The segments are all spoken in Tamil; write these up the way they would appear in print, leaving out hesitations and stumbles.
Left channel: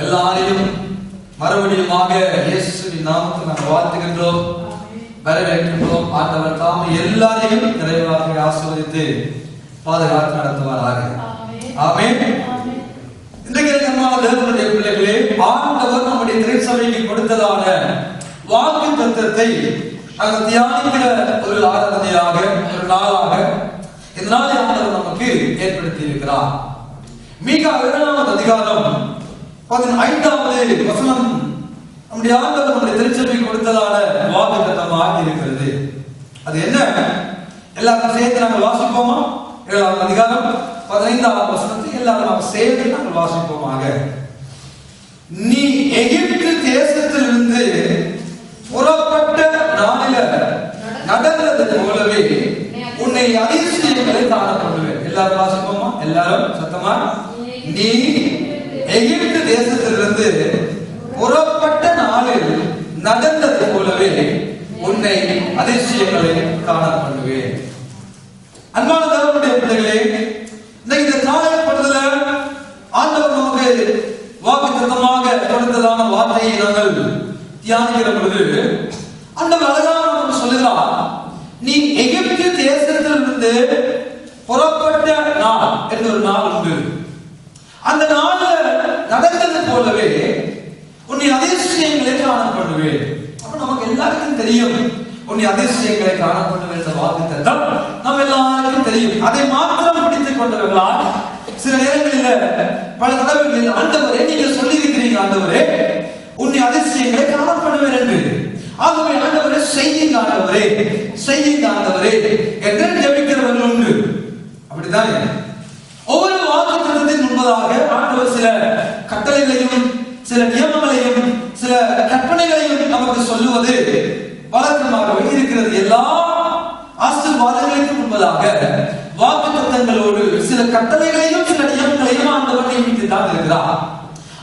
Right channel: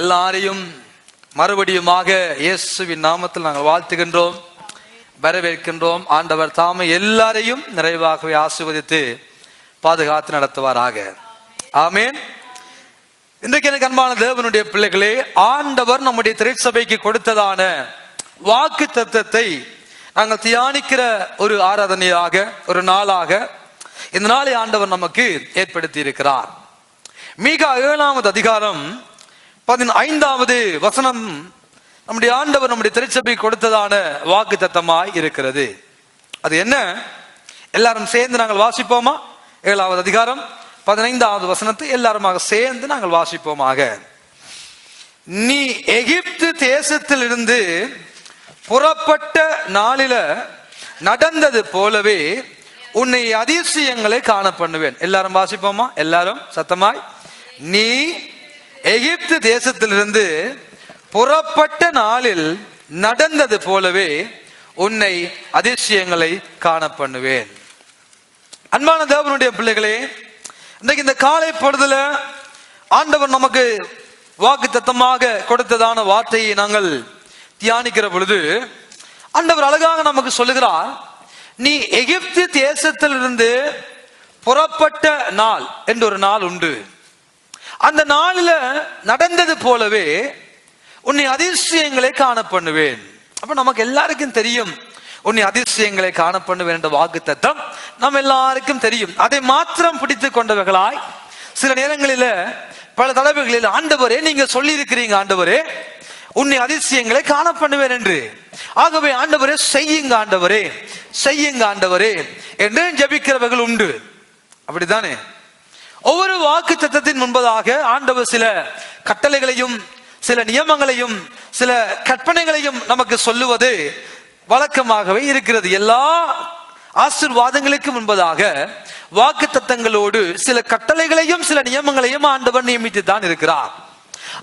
எல்லாரையும் மறுபடியுமாக இயேசுவின் நாமத்தில் நாங்கள் வாழ்த்துகின்றோம், வரவேற்கின்றோம். ஆண்டவர் தாமே எல்லாரையும் நிறைவாக ஆசீர்வதித்து பாதுகாத்து நடத்துவாராக. ஆமென். இன்றைக்கு அன்பான தேவனுடைய பிள்ளைகளே, ஆண்டவர் நம்முடைய திருச்சபைக்கு கொடுத்ததான வாக்கு தத்தத்தை நாங்கள் தியானிக்கிற ஒரு ஆராதனையாக, ஒரு நாளாக இந்த நாளை ஆண்டவர் நமக்கு ஏற்படுத்தி இருக்கிறார். மீகா 7வது அதிகாரம் 15வது வசனம் நம்முடைய ஆண்டவர் நம்முடைய திருச்சபை கொடுத்ததான வாக்கு தத்தமாக இருக்கிறது. அது என்ன? எல்லாரும் சேர்ந்து நாங்கள் வாசிப்போமா? 7வது அதிகாரம் 15வது வசனத்தை எல்லாருமாக சேர்ந்து நாங்கள் வாசிப்போமாக. நீ எகிப்து தேசத்தில் இருந்து புறப்பட்ட நாளில நடந்தது போலவே உன்னை அதிசயங்களை காண பண்ணுவேன். எல்லாரும் வாசிப்போமா? எல்லாரும் சத்தமா. நீ எகிப்து தேசத்திலிருந்து புறப்பட்ட நாளில் நடந்தது போலவே உன்னை அதிசயங்களை காண பண்ணுவேன். அன்பான தேவனுடைய பிள்ளைகளே, இந்த காலை பொழுதுல ஆண்டவர் நமக்கு வாக்கு தத்தமாக கொடுத்ததான வார்த்தையை நாங்கள் தியானிக்கிற பொழுது ஆண்டவர் அழகாக நமக்கு சொல்லுகிறார், நீ எகிப்து தேசத்திலிருந்து புறப்பட்ட நாள் என்ற ஒரு நாள் உண்டு. அந்த நாளில நடந்தது போலவே உன்னை அதிசயங்களை காண பண்ணுவேன். அப்ப நமக்கு எல்லாருக்கும் தெரியும், உன்னை அதிசயங்களை காண பண்ணுவேன் என்ற வாக்கு தத்தம் நம்ம எல்லாருக்கும் தெரியும். அதை மாத்திரம் பிடித்துக் கொண்டவர்களாய் சில நேரங்களில பல தடவைகளில் ஆண்டவரே நீங்க சொல்லி இருக்கிறீங்க, ஆண்டவரே உன்னை அதிசயங்களை காண பண்ணுவேன் என்று. ஆகவே ஆண்டவரே செய்யுங்க, ஆண்டவரே செய்யுங்க, ஆண்டவரே என்று ஜெபிக்கிறவர்கள் உண்டு. அப்படித்தானே? ஒவ்வொரு வாக்கு தத்தத்தின் முன்பதாக ஆண்டவர் சில கட்டளைகளையும் சில நியமங்களையும் சில கற்பனைகளையும் நமக்கு சொல்லுவது வழக்கமாகவே இருக்கிறது. எல்லா ஆசீர்வாதங்களுக்கு முன்பதாக வாக்கு தத்தங்களோடு சில கட்டளைகளையும் சில நியமங்களையும் ஆண்டவர் நியமித்து தான் இருக்கிறார்.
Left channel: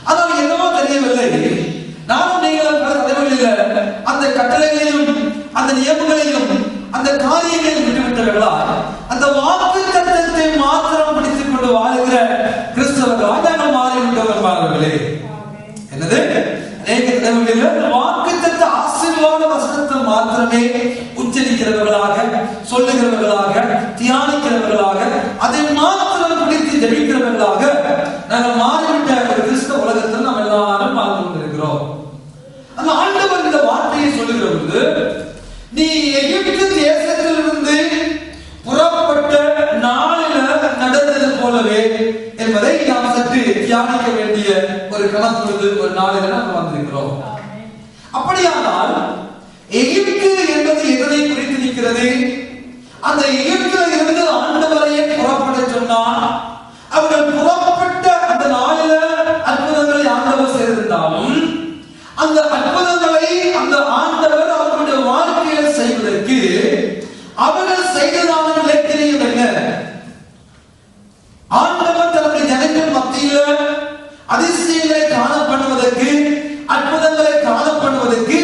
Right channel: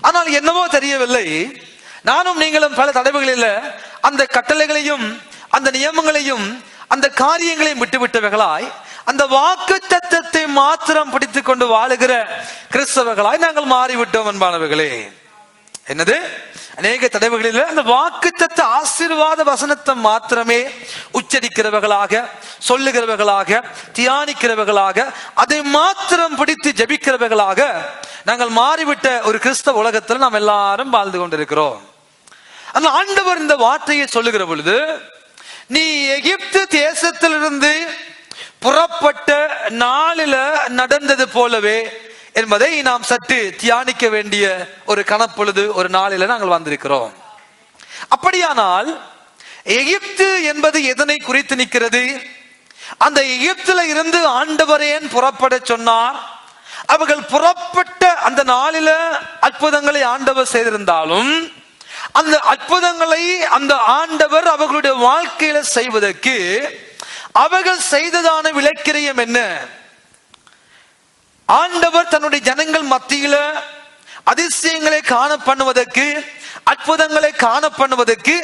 ஆனால் என்னவோ தெரியவில்லை, நானும் நீங்களும் பல தடவைகளில் அந்த கட்டளைகளையும் அந்த நியமங்களையும் அந்த காரியங்களையும் விட்டுவிட்டவர்களாய் அந்த வாக்கு தத்தத்தை மாத்திரம் பிடித்துக் கொண்டு வாழுகிற கிறிஸ்தவர்களாய் நாங்கள் மாறிவிட்டோம். என்பார்களே, என்னது? அநேக தடவைகளில் அந்த வாக்கு தத்த ஆசீர்வாத வசனத்தை மாத்திரமே உச்சரிக்கிறவர்களாக, சொல்லுகிறவர்களாக, தியானிக்கிறவர்களாக, அதை மாத்திரம் பிடித்து ஜெபிக்கிறவர்களாக நாங்கள் மாறிவிட்ட ஒரு கிறிஸ்தவ உலகத்தில் நாம் எல்லாரும் வாழ்ந்து கொண்டிருக்கிறோம். அந்த ஆண்டவர் இந்த வார்த்தையை சொல்லுகிற பொழுது, நீ எகிப்து தேசத்திலிருந்து புறப்பட்ட நாளில நடந்தது போலவே என்பதை நாம் சற்று தியானிக்க வேண்டிய ஒரு கணப்பொழுது, ஒரு நாளில நாங்கள் வந்திருக்கிறோம். அப்படியானால் எகிப்து என்பது எதனை குறித்து நிற்கிறது? அந்த எகிப்துல இருந்து ஆண்டவரை புறப்பட சொன்னார். அவர்கள் புறப்பட்ட அந்த நாளில அற்புதங்களை ஆண்டவர் செய்திருந்தாலும் அந்த அற்புதங்களை அந்த ஆண்டவர் அவர்களுடைய வாழ்க்கையில செய்வதற்கு அவர்கள் செய்ததான விளைக்கிரியம் என்ன? ஆண்டவர் தன்னுடைய ஜனங்கள் மத்தியில அதிசயங்களை காண பண்ணுவதற்கு, அற்புதங்களை காண பண்ணுவதற்கு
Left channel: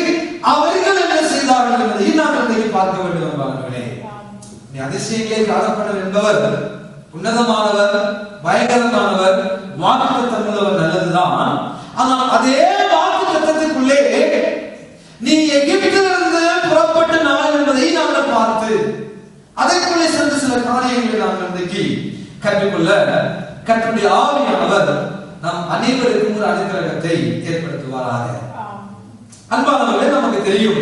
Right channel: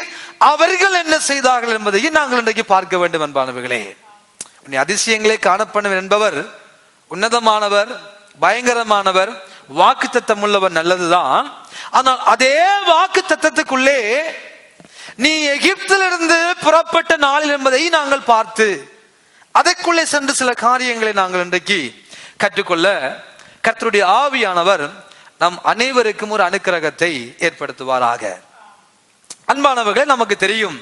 அவர்கள் என்ன செய்தார்கள் என்பதையும் நாங்கள் இன்றைக்கு பார்க்க வேண்டும். என்பாளர்களே, அதிசயங்களை காண பண்ணுவர் என்பவர் உன்னதமானவர், பயங்கரமானவர், வாக்கு தத்தம் உள்ளவர், நல்லதுதான். ஆனால் அதே வாக்கு தத்தத்துக்குள்ளே நீ எகிப்திலிருந்து புறப்பட்ட நாள் என்பதை நாங்கள் பார்த்து அதற்குள்ளே சென்று சில காரியங்களை நாங்கள் இன்றைக்கு கற்றுக்கொள்ள கர்த்தருடைய ஆவியானவர் நம் அனைவருக்கும் ஒரு அனுக்கிரகத்தை ஏற்படுத்துவாராக. அன்பானவர்களே, நமக்கு தெரியும்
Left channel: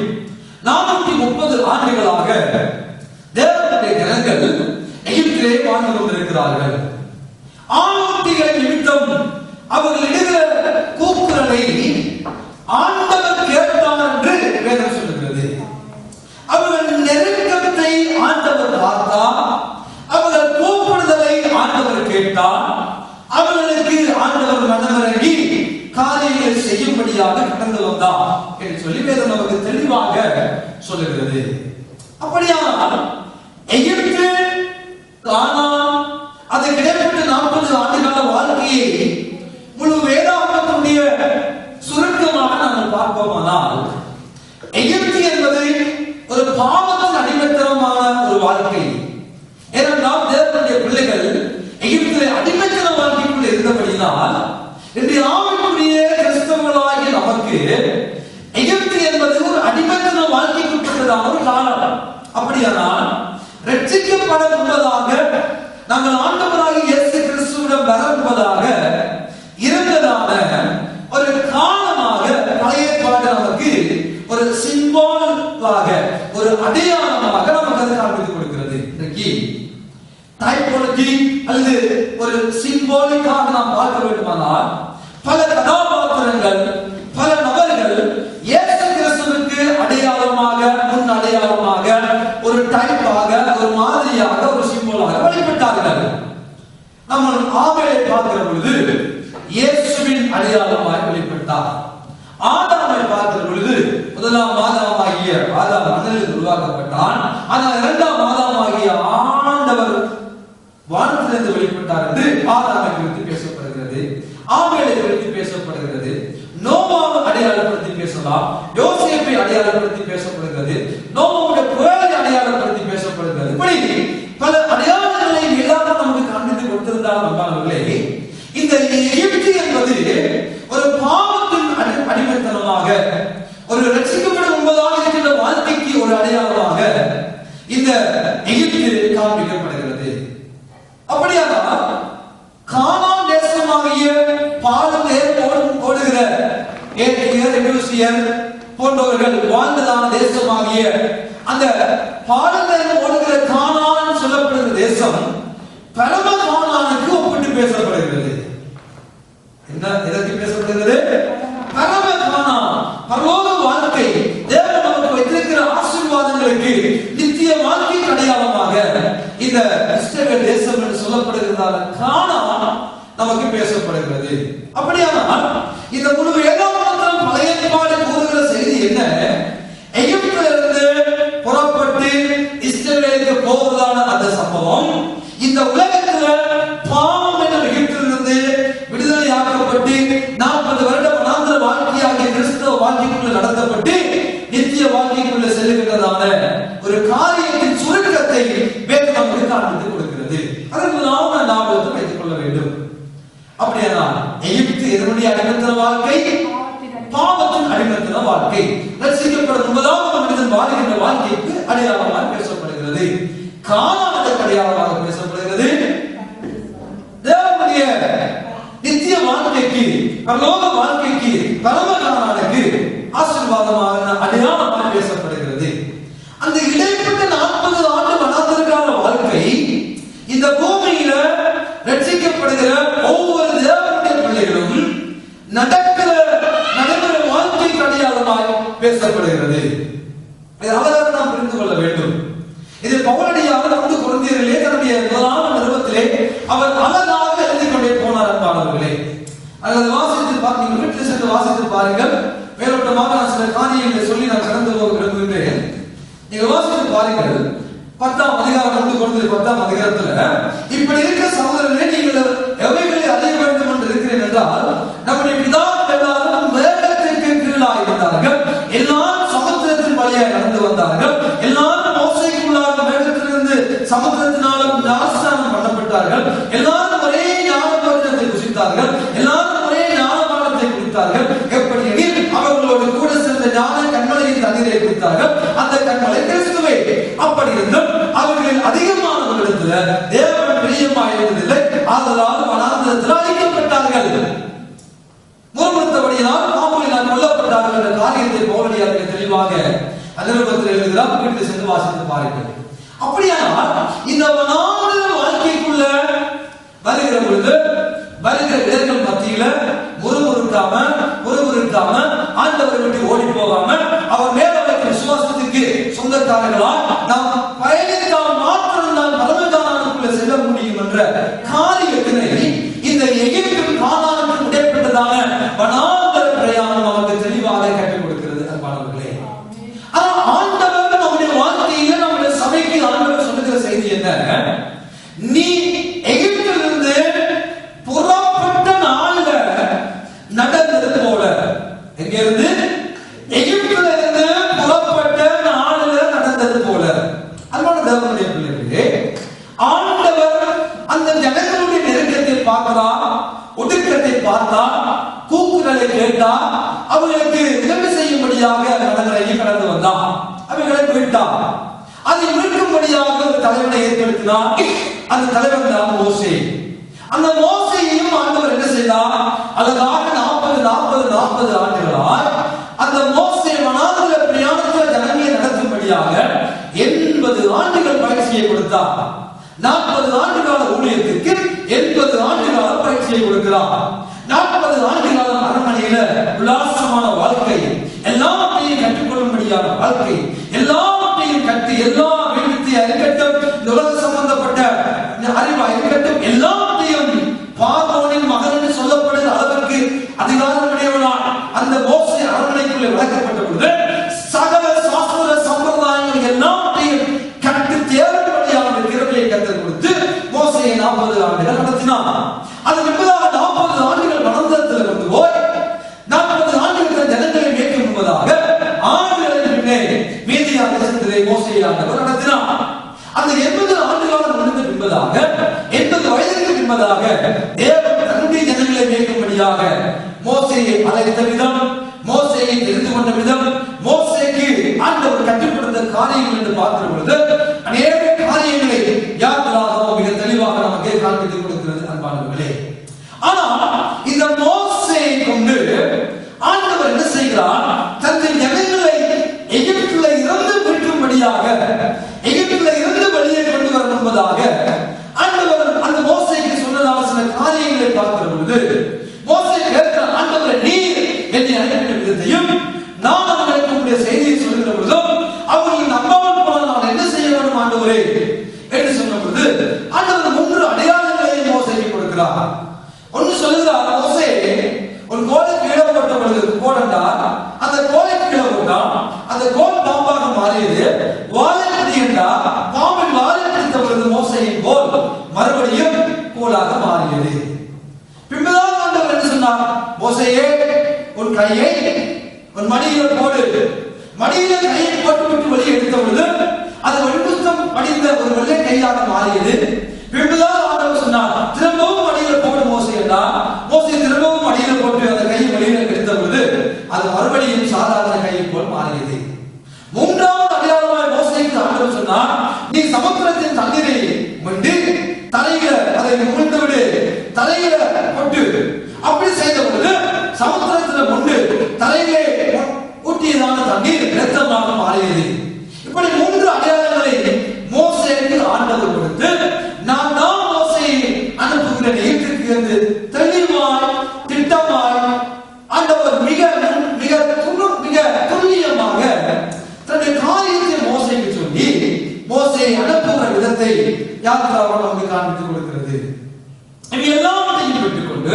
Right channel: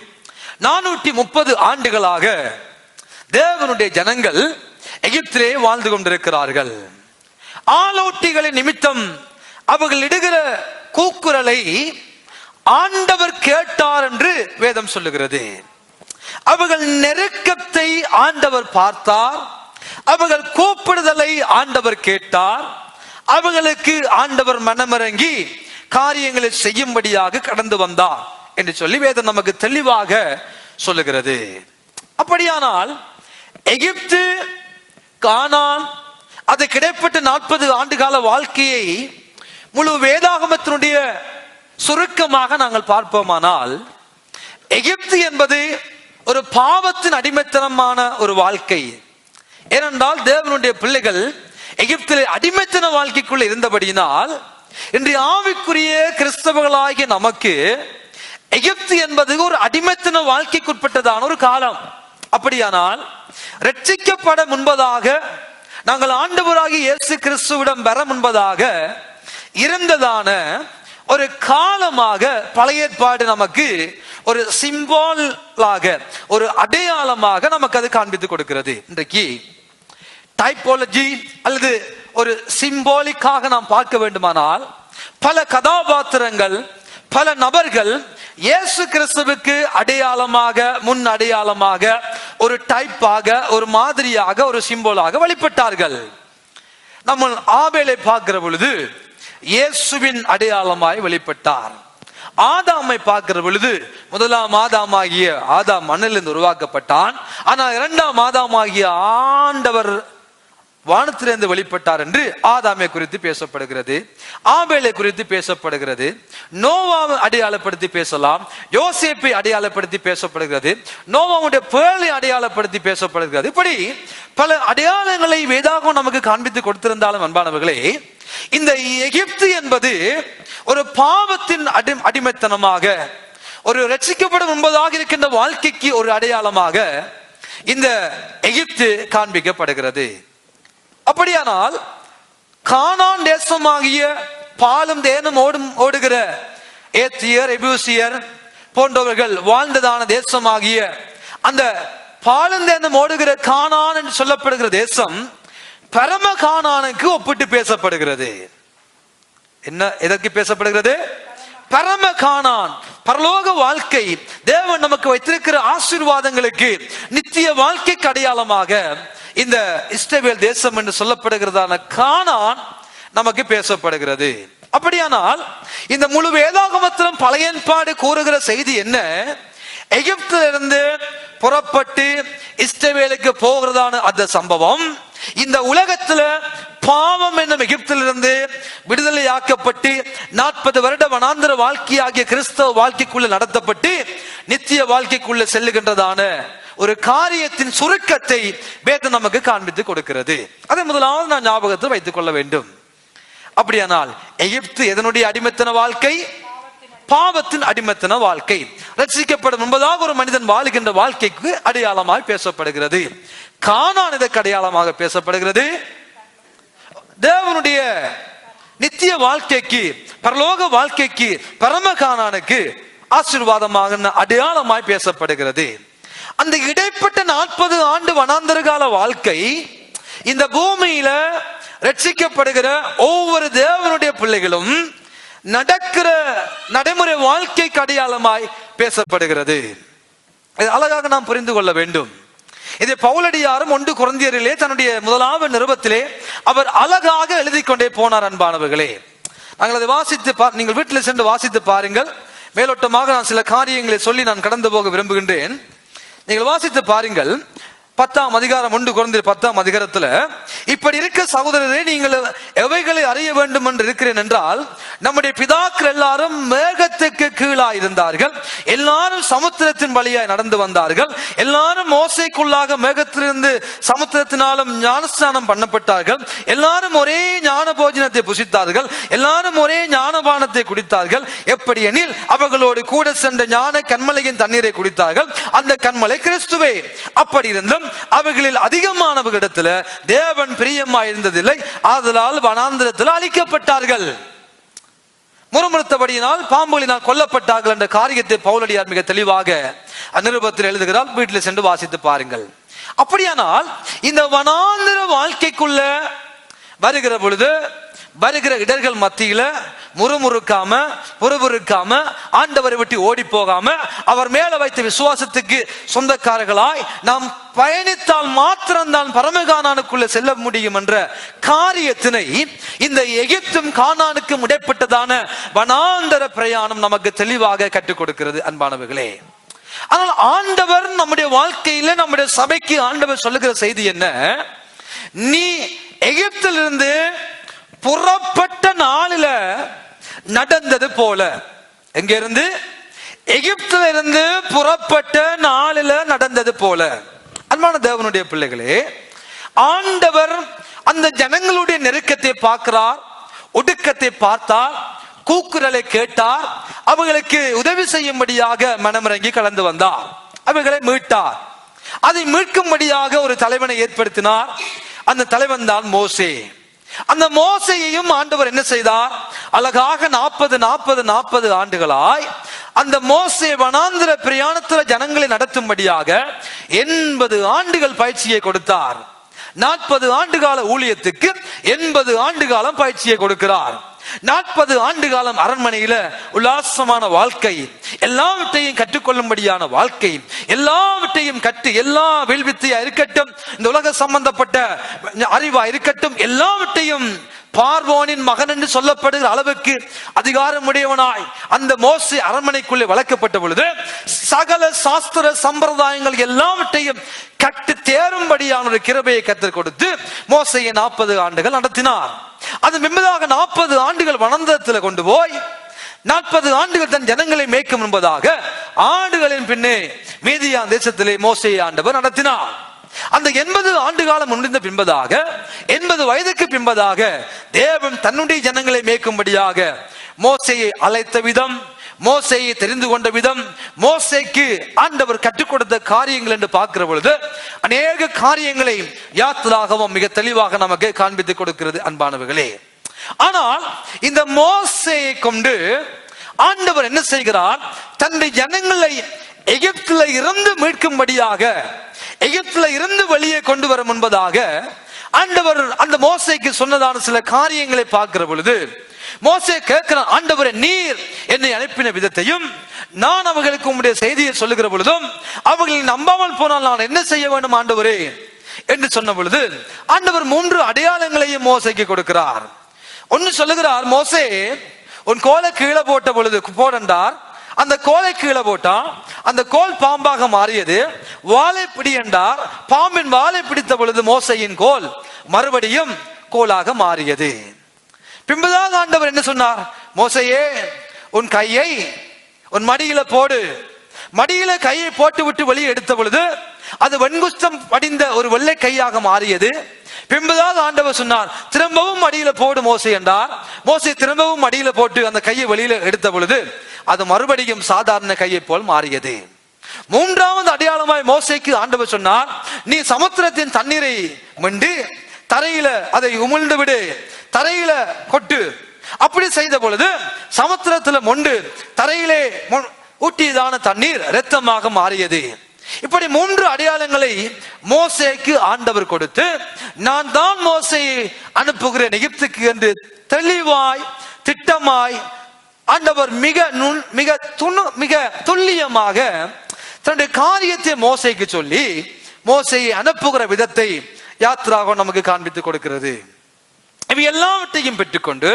430 ஆண்டுகளாக தேவனுடைய ஜனங்கள் எகிப்திலே வாழ்ந்து கொண்டிருக்கிறார்கள். ஆளோட்டிகளின் நிமித்தம் அவர்கள் இடுகிற கூக்குரலை ஆண்டவர் கேட்டார் என்று வேதம் சொல்லுகிறது. அவர்கள் நெருக்கத்தை ஆண்டவர் பார்த்தார், அவர்கள் கூப்பிடுதலை ஆண்டவர் கேட்டார், அவர்களுக்கு ஆண்டவர் மனமிறங்கி காரியங்களை செய்யும்படியாக கடந்து வந்தார் என்று சொல்லி வேதம் நமக்கு தெளிவாக சொல்லுகிறது. அப்படியானால் எகிப்து, கானான், அதுக்கு இடைப்பட்ட 40 ஆண்டுகால வாழ்க்கையை முழு வேதாகமத்தினுடைய சுருக்கமாக நாங்கள் பார்ப்போமானால், எகிப்து என்பது ஒரு பாவத்தின் அடிமைத்தனமான ஒரு வாழ்க்கை. ஏனென்றால் தேவனுடைய பிள்ளைகள் எகிப்திலே அடிமைத்தன வாழ்க்கைக்குள்ள இருந்தபடியினால் இன்றைய ஆவிக்குரிய கிறிஸ்தவர்களாகிய நமக்கு எகிப்து என்பது ஒரு அடிமைத்தன வாழ்க்கைக்கு உட்பட்டதான ஒரு காலம். அப்படியானால் ரட்சிக்கப்பட முன்பதாக, நாங்கள் ஆண்டவராகிய இயேசு கிறிஸ்துவிடம் பெற முன்பதாக இருந்ததான ஒரு காலமாக பழைய ஏற்பாடு நமக்கு ஒரு சிம்பாலாக, ஒரு அடையாளமாக நமக்கு அது காண்பித்துக் கொடுக்கிறது. இன்றைக்கு டைபாலஜி அல்லது ஒரு சிம்பாலிக்காக நாம் பார்க்க வேண்டுமானால், பல கதாபாத்திரங்கள், பல நபர்கள் இயேசு கிறிஸ்துவுக்கு அடையாளமாக, முன் அடையாளமாக, ஒரு டைப்பாக, ஒரு மாதிரியாக, ஒரு சிம்போலாக வழிபட்டார்கள். நம்ம ஆபேலை பார்க்கிற பொழுது இயேசுவின் அடையாளமாய் வழிபட்டார். ஆதாமை பார்க்கிற பொழுது முதலாம் ஆதாமாகிய ஆதாம் மண்ணிலிருந்து உருவாக்கப்பட்டான். ஆனால் இரண்டாம் ஆதாமாகிய ஆண்டவர் வானத்திலிருந்து வெளிப்பட்டார் என்று ஆதாமை குறித்து பேசப்படுகிறது. ஆபேலை குறித்து பேசப்படுகிறது. நோவாவை அடையாளப்படுத்தி பேசலாம். யோசேப்பை அடையாளப்படுத்தி பேசப்படுகிறது. நோவாவுடைய பேரை அடையாளப்படுத்தி பேசப்படுகிறது. இப்படி பல அடையாளங்களை வேதாகமம் நமக்கு காண்பித்து கொடுத்திருந்தாலும் அன்பானவர்களே, இந்த எகிப்து என்பது ஒரு பாவத்தின் அடிமைத்தனமாக, ஒரு ரட்சிக்கப்படும் என்பதாக இருக்கின்ற வாழ்க்கைக்கு ஒரு அடையாளமாக இந்த எகிப்து காண்பிக்கப்படுகிறது. அப்படியானால் கானான் தேசமாகிய பாலும் தேசம் ஓடுகிற ஏத்தியர், எபூசியர் போன்றவர்கள் வாழ்ந்ததான தேசமாகிய அந்த பாலும் தேசம் ஓடுகிற கானான் சொல்லப்படுகிற தேசம் பரம கானானுக்கு ஒப்பிட்டு பேசப்படுகிறது. என்ன, எதற்கு பேசப்படுகிறது? பரம கானான், பரலோக வாழ்க்கை, தேவன் நமக்கு வைத்திருக்கிற ஆசீர்வாதங்களுக்கு, நித்திய வாழ்க்கைக்கு அடையாளமாக இந்த இஸ்ரவேல் தேசம் என்று சொல்லப்படுகிறதான கானான் நமக்கு பேசப்படுகிறது. அப்படியானால் இந்த முழு வேதாகமத்திலும் பழைய ஏற்பாடு கூறுகிற செய்தி என்ன? எகிப்திலிருந்து புறப்பட்டு இஸ்ரவேலுக்கு போகிறதான அந்த சம்பவம், இந்த உலகத்துல பாவம் என்னும் எகிப்திலிருந்து விடுதலையாக்கப்பட்டு 40 வருட வனாந்தர வாழ்க்கையாகிய கிறிஸ்தவ வாழ்க்கைக்குள்ள நடத்தப்பட்டு நித்திய வாழ்க்கைக்குள்ள செல்லுகின்றதான ஒரு காரியத்தின் சுருக்கத்தை வேதம் நமக்கு காண்பித்து கொடுக்கிறது. அதை முதலாவது நான் ஞாபகத்தை வைத்துக் கொள்ள வேண்டும். அப்படியானா எகிப்து எதனுடைய அடிமைத்தன வாழ்க்கை? பாவத்தின் அடிமைத்தன வாழ்க்கை. ரட்சிக்கப்படும் என்பதாக ஒரு மனிதன் வாழுகின்ற வாழ்க்கைக்கு அடையாளமாக பேசப்படுகிறது. கானான் இதற்கு அடையாளமாக பேசப்படுகிறது. தேவனுடைய நித்திய வாழ்க்கைக்கு, பரலோக வாழ்க்கைக்கு, பரம கானானுக்கு ஆசீர்வாதமாக அடையாளமாய் பேசப்படுகிறது. அந்த இடைப்பட்ட 40 ஆண்டு வனாந்தர கால வாழ்க்கை இந்த பூமியில ரட்சிக்கப்படுகிற ஒவ்வொரு தேவனுடைய பிள்ளைகளும் நடக்கிற நடைமுறை வாழ்க்கைக்கு அடையாளமாய் பேசப்படுகிறது. இது அழகாக நாம் புரிந்து கொள்ள வேண்டும். இது பவுலடியாரும் 1 கொரிந்தியரிலே தன்னுடைய முதலாவது நிருபத்திலே அவர் அழகாக எழுதி கொண்டே போனார். அன்பானவர்களே, அதை வாசித்து நீங்கள் வீட்டில் சென்று வாசித்து பாருங்கள். மேலோட்டமாக நான் சில காரியங்களை சொல்லி நான் கடந்து போக விரும்புகின்றேன். நீங்கள் வாசித்து பாருங்கள். 10ஆம் அதிகாரம் 1 கொரிந்தியர் 10ஆம் அதிகாரத்துல இப்படி இருக்க சகோதரரே, நீங்கள் எவைகளை அறிய வேண்டும் என்று இருக்கிறேன் என்றால், நம்முடைய பிதாக்கள் எல்லாரும் மேகத்துக்கு கீழாய் இருந்தார்கள், எல்லாரும் சமுத்திரத்தின் வழியாய் நடந்து வந்தார்கள், எல்லாரும் மோசைக்குள்ளாக மேகத்திலிருந்து சமுத்திரத்தினாலும் ஞானஸ்நானம் பண்ணப்பட்டார்கள், எல்லாரும் ஒரே ஞான போஜனத்தை புசித்தார்கள், எல்லாரும் ஒரே ஞானபானத்தை குடித்தார்கள். எப்படி எனில் அவர்களோடு கூட சென்ற ஞான கண்மலையின் தண்ணீரை குடித்தார்கள், அந்த கண்மலை கிறிஸ்துவே. அப்படி இருந்தும் அவர்களில் அதிகமானவர்களிடத்துல தேவன் பிரியமாய் இருந்ததில்லை, ஆதலால் வனாந்தரத்தில் அழிக்கப்பட்டார்கள். முறுமுறுத்தபடியினால் பாம்புகளினால் கொல்லப்பட்டார்கள் என்ற காரியத்தை பவுலடியார் மிக தெளிவாக நிருபத்தில் எழுதுகிறார். வீட்டில் சென்று வாசித்து பாருங்கள். அப்படியானால் இந்த வனாந்தர வாழ்க்கைக்குள்ள வருகிற பொழுது வருகிற இடர்கள் மத்தியில முறுமுறுக்காம, பொறுபொறுக்காம, ஆண்டவரை விட்டு ஓடி போகாம, அவர் மேல வைத்த விசுவாசத்துக்கு சொந்தக்காரர்களாய் நாம் பயணித்தால் மாத்திரம்தான் பரமகானானுக்குள்ள செல்ல முடியும் என்ற காரியத்தினை இந்த எகிப்தும் கானானுக்கும் இடைப்பட்டதான வனாந்தர பிரயாணம் நமக்கு தெளிவாக கற்றுக் கொடுக்கிறது. அன்பானவர்களே, ஆனால் ஆண்டவர் நம்முடைய வாழ்க்கையில, நம்முடைய சபைக்கு ஆண்டவர் சொல்லுகிற செய்தி என்ன? நீ எகிப்திலிருந்து புறப்பட்ட நாளில நடந்தது போல, எங்க இருந்து? எகிப்தில இருந்து புறப்பட்ட நாளில நடந்தது போல. அன்பான தேவனுடைய பிள்ளைகளே, ஆண்டவர் அந்த ஜனங்களுடைய நெருக்கத்தை பார்க்கிறார், ஒடுக்கத்தை பார்த்தா, கூக்குரலை கேட்டா, அவர்களுக்கு உதவி செய்யும்படியாக மனமிறங்கி கலந்து வந்தார். அவர்களை மீட்டார். அதை மீட்கும்படியாக ஒரு தலைவனை ஏற்படுத்தினார். அந்த தலைவன் தான் மோசே. அந்த மோசேயையும் ஆண்டவர் என்ன செய்தார்? அழகாக 40 ஆண்டுகளாய் அந்த மோசே வனாந்தர பிரயாணத்துல ஜனங்களை நடத்தும்படியாக 80 ஆண்டுகள் பயிற்சியை கொடுத்தார். 40 ஆண்டு கால ஊழியத்துக்கு 80 ஆண்டு கால பயிற்சியை கொடுக்கிறார். 40 ஆண்டு காலம் அரண்மனையில உல்லாசமான வாழ்க்கை, எல்லாவற்றையும் கற்றுக்கொள்ளும்படியான வாழ்க்கை, எல்லாவற்றையும் கற்று, எல்லா வில்வித்தையா இருக்கட்டும், இந்த உலக சம்பந்தப்பட்ட அறிவா இருக்கட்டும், எல்லாவற்றையும் பார்வோனின் மகன் என்று சொல்லப்படுகிற அளவுக்கு அதிகாரமுடையவனாய் அந்த மோசே அரண்மனைக்குள்ளே வளர்க்கப்பட்ட பொழுது சகல சாஸ்திர சம்பிரதாயங்கள் எல்லாவற்றையும் கற்று தேரும்படியான ஒரு கிருபையை கற்றுக் கொடுத்து மோசேயை 40 ஆண்டுகள் நடத்தினார். அது பின்பதாக 40 ஆண்டுகள் வனாந்தரத்தில் கொண்டு போய் 40 ஆண்டுகள் தன் ஜனங்களை மேய்க்கும் என்பதாக ஆண்டுகளின் பின்னே மீதியா தேசத்திலே மோசேயை ஆண்டவர் நடத்தினார். அந்த 80 ஆண்டு காலம் முடிந்த பின்பதாக 80 வயதுக்கு பின்பதாக தேவன் தன்னுடைய ஜனங்களை மேய்க்கும்படியாக மோசேயை அழைத்த விதம், மோசேயை தெரிந்து கொண்ட விதம், மோசேக்கு ஆண்டவர் கற்றுக் கொடுத்த காரியங்கள் என்று பார்க்கிற பொழுது அநேக காரியங்களை யாத்திராகமம் மிக தெளிவாக நமக்கு காண்பித்துக் கொடுக்கிறது அன்பானவர்களே. ஆனால் இந்த மோசேயை கொண்டு ஆண்டவர் என்ன செய்கிறார்? தன்னுடைய ஜனங்களை எகிப்தில இருந்து மீட்கும்படியாக, எகிப்தில இருந்து வெளியே கொண்டு வர முன்பதாக ஆண்டவர் அந்த மோசேக்கு சொன்னதான சில காரியங்களை பார்க்கிற பொழுது மோசே கேட்கிற, ஆண்டவரே நீர் என்னை அனுப்பின விதத்தையும் நான் அவர்களுக்கு உங்களுடைய செய்தியை சொல்லுகிற பொழுதும் அவர்களை நம்பாமல் போனால் நான் என்ன செய்ய வேண்டும் ஆண்டவரே என்று சொன்ன பொழுது ஆண்டவர் 3 அடையாளங்களையும் மோசேக்கு கொடுக்கிறார். ஒன்னு சொல்லுகிறார், மோசே உன் கோலை கீழே போட்ட பொழுது போடண்டா, அந்த கோலை கீழே போட்டா அந்த கோல் பாம்பாக மாறியது. வாழை பிடிண்டா, பாம்பின் வாழை பிடித்த பொழுது மோசையின் கோல் மறுபடியும் கோலாக மாறியது. பின்புதான் ஆண்டவர் என்ன சொன்னார்? மோசையே உன் கையை உன் மடியில போடு. மடியில கையை போட்டு விட்டு வெளியே எடுத்த பொழுது அது வெண்குஷ்டம் படிந்த ஒரு வெள்ளை கையாக மாறியது. பின்புதான் ஆண்டவர் சொன்னார், திரும்பவும் மடியில போடு மோசே என்றார். மோசே திரும்பவும் மடியில போட்டு அந்த கையை வெளியில எடுத்த பொழுது அது மறுபடியும் சாதாரண கையை போல் மாறியது. 3வது அடையாளமாய் மோசேக்கு ஆண்டவர் சொன்னார், நீ சமுத்திரத்தின் தண்ணீரை மண்டு தரையில அதை உமிழ்ந்து விடு, தரையில கொட்டு. அப்படி செய்த பொழுது சமுத்திரத்துல கொண்டு தரையிலே ஊட்டியதான தண்ணீர் இரத்தமாக மாறியது. இப்படி 3 அடையாளங்களை மோசேக்கு ஆண்டவர் கொடுத்து, நான் தான் மோசேயை அனுப்புகிறேன் எகிப்துக்கு என்று தெளிவாய் திட்டமாய் ஆண்டவர் மிக துல்லியமாக தன்னுடைய காரியத்தை மோசேக்கு சொல்லி மோசேயை அனுப்புகிற விதத்தை யாத்ராகமம் நமக்கு காண்பித்துக் கொடுக்கிறது. எல்லாவற்றையும் பெற்றுக்கொண்டு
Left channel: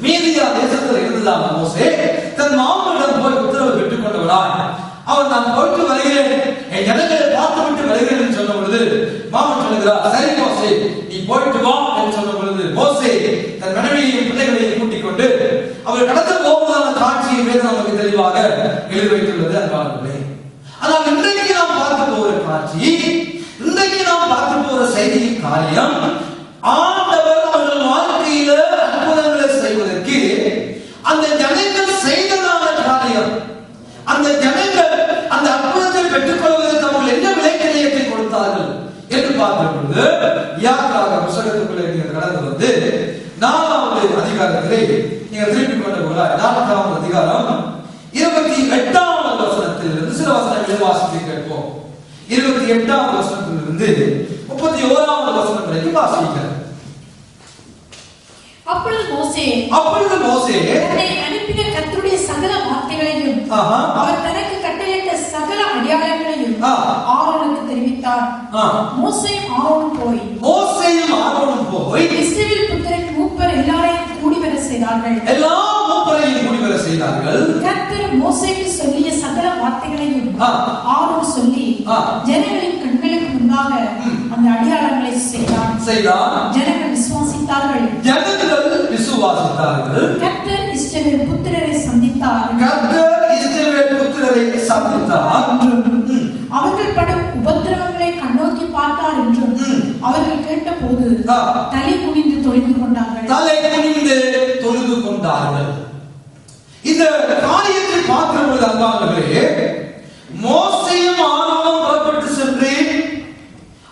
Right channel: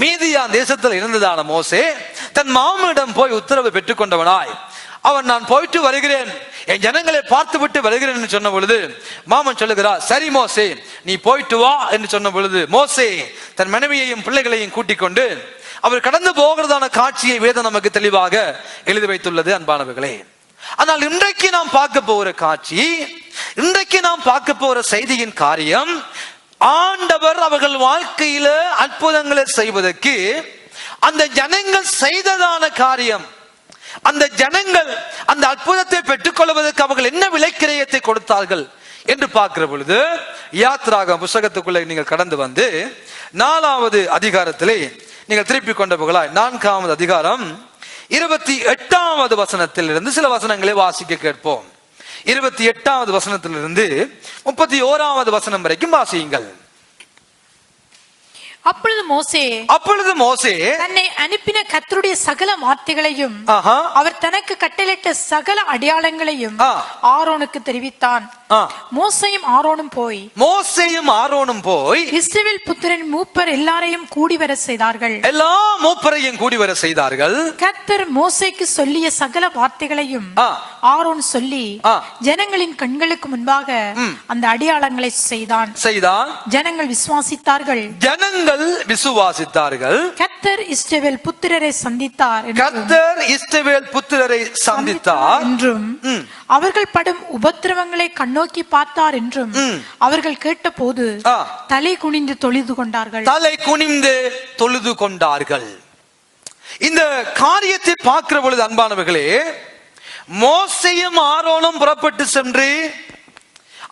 மீதியா தேசத்தில் இருந்ததான மோசே தன் மாமனிடம் போய் உத்தரவு பெற்றுக் கொண்டவனாய் அவன், நான் போயிட்டு வருகிறேன், என் ஜனங்களை பார்த்து விட்டு வருகிறேன் என்று சொன்ன பொழுது மாமன் சொல்லுகிறார், சரி மோசே நீ போயிட்டு வா என்று சொன்ன பொழுது மோசே தன் மனைவியையும் பிள்ளைகளையும் கூட்டிக் கொண்டு அவர் கடந்து போகிறதான காட்சியை வேதம் நமக்கு தெளிவாக எழுதி வைத்துள்ளது அன்பானவர்களே. ஆனால் இன்றைக்கு நாம் பார்க்க போகிற காட்சி, இன்றைக்கு நாம் பார்க்க போகிற செய்தியின் காரியம், ஆண்டவர் அவர்கள் வாழ்க்கையில அற்புதங்களை செய்வதற்கு அந்த ஜனங்கள் செய்ததான காரியம், அந்த ஜனங்கள் அந்த அற்புதத்தை பெற்றுக் கொள்வதற்கு அவர்கள் என்ன விலைக்கிரயத்தை கொடுத்தார்கள் என்று பார்க்கிற பொழுது யாத்ராக புத்தகத்துக்குள்ளே நீங்கள் கடந்து வந்து 4வது அதிகாரத்திலே நீங்கள் திருப்பி கொண்ட புகழாய் 4வது அதிகாரம் 28வது வசனத்திலிருந்து சில வசனங்களை வாசிக்க கேட்போம். 28வது வசனத்திலிருந்து 31வது வசனம் வரைக்கும் வாசியுங்கள். அப்பொழுது மோசே தன்னை அனுப்பின கர்த்தருடைய சகல வார்த்தைகளையும் அவர் தனக்கு கட்டளையிட்ட சகல அடையாளங்களையும் ஆரோனுக்கு தெரிவித்தார். மோசேயும் ஆரோனும் போய் இஸ்ரவேல் புத்திரன் மூப்பர் எல்லாரையும் கூடி வர செய்தார்கள். எல்லா மூப்பரையும் கூடி வர செய்தார்கள். கர்த்தர் மோசேக்கு சொல்லிய சகல வார்த்தைகளையும் ஆரோன் சொல்லி ஜனங்களின் கண்களுக்கு முன்பாக அந்த அடையாளங்களை செய்தான். ஜனங்கள் விசுவாசித்தார்கள். கர்த்தர் இஸ்ரவேல் புத்திரரை சந்தித்தார் என்றும் அவர்கள் படும் உபத்திரவங்களை கண்ணோக்கி பார்த்தார் என்றும் அவர்கள் கேட்டபோது தலை குனிந்து தொழுது கொண்டார்கள். தலை குனிந்து தொழுது கொண்டார்கள். இந்த காரியத்தை பார்க்கிற பொழுது அன்பானவர்களே, மோசேயும் ஆரோனும் புறப்பட்டு சென்று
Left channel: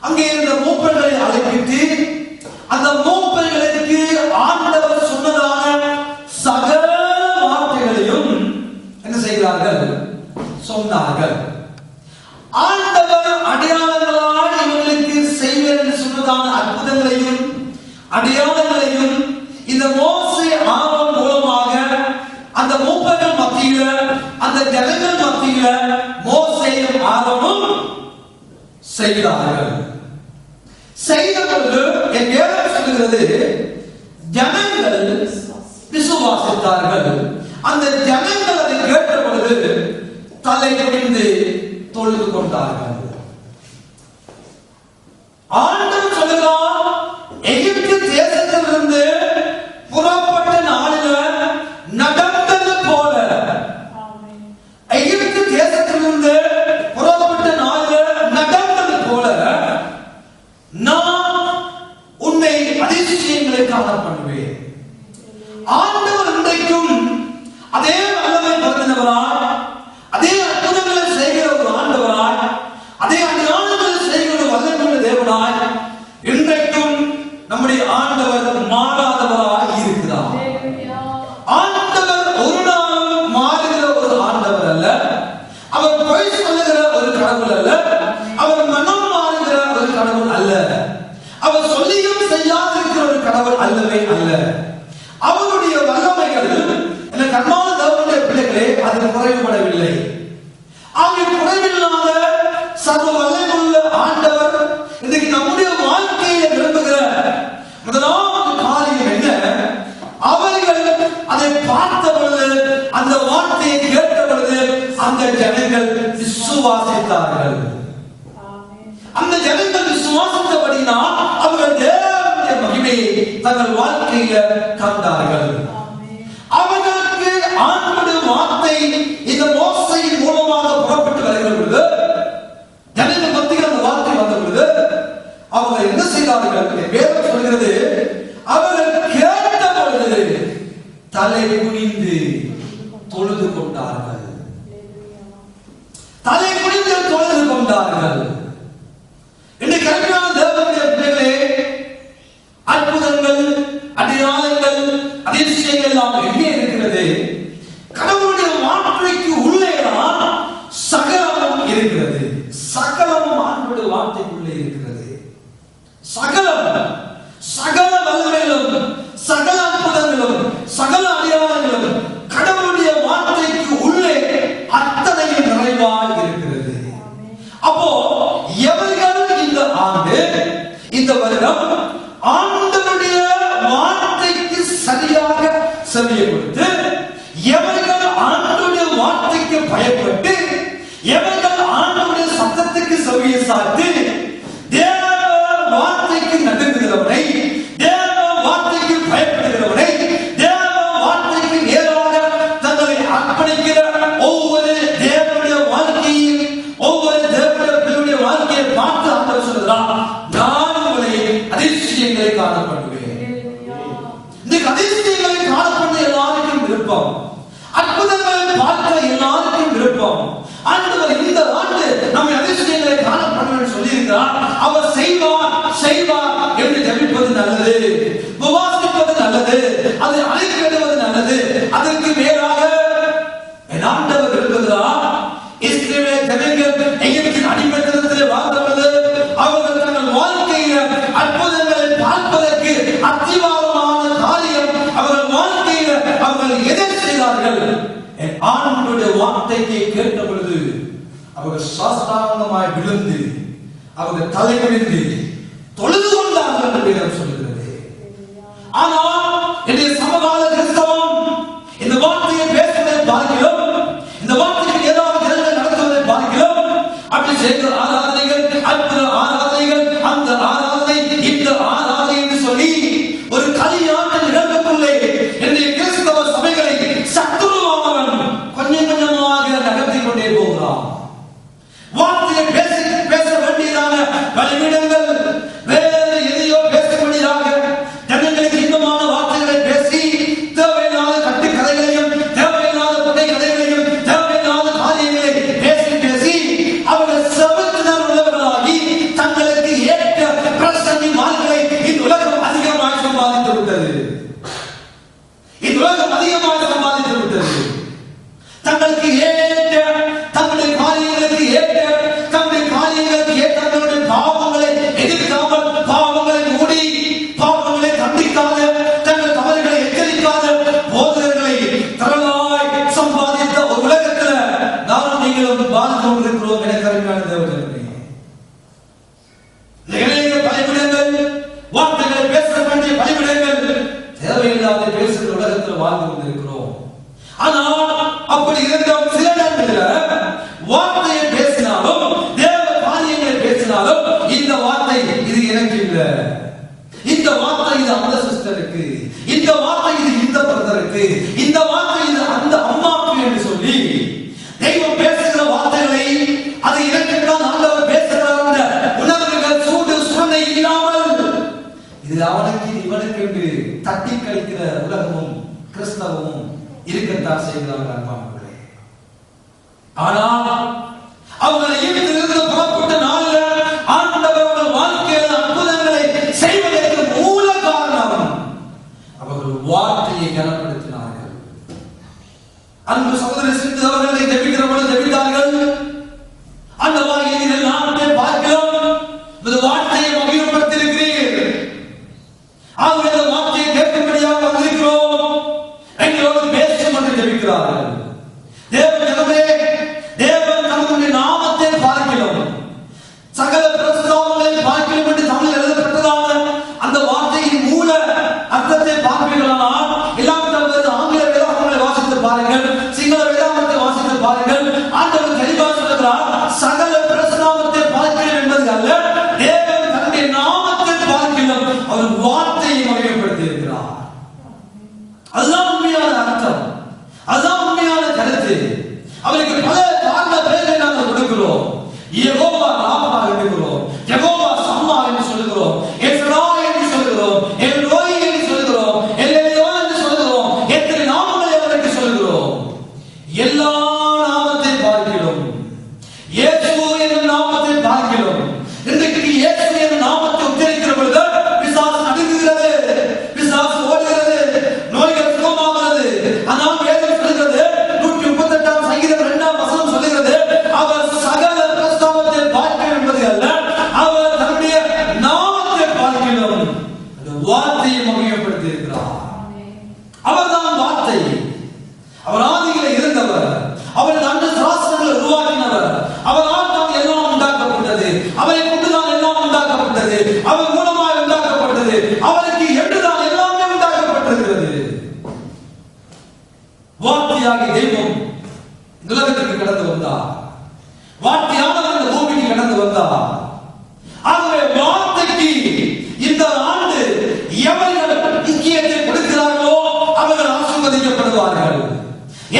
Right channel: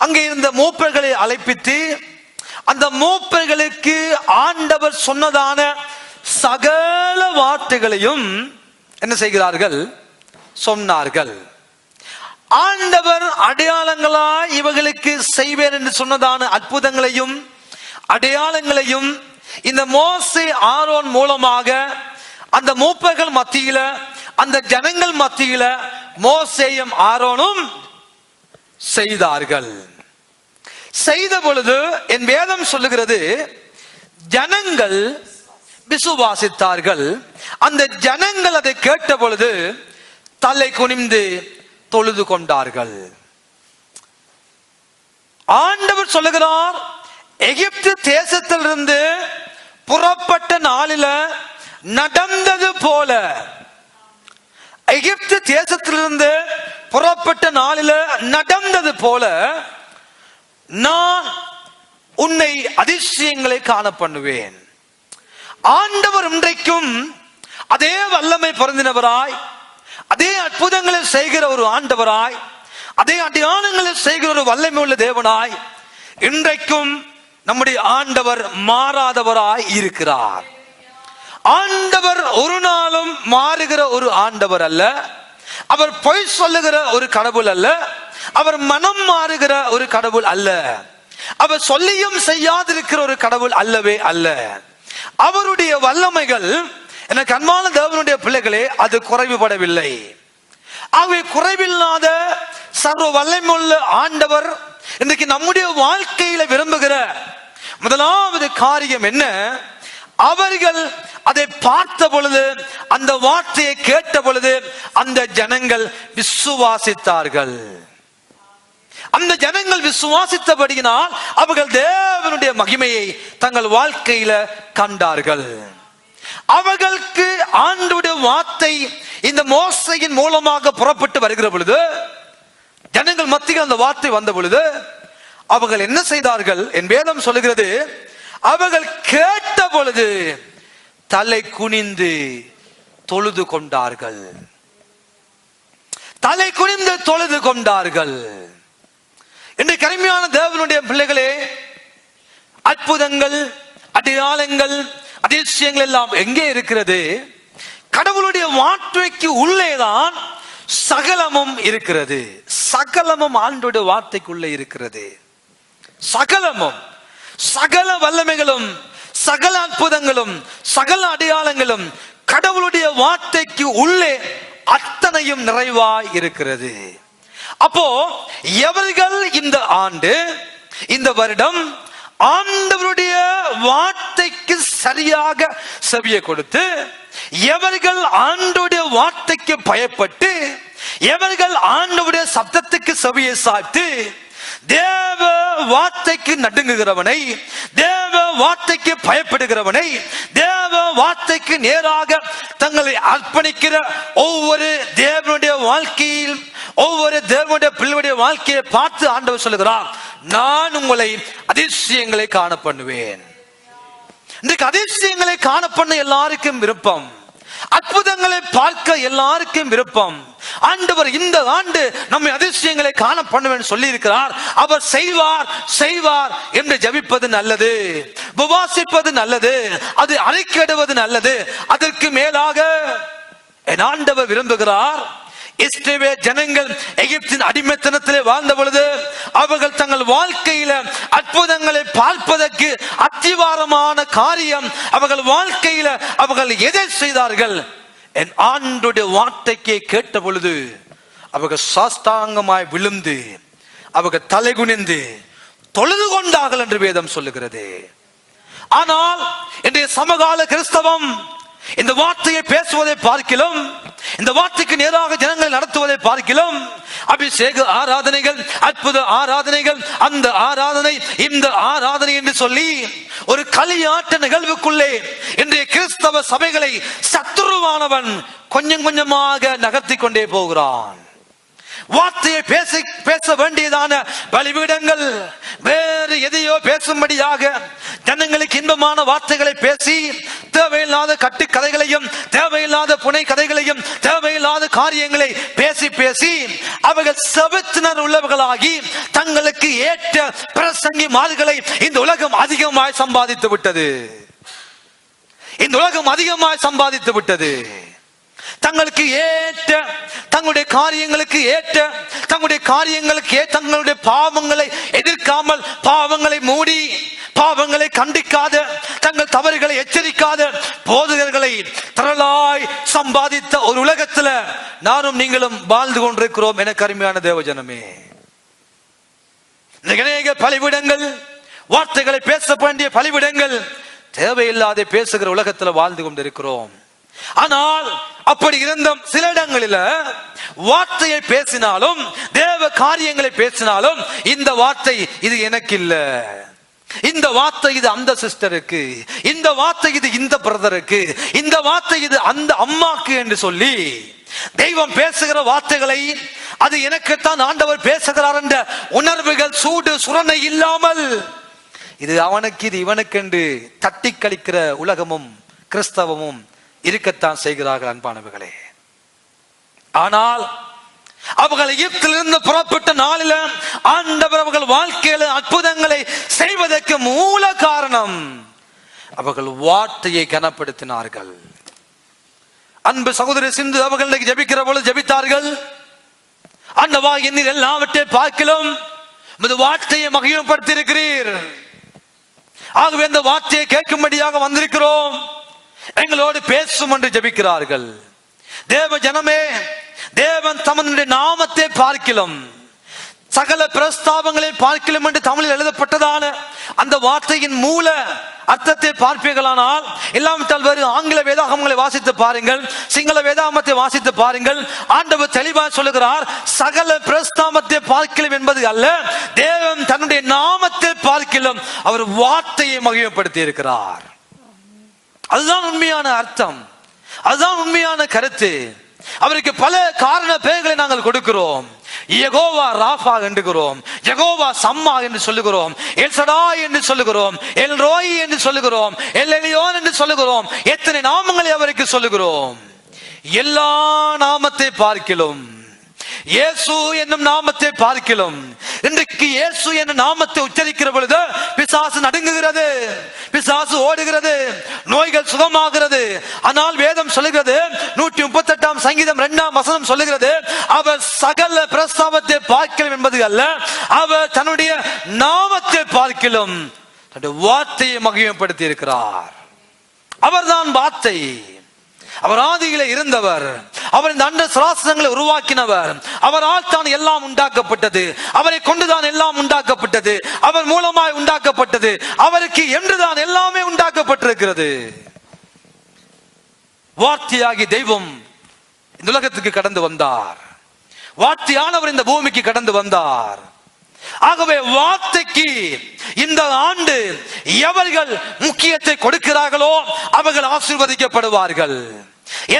அங்கே இருந்த மூப்பர்களை அழைப்பித்து அந்த மூப்பர்களுக்கு ஆண்டவர் சொன்னதான சகல வார்த்தைகளையும் என்ன செய்கிறார்கள்? சொன்னார்கள். ஆண்டவர் அடையாளங்களாய் இவர்களுக்கு செய்வேன் என்று சொன்னதான அற்புதங்களையும் அடையாளங்களையும் இந்த மோசே ஆரோன் மூலமாக அந்த மூப்பர்கள் மத்தியில, அந்த ஜனங்கள் மத்தியில மோசேயும் ஆரோனும் செய்தார்கள். செய்த பொழுது என் வேதம் சொல்லுகிறது, ஜனங்கள் விசுவாசித்தார்கள். அந்த ஜனங்கள் அதை கேட்ட பொழுது தலை குனிந்து தொழுது கொண்டார்கள். ஆண்டவர் சொல்லுகிறார், எகிப்து தேசத்திலிருந்து புறப்பட்ட நாளில நடந்தது போல, எகிப்து தேசத்திலிருந்து புறப்பட்ட நாளில நடந்தது போல நான் உன்னை அதிசயங்களை காண பண்ணுவேன். ஆண்டவர் இன்றைக்கும் அதே வல்லமை பொருந்தினவராய், அதே அற்புதங்களை செய்கிற ஒரு ஆண்டவராய், அதே அடையாளங்களை செய்கிற ஒரு வல்லமை உள்ள தேவனாய் இன்றைக்கும் நம்முடைய ஆண்டவர் மாறாதவராய் இருக்கிறார். ஆண்டவர் ஒரு நாளும் மாறுகிற ஒரு ஆண்டவர் அல்ல. அவர் பொய் சொல்லுகிற ஒரு கடவுள் அல்ல. அவர் மனம் மாறுகிற ஒரு கடவுள் அல்ல. அவர் சொல்லியும் செய்யாதிருக்கிற ஒரு கடவுள் அல்லவே அல்ல. அவருடைய வல்லமைகள் எனக்கு அன்பான தேவனுடைய பிள்ளைகளே, அது குறைவுபடவில்லை. அவை குறைவில்லாத சர்வ வல்லமையுள்ள ஆண்டவர் இன்றைக்கு நம்முடைய வாழ்க்கையில விரும்புகிற முதலாவது காரியம் என்ன? அவர்கள் அதை பார்த்த பொழுது, அந்த வார்த்தையை கேட்ட பொழுது அந்த ஜனங்கள் விசுவாசித்தார்கள். அந்த ஜனங்கள் விசுவாசித்தபடியினால் அவர்கள் தேவனுடைய மகிமையை தங்கள் வாழ்க்கையில கண்டார்கள். அவர்களுக்கு ஆண்டவருடைய வார்த்தை இந்த மோசையின் மூலமாக புறப்பட்டு வருகிற பொழுது, ஜனங்கள் மத்தியில் அந்த வார்த்தை வந்த பொழுது அவர்கள் என்ன செய்தார்கள்? என் வேதம் சொல்லுகிறது, அவர்கள் கேட்ட பொழுது தலை குனிந்து தொழுது கொண்டார்கள். தலை குனிந்து தொழுது கொண்டார்கள். இன்றைக்கு அருமையான தேவனுடைய பிள்ளைகளே, அற்புதங்கள், அடையாளங்கள், அதிசயங்கள் எல்லாம் எங்கே இருக்கிறது? கடவுளுடைய வார்த்தைக்கு உள்ளேதான் சகலமும் இருக்கிறது. சகலமும் ஆண்டோட வார்த்தைக்குள்ளே இருக்கிறது. சகலமும், சகல வல்லமைகளும், சகல அற்புதங்களும், சகல அடையாளங்களும் கடவுளுடைய வார்த்தைக்கு உள்ளே அத்தனையும் நிறைவாய் இருக்கிறது. அப்போ எவர்கள் இந்த ஆண்டு, இந்த வருடம் ஆண்டவருடைய வார்த்தைக்கு சரியாக செவியை கொடுத்து, எவர்கள் ஆண்டவருடைய வார்த்தைக்கு பயப்பட்டு, எவர்கள் ஆண்டவருடைய சத்தத்துக்கு செவியை சாத்தி தேவ வார்த்தைக்கு நடுங்குகிறவனை, தேவ வார்த்தைக்கு பயப்படுகிறவனை, தேவ வார்த்தைக்கு நேராக தங்களை அர்ப்பணிக்கிற ஒவ்வொரு தேவனுடைய வாழ்க்கையில், ஒவ்வொரு தேவனுடைய பிள்ளையுடைய வாழ்க்கையை பார்த்து ஆண்டவர் சொல்லுகிறார், நான் உங்களை அதிசயங்களை காண பண்ணுவேன். இன்றைக்கு அதிசயங்களை காண பண்ண எல்லாருக்கும் விருப்பம். அற்புதங்களை பார்க்க எல்லாருக்கும் விருப்பம். ஆண்டவர் இந்த ஆண்டு நம்ம அதிசயங்களை காண பண்ணுவேன் சொல்லி இருக்கிறார். அவர் செய்வார் செய்வார் என்று ஜெபிப்பது நல்லது, உபவாசிப்பது நல்லது, அதை அறிக்கையிடுவது நல்லது. அதற்கு மேலாக என் ஆண்டவர் விரும்புகிறார், இஸ்ரவேல் ஜனங்கள் எகிப்தின் அடிமைத்தனத்திலே வாழ்ந்த பொழுது அவர்கள் தங்கள் வாழ்க்கையில அற்புதங்களை பார்ப்பதற்கு அத்திவாரமான காரியம் அவர்கள் வாழ்க்கையில அவர்கள் எதை செய்தார்கள்? என் ஆண்டோடைய வார்த்தைக்கு கேட்ட பொழுது அவர்கள் சாஸ்தாங்கமாய் விழுந்து அவர்கள் தலை குனிந்து தொழுது கொண்டார்கள் என்று வேதம் சொல்லுகிறது. ஆனால் இன்றைய சமகால கிறிஸ்தவம் இந்த வார்த்தையை பேசுவதை பார்க்கலாம், இந்த வார்த்தைக்கு நேராக ஜனங்கள் நடத்துவதை பார்க்கலாம். அபிஷேக ஆராதனைகள், அற்புத ஆராதனைகள், அந்த ஆராதனை இந்த ஆராதனை என்று சொல்லி ஒரு களியாட்ட நிகழ்வுக்குள்ளே இன்றைய கிறிஸ்தவ சபைகளை சத்துருவானவன் கொஞ்சம் கொஞ்சமாக நகர்த்தி கொண்டே போகிறான். வார்த்தை வார்த்தையை பேச வேண்டியதான பலிபீடங்கள் வேறு எதையோ பேசும்படியாக ஜனங்களுக்கு இன்பமான வார்த்தைகளை பேசி தேவையில்லாத கட்டு கதைகளையும் தேவையில்லாத புனை கதைகளையும் தேவையில்லாத காரியங்களை பேசி பேசி அவர்கள் செபத்தினர் உள்ளவர்களாகி தங்களுக்கு ஏற்ற பிரசங்கி மார்களை இந்த உலகம் அதிகமாய் சம்பாதித்து விட்டது. இந்த உலகம் அதிகமாய் சம்பாதித்து விட்டது. தங்களுக்கு ஏற்ற தங்களுடைய காரியங்களுக்கு ஏற்ற தங்களுடைய தங்களுடைய பாவங்களை எதிர்க்காமல் பாவங்களை மூடி பாவங்களை கண்டிக்காத தங்கள் தவறுகளை எச்சரிக்காத போதகர்களை திரளாய் சம்பாதித்த ஒரு உலகத்துல நானும் நீங்களும் வாழ்ந்து கொண்டிருக்கிறோம். எனக்கு அருமையான தேவஜனமே, இந்த இளைஞர் பலிபீடங்கள், வார்த்தைகளை பேச வேண்டிய பலிபீடங்கள், தேவையில்லாத பேசுகிற உலகத்துல வாழ்ந்து கொண்டிருக்கிறோம். ஆனால் அப்படி இருந்தும் சில இடங்களில் வார்த்தையை பேசினாலும் தேவ காரியங்களை பேசினாலும் இந்த வார்த்தை இது எனக்கு இல்ல, இந்த வார்த்தை இது அந்த சிஸ்டருக்கு, இந்த வார்த்தை இது இந்த பிரதருக்கு, இந்த வார்த்தை இது அந்த அம்மாக்கு என்று சொல்லி தெய்வம் பேசுகிற வார்த்தைகளை அது எனக்குத்தான் ஆண்டவர் பேசுகிறார் என்ற உணர்வுகள் சூடு சுரணை இல்லாமல் இது அவனுக்கு இது இவனுக்கு என்று தட்டி கழிக்கிற உலகமும் கிறிஸ்தவமும் இருக்கத்தான் செய்கிறார்கள் அன்பானவர்களே. ஆனால் அவர்கள் எகிப்திலிருந்து புறப்பட்ட நாளில் ஆண்டவர் அவர்கள் வாழ்க்கையில அற்புதங்களை செய்வதற்கு மூல காரணம் அவர்கள் வார்த்தையை கனப்படுத்தினார்கள். அன்பு சகோதரி சிந்து அவர்கள் ஜெபிக்கிற பொழுது ஜெபித்தார்கள், ஆண்டவா இந்த எல்லாவற்றையும் பார்க்கலாம் இந்த வார்த்தையை மகிழ்வுபடுத்தி இருக்கிறீர், ஆகவே இந்த வார்த்தையை கேட்கும்படியாக வந்திருக்கிறோம், எங்களோடு பேசும் என்று ஜெபிக்கிறார்கள். தேவ ஜனமே, தேவன் தம்முடைய நாமத்தை பார்க்கலாம் சகல பிரஸ்தாபங்களை பார்க்கலாம் என்று தமிழில் எழுதப்பட்டதான அந்த வார்த்தையின் மூல அர்த்தத்தை பார்ப்பீர்களானால் இல்லாவிட்டால் வேறு ஆங்கில வேதாகமங்களை வாசித்து பாருங்கள், சிங்கள வேதாகமத்தை வாசித்து பாருங்கள். ஆண்டவர் தெளிவாக சொல்லுகிறார், சகல பிரஸ்தாபத்தை பார்க்கலாம் என்பது அல்ல, தேவன் தன்னுடைய நாமத்தை பார்க்கலாம் அவர் வார்த்தையை மகிமைப்படுத்தி இருக்கிறார். அதுதான் உண்மையான அர்த்தம், அதுதான் உண்மையான கருத்து. அவருக்கு பல காரண பெயர்களை நாங்கள் கொடுக்கிறோம். யெகோவா ராஃபா என்கிறோம், யெகோவா சம்மா என்று சொல்லுகிறோம், எல்சடாய் என்று சொல்லுகிறோம், எல்ரோய் என்று சொல்லுகிறோம், எல்எலியோன் என்று சொல்லுகிறோம். எத்தனை நாமங்களை அவருக்கு சொல்லுகிறோம். எல்லா நாமத்தை பார்க்கிறோம், இயேசு என்னும் நாமத்தை பார்க்கிறோம். இன்றைக்கு இயேசு என்னும் நாமத்தை உச்சரிக்கிற பொழுது பிசாசு நடுங்குகிறது, பிசாசு ஓடுகிறது, நோய்கள் சுகமாகிறது. ஆனால் வேதம் சொல்லுகிறது, 138 சங்கீதம் 2ஆம் வசனம் சொல்லுகிறது, அவர் சகல பிரஸ்தாபத்தை பார்க்க என்பது அல்ல, அவர் தன்னுடைய நாமத்தை பார்க்கலாம் தன்னுடைய வார்த்தையை மகிமைப்படுத்தி இருக்கிறார். அவர்தான் வார்த்தை, அவர் ஆதியிலே இருந்தவர், அவர் தண்ட சாஸ்திரங்களை உருவாக்கினவர், அவரால் தான் எல்லாம் உண்டாக்கப்பட்டது, அவரை கொண்டுதான் எல்லாம் உண்டாக்கப்பட்டது, அவர் மூலமாய் உண்டாக்கப்பட்டது, அவருக்கு என்றுதான் எல்லாமே உண்டாக்கப்பட்டிருக்கிறது. வார்த்தையாகி தெய்வம் இந்த உலகத்துக்கு கடந்து வந்தார், வார்த்தையானவர் இந்த பூமிக்கு கடந்து வந்தார். ஆகவே வார்த்தைக்கு இந்த ஆண்டு எவர்கள் முக்கியத்தை கொடுக்கிறார்களோ அவர்கள் ஆசீர்வதிக்கப்படுவார்கள்.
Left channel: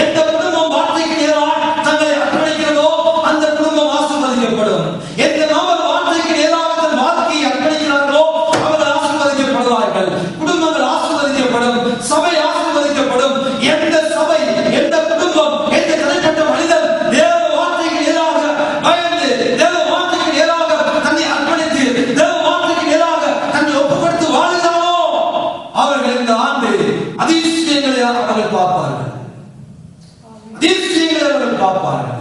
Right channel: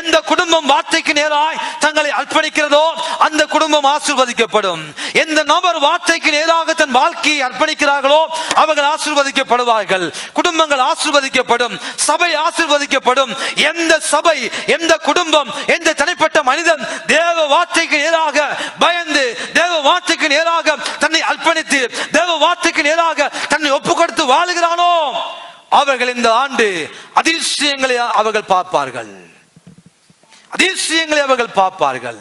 எந்த குடும்பம் வார்த்தைக்கு நேராய் தங்களை அர்ப்பணிக்கிறதோ அந்த குடும்பம் ஆசீர்வதிக்கப்படும். எந்த நபர் வார்த்தைக்கு நேராக தன் வாழ்க்கையை அர்ப்பணிக்கிறார்களோ அவர்கள் ஆசீர்வதிக்கப்படுவார்கள். குடும்பங்கள் ஆசீர்வதிக்கப்படும், சபை ஆசீர்வதிக்கப்படும். எந்த சபை, எந்த குடும்பம், எந்த தனிப்பட்ட மனிதன் தேவ வார்த்தைக்கு நேராக பயந்து தேவ வார்த்தைக்கு நேராக தன்னை அர்ப்பணித்து தேவ வார்த்தைக்கு நேராக தன்னை ஒப்புக் கொடுத்து வாழுகிறானோ அவர்கள் இந்த ஆண்டு அதிசயங்களை அவர்கள் பார்ப்பார்கள், அதிசயங்களை அவர்கள் பார்ப்பார்கள்.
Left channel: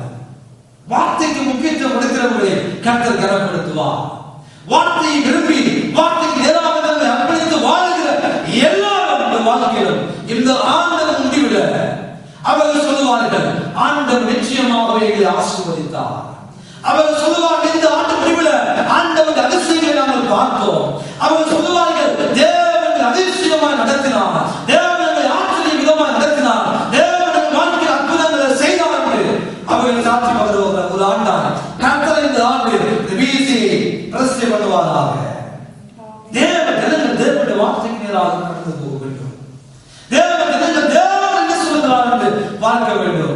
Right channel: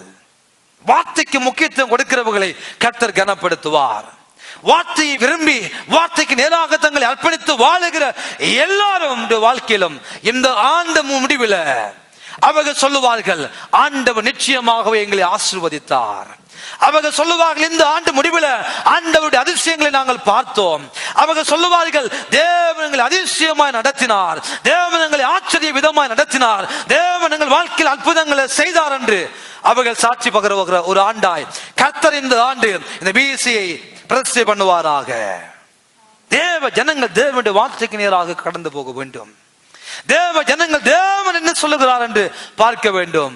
வார்த்தைக்கு முக்கியத்துவம் கொடுக்கிறவர்களை கர்த்தர் கனப்படுத்துவார். வார்த்தையை விரும்பி வார்த்தைக்கு நேராக தங்களை அர்ப்பணித்து வாழுகிற எல்லாரும் வாழ்க்கையிலும் இந்த ஆண்டு முடிவில் அவர்கள் சொல்லுவார்கள், ஆண்டவர் நிச்சயமாகவே எங்களை ஆசீர்வதித்தார். அவர்கள் சொல்லுவார்கள், இந்த ஆண்டு முடிவில் ஆண்டவருடைய அதிசயங்களை நாங்கள் பார்த்தோம். அவர்கள் சொல்லுவார்கள், தேவன் அதிசயமாய் நடத்தினார், தேவன் எங்களை ஆச்சரிய விதமாய் நடத்தினார், தேவன் எங்கள் வாழ்க்கையில் அற்புதங்களை செய்தார் என்று அவர்கள் சாட்சி பகர ஒரு ஆண்டாய் கர்த்தர் இந்த ஆண்டு இந்த வீழ்ச்சியை பிரதிஷ்டை பண்ணுவாராக. தேவ ஜனங்கள் தேவனுடைய வார்த்தைக்கு நேராக கடந்து போக வேண்டும். தேவ ஜனங்கள் தேவன் என்ன சொல்லுகிறார் என்று பார்க்க வேண்டும்.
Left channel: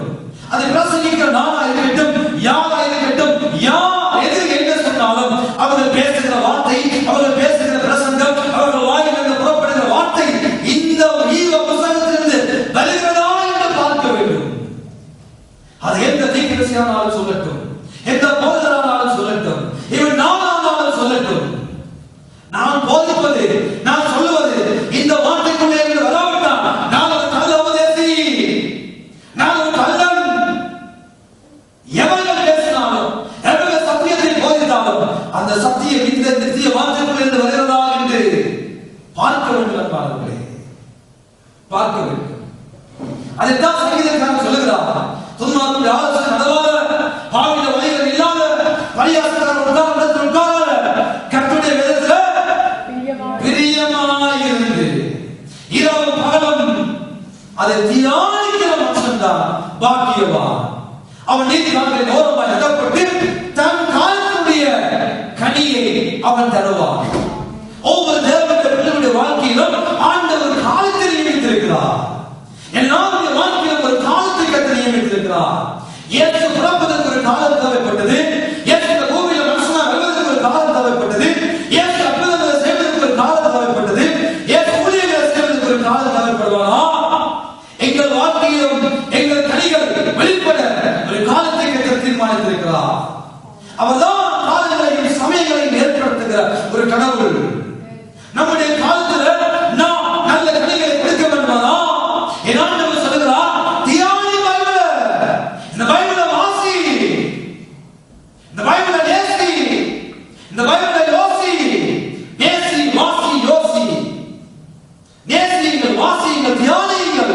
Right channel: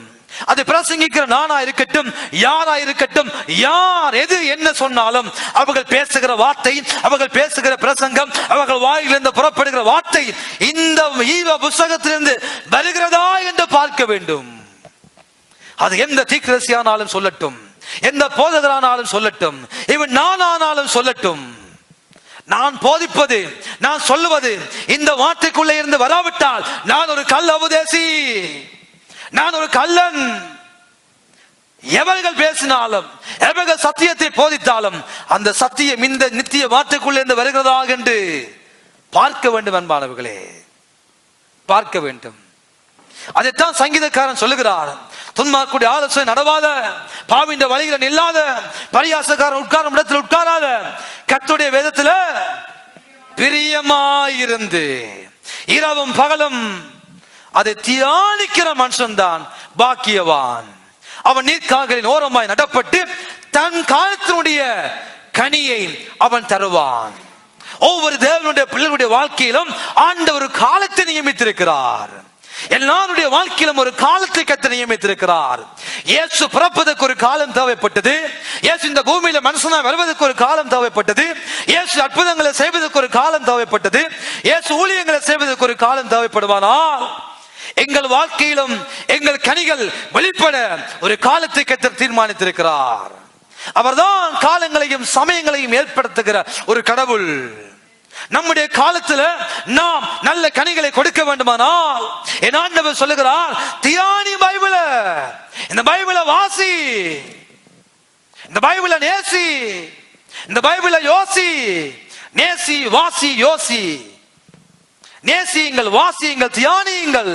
அதை பிரசங்கிக்கிற நானா இருக்கட்டும், யாரா இருக்கட்டும், யார் எதிர் என்ன சொன்னாலும் அவர்கள் பேசுகிற வார்த்தை, அவர்கள் பேசுகிற பிரசங்கம், அவர்கள் வாயிலிருந்து புறப்படுகிற வார்த்தை இந்த ஈவ புஸ்தகத்திலிருந்து வருகிறதா என்று பார்க்க வேண்டும். அது எந்த தீர்க்கதரிசியானாலும் சொல்லட்டும், எந்த போதகரானாலும் சொல்லட்டும், இவன் நானானாலும் சொல்லட்டும், நான் போதிப்பது, நான் சொல்லுவது இந்த வார்த்தைக்குள்ளே இருந்து வராவிட்டால் நான் ஒரு கள்ள உபதேசி, நான் ஒரு கள்ளன். எவர்கள் பேசினாலும், எவர்கள் சத்தியத்தை போதித்தாலும் அந்த சத்தியம் இந்த நித்திய வார்த்தைக்குள்ளே இருந்து வருகிறதா என்று பார்க்க வேண்டும் என்பார்களே, பார்க்க வேண்டும். அதைத்தான் சங்கீதக்காரன் சொல்லுகிறார். துன்மார்க்குடைய ஆலோசனை நடவாத, பாவின்ற வழிகள் இல்லாத, பரியாசக்காரன் உட்கார்ந்த இடத்தில் உட்காராத, கர்த்தருடைய வேதத்தில் பிரியமாயிருந்து இரவும் பகலும் அதை தியானிக்கிற மனுஷன் தான் பாக்கியவான். அவன் நீர்க்கால்களின் ஓரமாய் நடப்பட்டு தன் காலத்தினுடைய கனியை அவன் தருவான். ஒவ்வொரு தேவனுடைய பிள்ளைகளுடைய வாழ்க்கையிலும் ஆண்டவர் காலத்தை நியமித்திருக்கிறார். எல்லாருடைய வாழ்க்கையிலும் ஒரு காலத்தை கர்த்தர் நியமித்திருக்கிறார். இயேசு பிறப்பதற்கு ஒரு காலம் தேவைப்பட்டது. இயேசு இந்த பூமியில மனுஷனா வருவதற்கு ஒரு காலம் தேவைப்பட்டது. இயேசு அற்புதங்களை செய்வதற்கு ஒரு காலம் தேவைப்பட்டது. இயேசு ஊழியங்களை செய்வதற்கு ஒரு காலம் தேவைப்படுவானா? எங்கள் வாழ்க்கையிலும் எங்கள் கனிகள் வெளிப்பட ஒரு காலத்தை கர்த்தர் தீர்மானித்திருக்கிறார். அவர்தான் காலங்களையும் சமயங்களையும் ஏற்படுத்துகிற ஒரு கடவுள். நம்முடைய காலத்துல நாம் நல்ல கனிகளை கொடுக்க வேண்டுமானால் என் ஆண்டவர் சொல்லுகிறார், தியானி பைபிள, இந்த பைபிளை வாசி, இந்த பைபிளை நேசி, இந்த பைபிளை யோசி. நேசி, வாசி, யோசி. நேசியுங்கள், வாசியுங்கள், தியானியுங்கள்.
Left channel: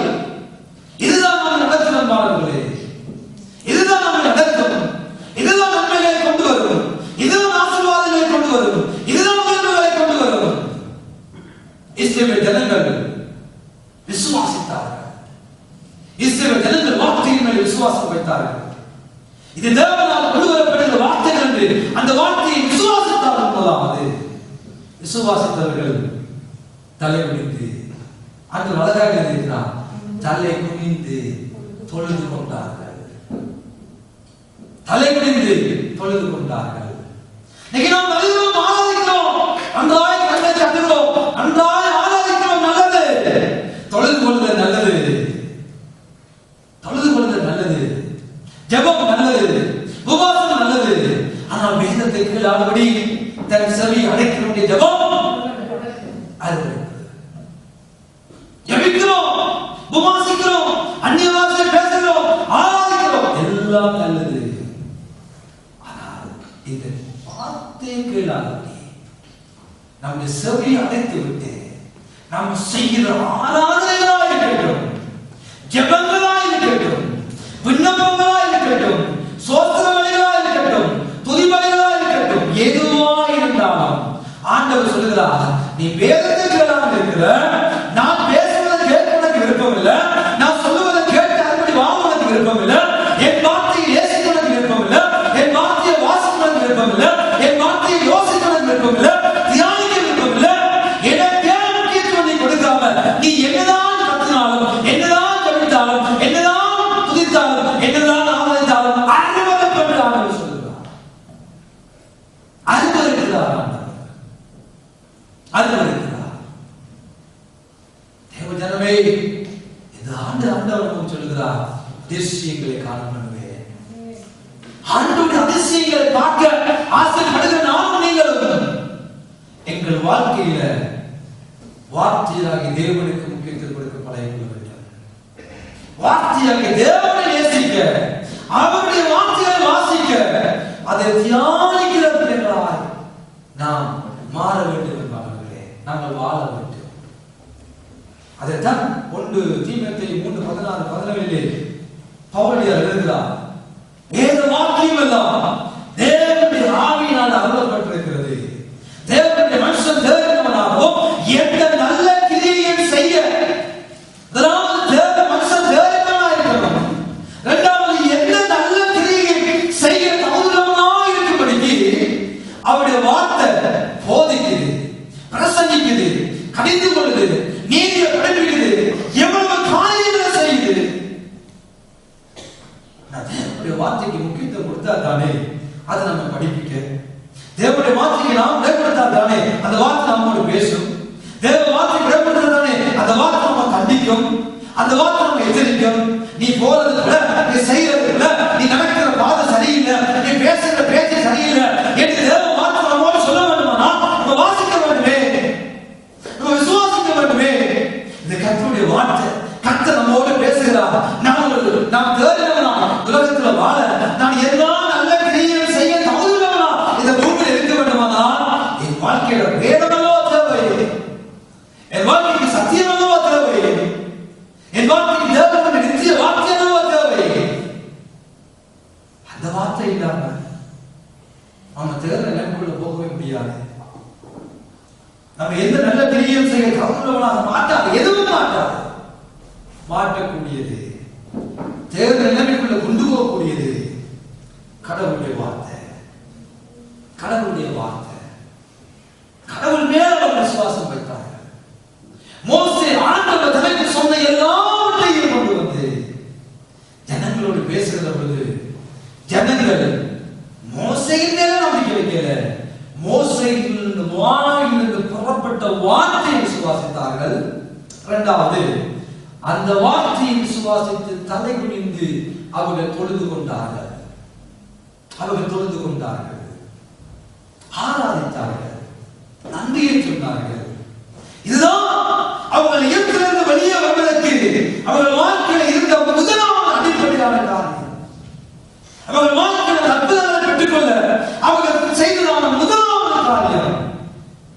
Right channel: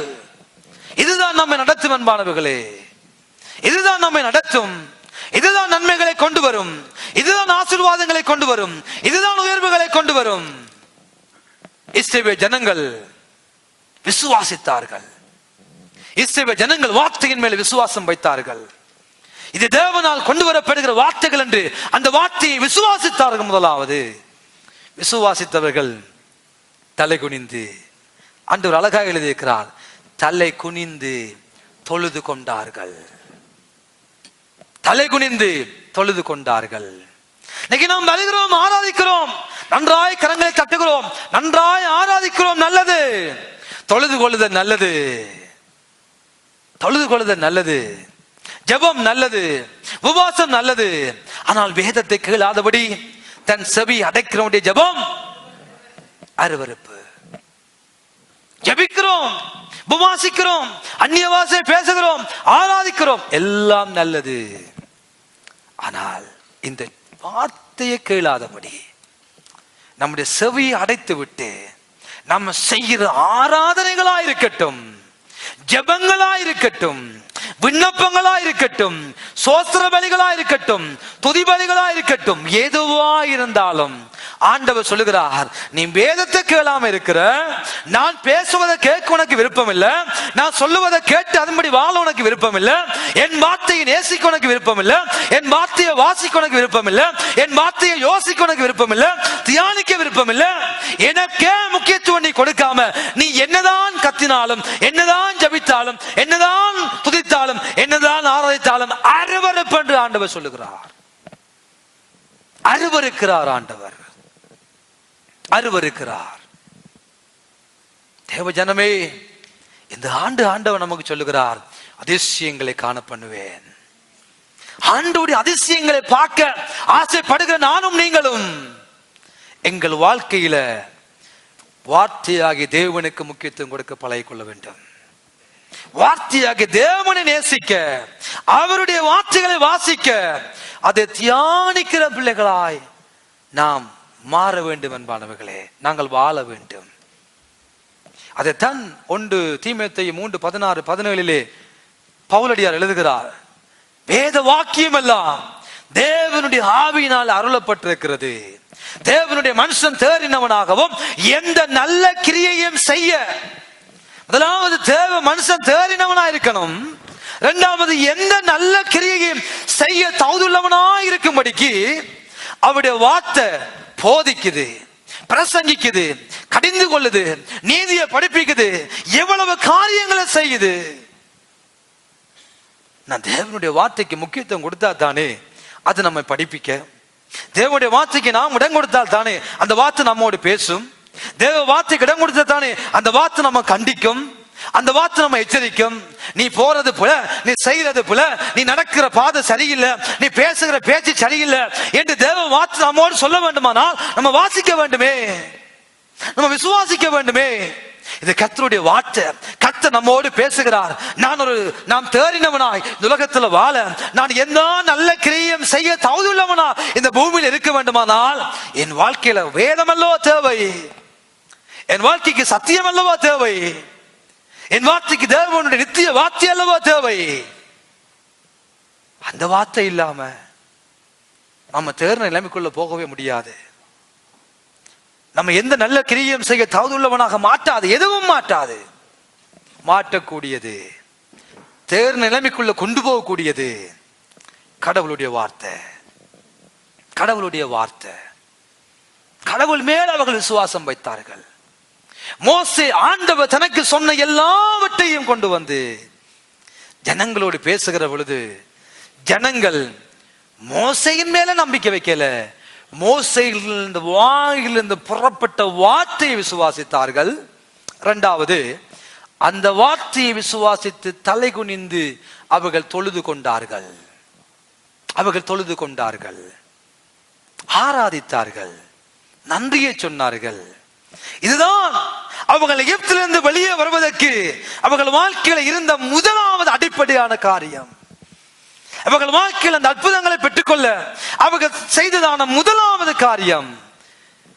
இதுதான் நம்மை நடத்தும் என்பார்களே, இதுதான் நம்மை நடத்தும், இதுதான் நன்மைகளை கொண்டு வரும், இதுதான் ஆசீர்வாதங்களை கொண்டு வரும், இதுதான் உயர்வுகளை கொண்டு வரும். இஸ்ரவேல் ஜனங்கள் விசுவாசித்தார்கள். இஸ்ரவேல் ஜனங்கள் வார்த்தையின் மேல் விசுவாசம் வைத்தார்கள். இது தேவனால் கொண்டு வரப்படுகிற வார்த்தைகள் என்று அந்த வார்த்தையை விசுவாசித்தார்கள். முதலாவது விசுவாசித்தவர்கள் தலை குனிந்து, ஆண்டவர் அழகாக எழுதியிருக்கிறார், தலை குனிந்து தொழுது கொண்டார்கள். தலை குனிந்து தொழுது கொண்டார்கள். நாம் வருகிறோம், ஆராதிக்கிறோம், நன்றாய் கரங்களை தட்டுகிறோம், நன்றாய் ஆராதிக்கிறோம், நல்லது. தொழுது கொள்ளுதல் நல்லது, தொழுது கொள்ளுதல் நல்லது, ஜெபம் நல்லது, உபவாசம் நல்லது. ஆனால் வேதத்தை கேளாதபடி தன் செவி அடைக்கிறவனுடைய ஜெபம் அருவருப்பு. ஜெபிக்கிறோம், உபவாசிக்கிறோம், அந்நிய பாஷை பேசுகிறோம், ஆராதிக்கிறோம், எல்லாம் நல்லது. ஆனால் இந்த வார்த்தையை கேளாதபடி நம்முடைய செவியை அடைத்து விட்டு நம்ம செய்கிற ஆராதனைகளா இருக்கட்டும், ஜெபங்களா இருக்கட்டும், விண்ணப்பங்களா இருக்கட்டும், சோத்திர பலிகளா இருக்கட்டும், துதி பலிகளா இருக்கட்டும், எதுவா இருந்தாலும் ஆண்டவர் சொல்லுகிறார், நீ வேதத்தை கேளாம இருக்கிற, நான் பேசுவதை கேட்க உனக்கு விருப்பம் இல்லை, நான் சொல்லுவதை கேட்டு அதன்படி வாழ உனக்கு விருப்பம் இல்லை, என் வார்த்தையை நேசிக்க உனக்கு விருப்பம் இல்லை, என் வார்த்தையை வாசிக்க உனக்கு விருப்பம் இல்லை, என் வார்த்தையை யோசிக்க உனக்கு விருப்பம் இல்லை, தியானிக்க விருப்பம் இல்லை, எனக்கே முக்கியத்துவம் நீ கொடுக்காம நீ என்னதான் கத்தினாலும், என்னதான் ஜபித்தாலும், என்னதான் துதித்தாலும், என்னதான் ஆராய்த்தாலும் அருவருப்பு என்று ஆண்டவர் சொல்லுகிறார். அருவருக்கிறார் ஆண்டவர், அருவருக்கிறார். தேவ ஜனமே, இந்த ஆண்டவர் நமக்கு சொல்லுகிறார், அதிசயங்களை காண பண்ணுவேன். ஆண்டவருடைய அதிசயங்களை பார்க்க ஆசைப்படுகிற நானும் நீங்களும் எங்கள் வாழ்க்கையில வார்த்தையாகிய தேவனுக்கு முக்கியத்துவம் கொடுக்க பழகிக் கொள்ள வேண்டும். வார்த்தையாகிய தேவனை நேசிக்க, அவருடைய வார்த்தைகளை வாசிக்க, அதை தியானிக்கிற பிள்ளைகளாய் நாம் மாற வேண்டும் என்பானவர்களே, நாங்கள் வாழ வேண்டும். அதைத்தான் 1 தீமோத்தேயு 3:16-17 பவுலடியார் எழுதுகிறார், வேத வாக்கியம் எல்லாம் தேவனுடைய ஆவியினால் அருளப்பட்டிருக்கிறது. தேவனுடைய மனுஷன் தேறினவனாகவும் எந்த நல்ல கிரியையும் செய்ய, அதாவது தேவ மனுஷன் தேறினவனா இருக்கணும். இரண்டாவது, எந்த நல்ல கிரியையும் செய்ய தகுதியுள்ளவனாய் இருக்கும்படிக்கு அவருடைய வார்த்தை போதிக்குது, பிரசங்கிக்குது, கடிந்து கொள்ளுது, நீதியை படிப்பிக்குது, எவ்வளவு காரியங்களை செய்யுது. நான் தேவனுடைய வார்த்தைக்கு முக்கியத்துவம் கொடுத்தா தானே அது நம்ம படிப்பிக்க. தேவனுடைய வார்த்தைக்கு நாம் இடம் கொடுத்தால் தானே அந்த வார்த்தை நம்மோடு பேசும். தேவ வார்த்தைக்கு இடம் கொடுத்தால் தானே அந்த வார்த்தை நம்ம கண்டிக்கும், அந்த வார்த்தை நம்ம எச்சரிக்கும். நீ போறது போல, நீ செய்யறது போல, நீ நடக்கிற பாதை சரியில்லை, நீ பேசுகிற பேச்சு சரியில்லை என்று தேவ வார்த்தை நம்மோடு சொல்ல வேண்டுமானா நம்ம வாசிக்க வேண்டுமே, நம்ம விசுவாசிக்க வேண்டுமே. இது கர்த்தருடைய வார்த்தை. கர்த்தர் நம்மோடு பேசுகிறார். நாம் தேறினவனாய் உலகத்துல வாழ, நான் என்ன நல்ல கிரியை செய்ய தகுதியுள்ளவனா இந்த பூமியில் இருக்க வேண்டுமானால் என் வாழ்க்கையில வேதமல்லவோ தேவை, என் வாழ்க்கைக்கு சத்தியம் அல்லவோ தேவை, என் வார்த்தைக்கு தேவனுடைய நித்திய வார்த்தை அல்லவோ தேவை. அந்த வார்த்தை இல்லாம நம்ம தேர்ந்த நிலைமைக்குள்ள போகவே முடியாது. நம்ம எந்த நல்ல கிரியையும் செய்ய தகுதியுள்ளவனாக மாட்டாது, எதுவும் மாட்டாது. மாற்றக்கூடியது, தேர்ந்த நிலைமைக்குள்ள கொண்டு போகக்கூடியது கடவுளுடைய வார்த்தை. கடவுளுடைய வார்த்தை. கடவுள் மேல அவர்கள் விசுவாசம் வைத்தார்கள். மோசே ஆண்டவர் தனக்கு சொன்ன எல்லாவற்றையும் கொண்டு வந்து ஜனங்களோடு பேசுகிற பொழுது ஜனங்கள் மோசையின் மேல நம்பிக்கை வைக்கல, மோசையிலிருந்து வாயிலிருந்து புறப்பட்ட வார்த்தையை விசுவாசித்தார்கள். இரண்டாவது, அந்த வார்த்தையை விசுவாசித்து தலை குனிந்து அவர்கள் தொழுது கொண்டார்கள். அவர்கள் தொழுது கொண்டார்கள், ஆராதித்தார்கள், நன்றியை சொன்னார்கள். இதுதான் அவர்கள் இயத்திலிருந்து வெளியே வருவதற்கு அவர்கள் வாழ்க்கையில் இருந்த முதலாவது அடிப்படையான காரியம். அவர்கள் வாழ்க்கையில் அந்த அற்புதங்களை பெற்றுக்கொள்ள அவர்கள் செய்ததான முதலாவது காரியம்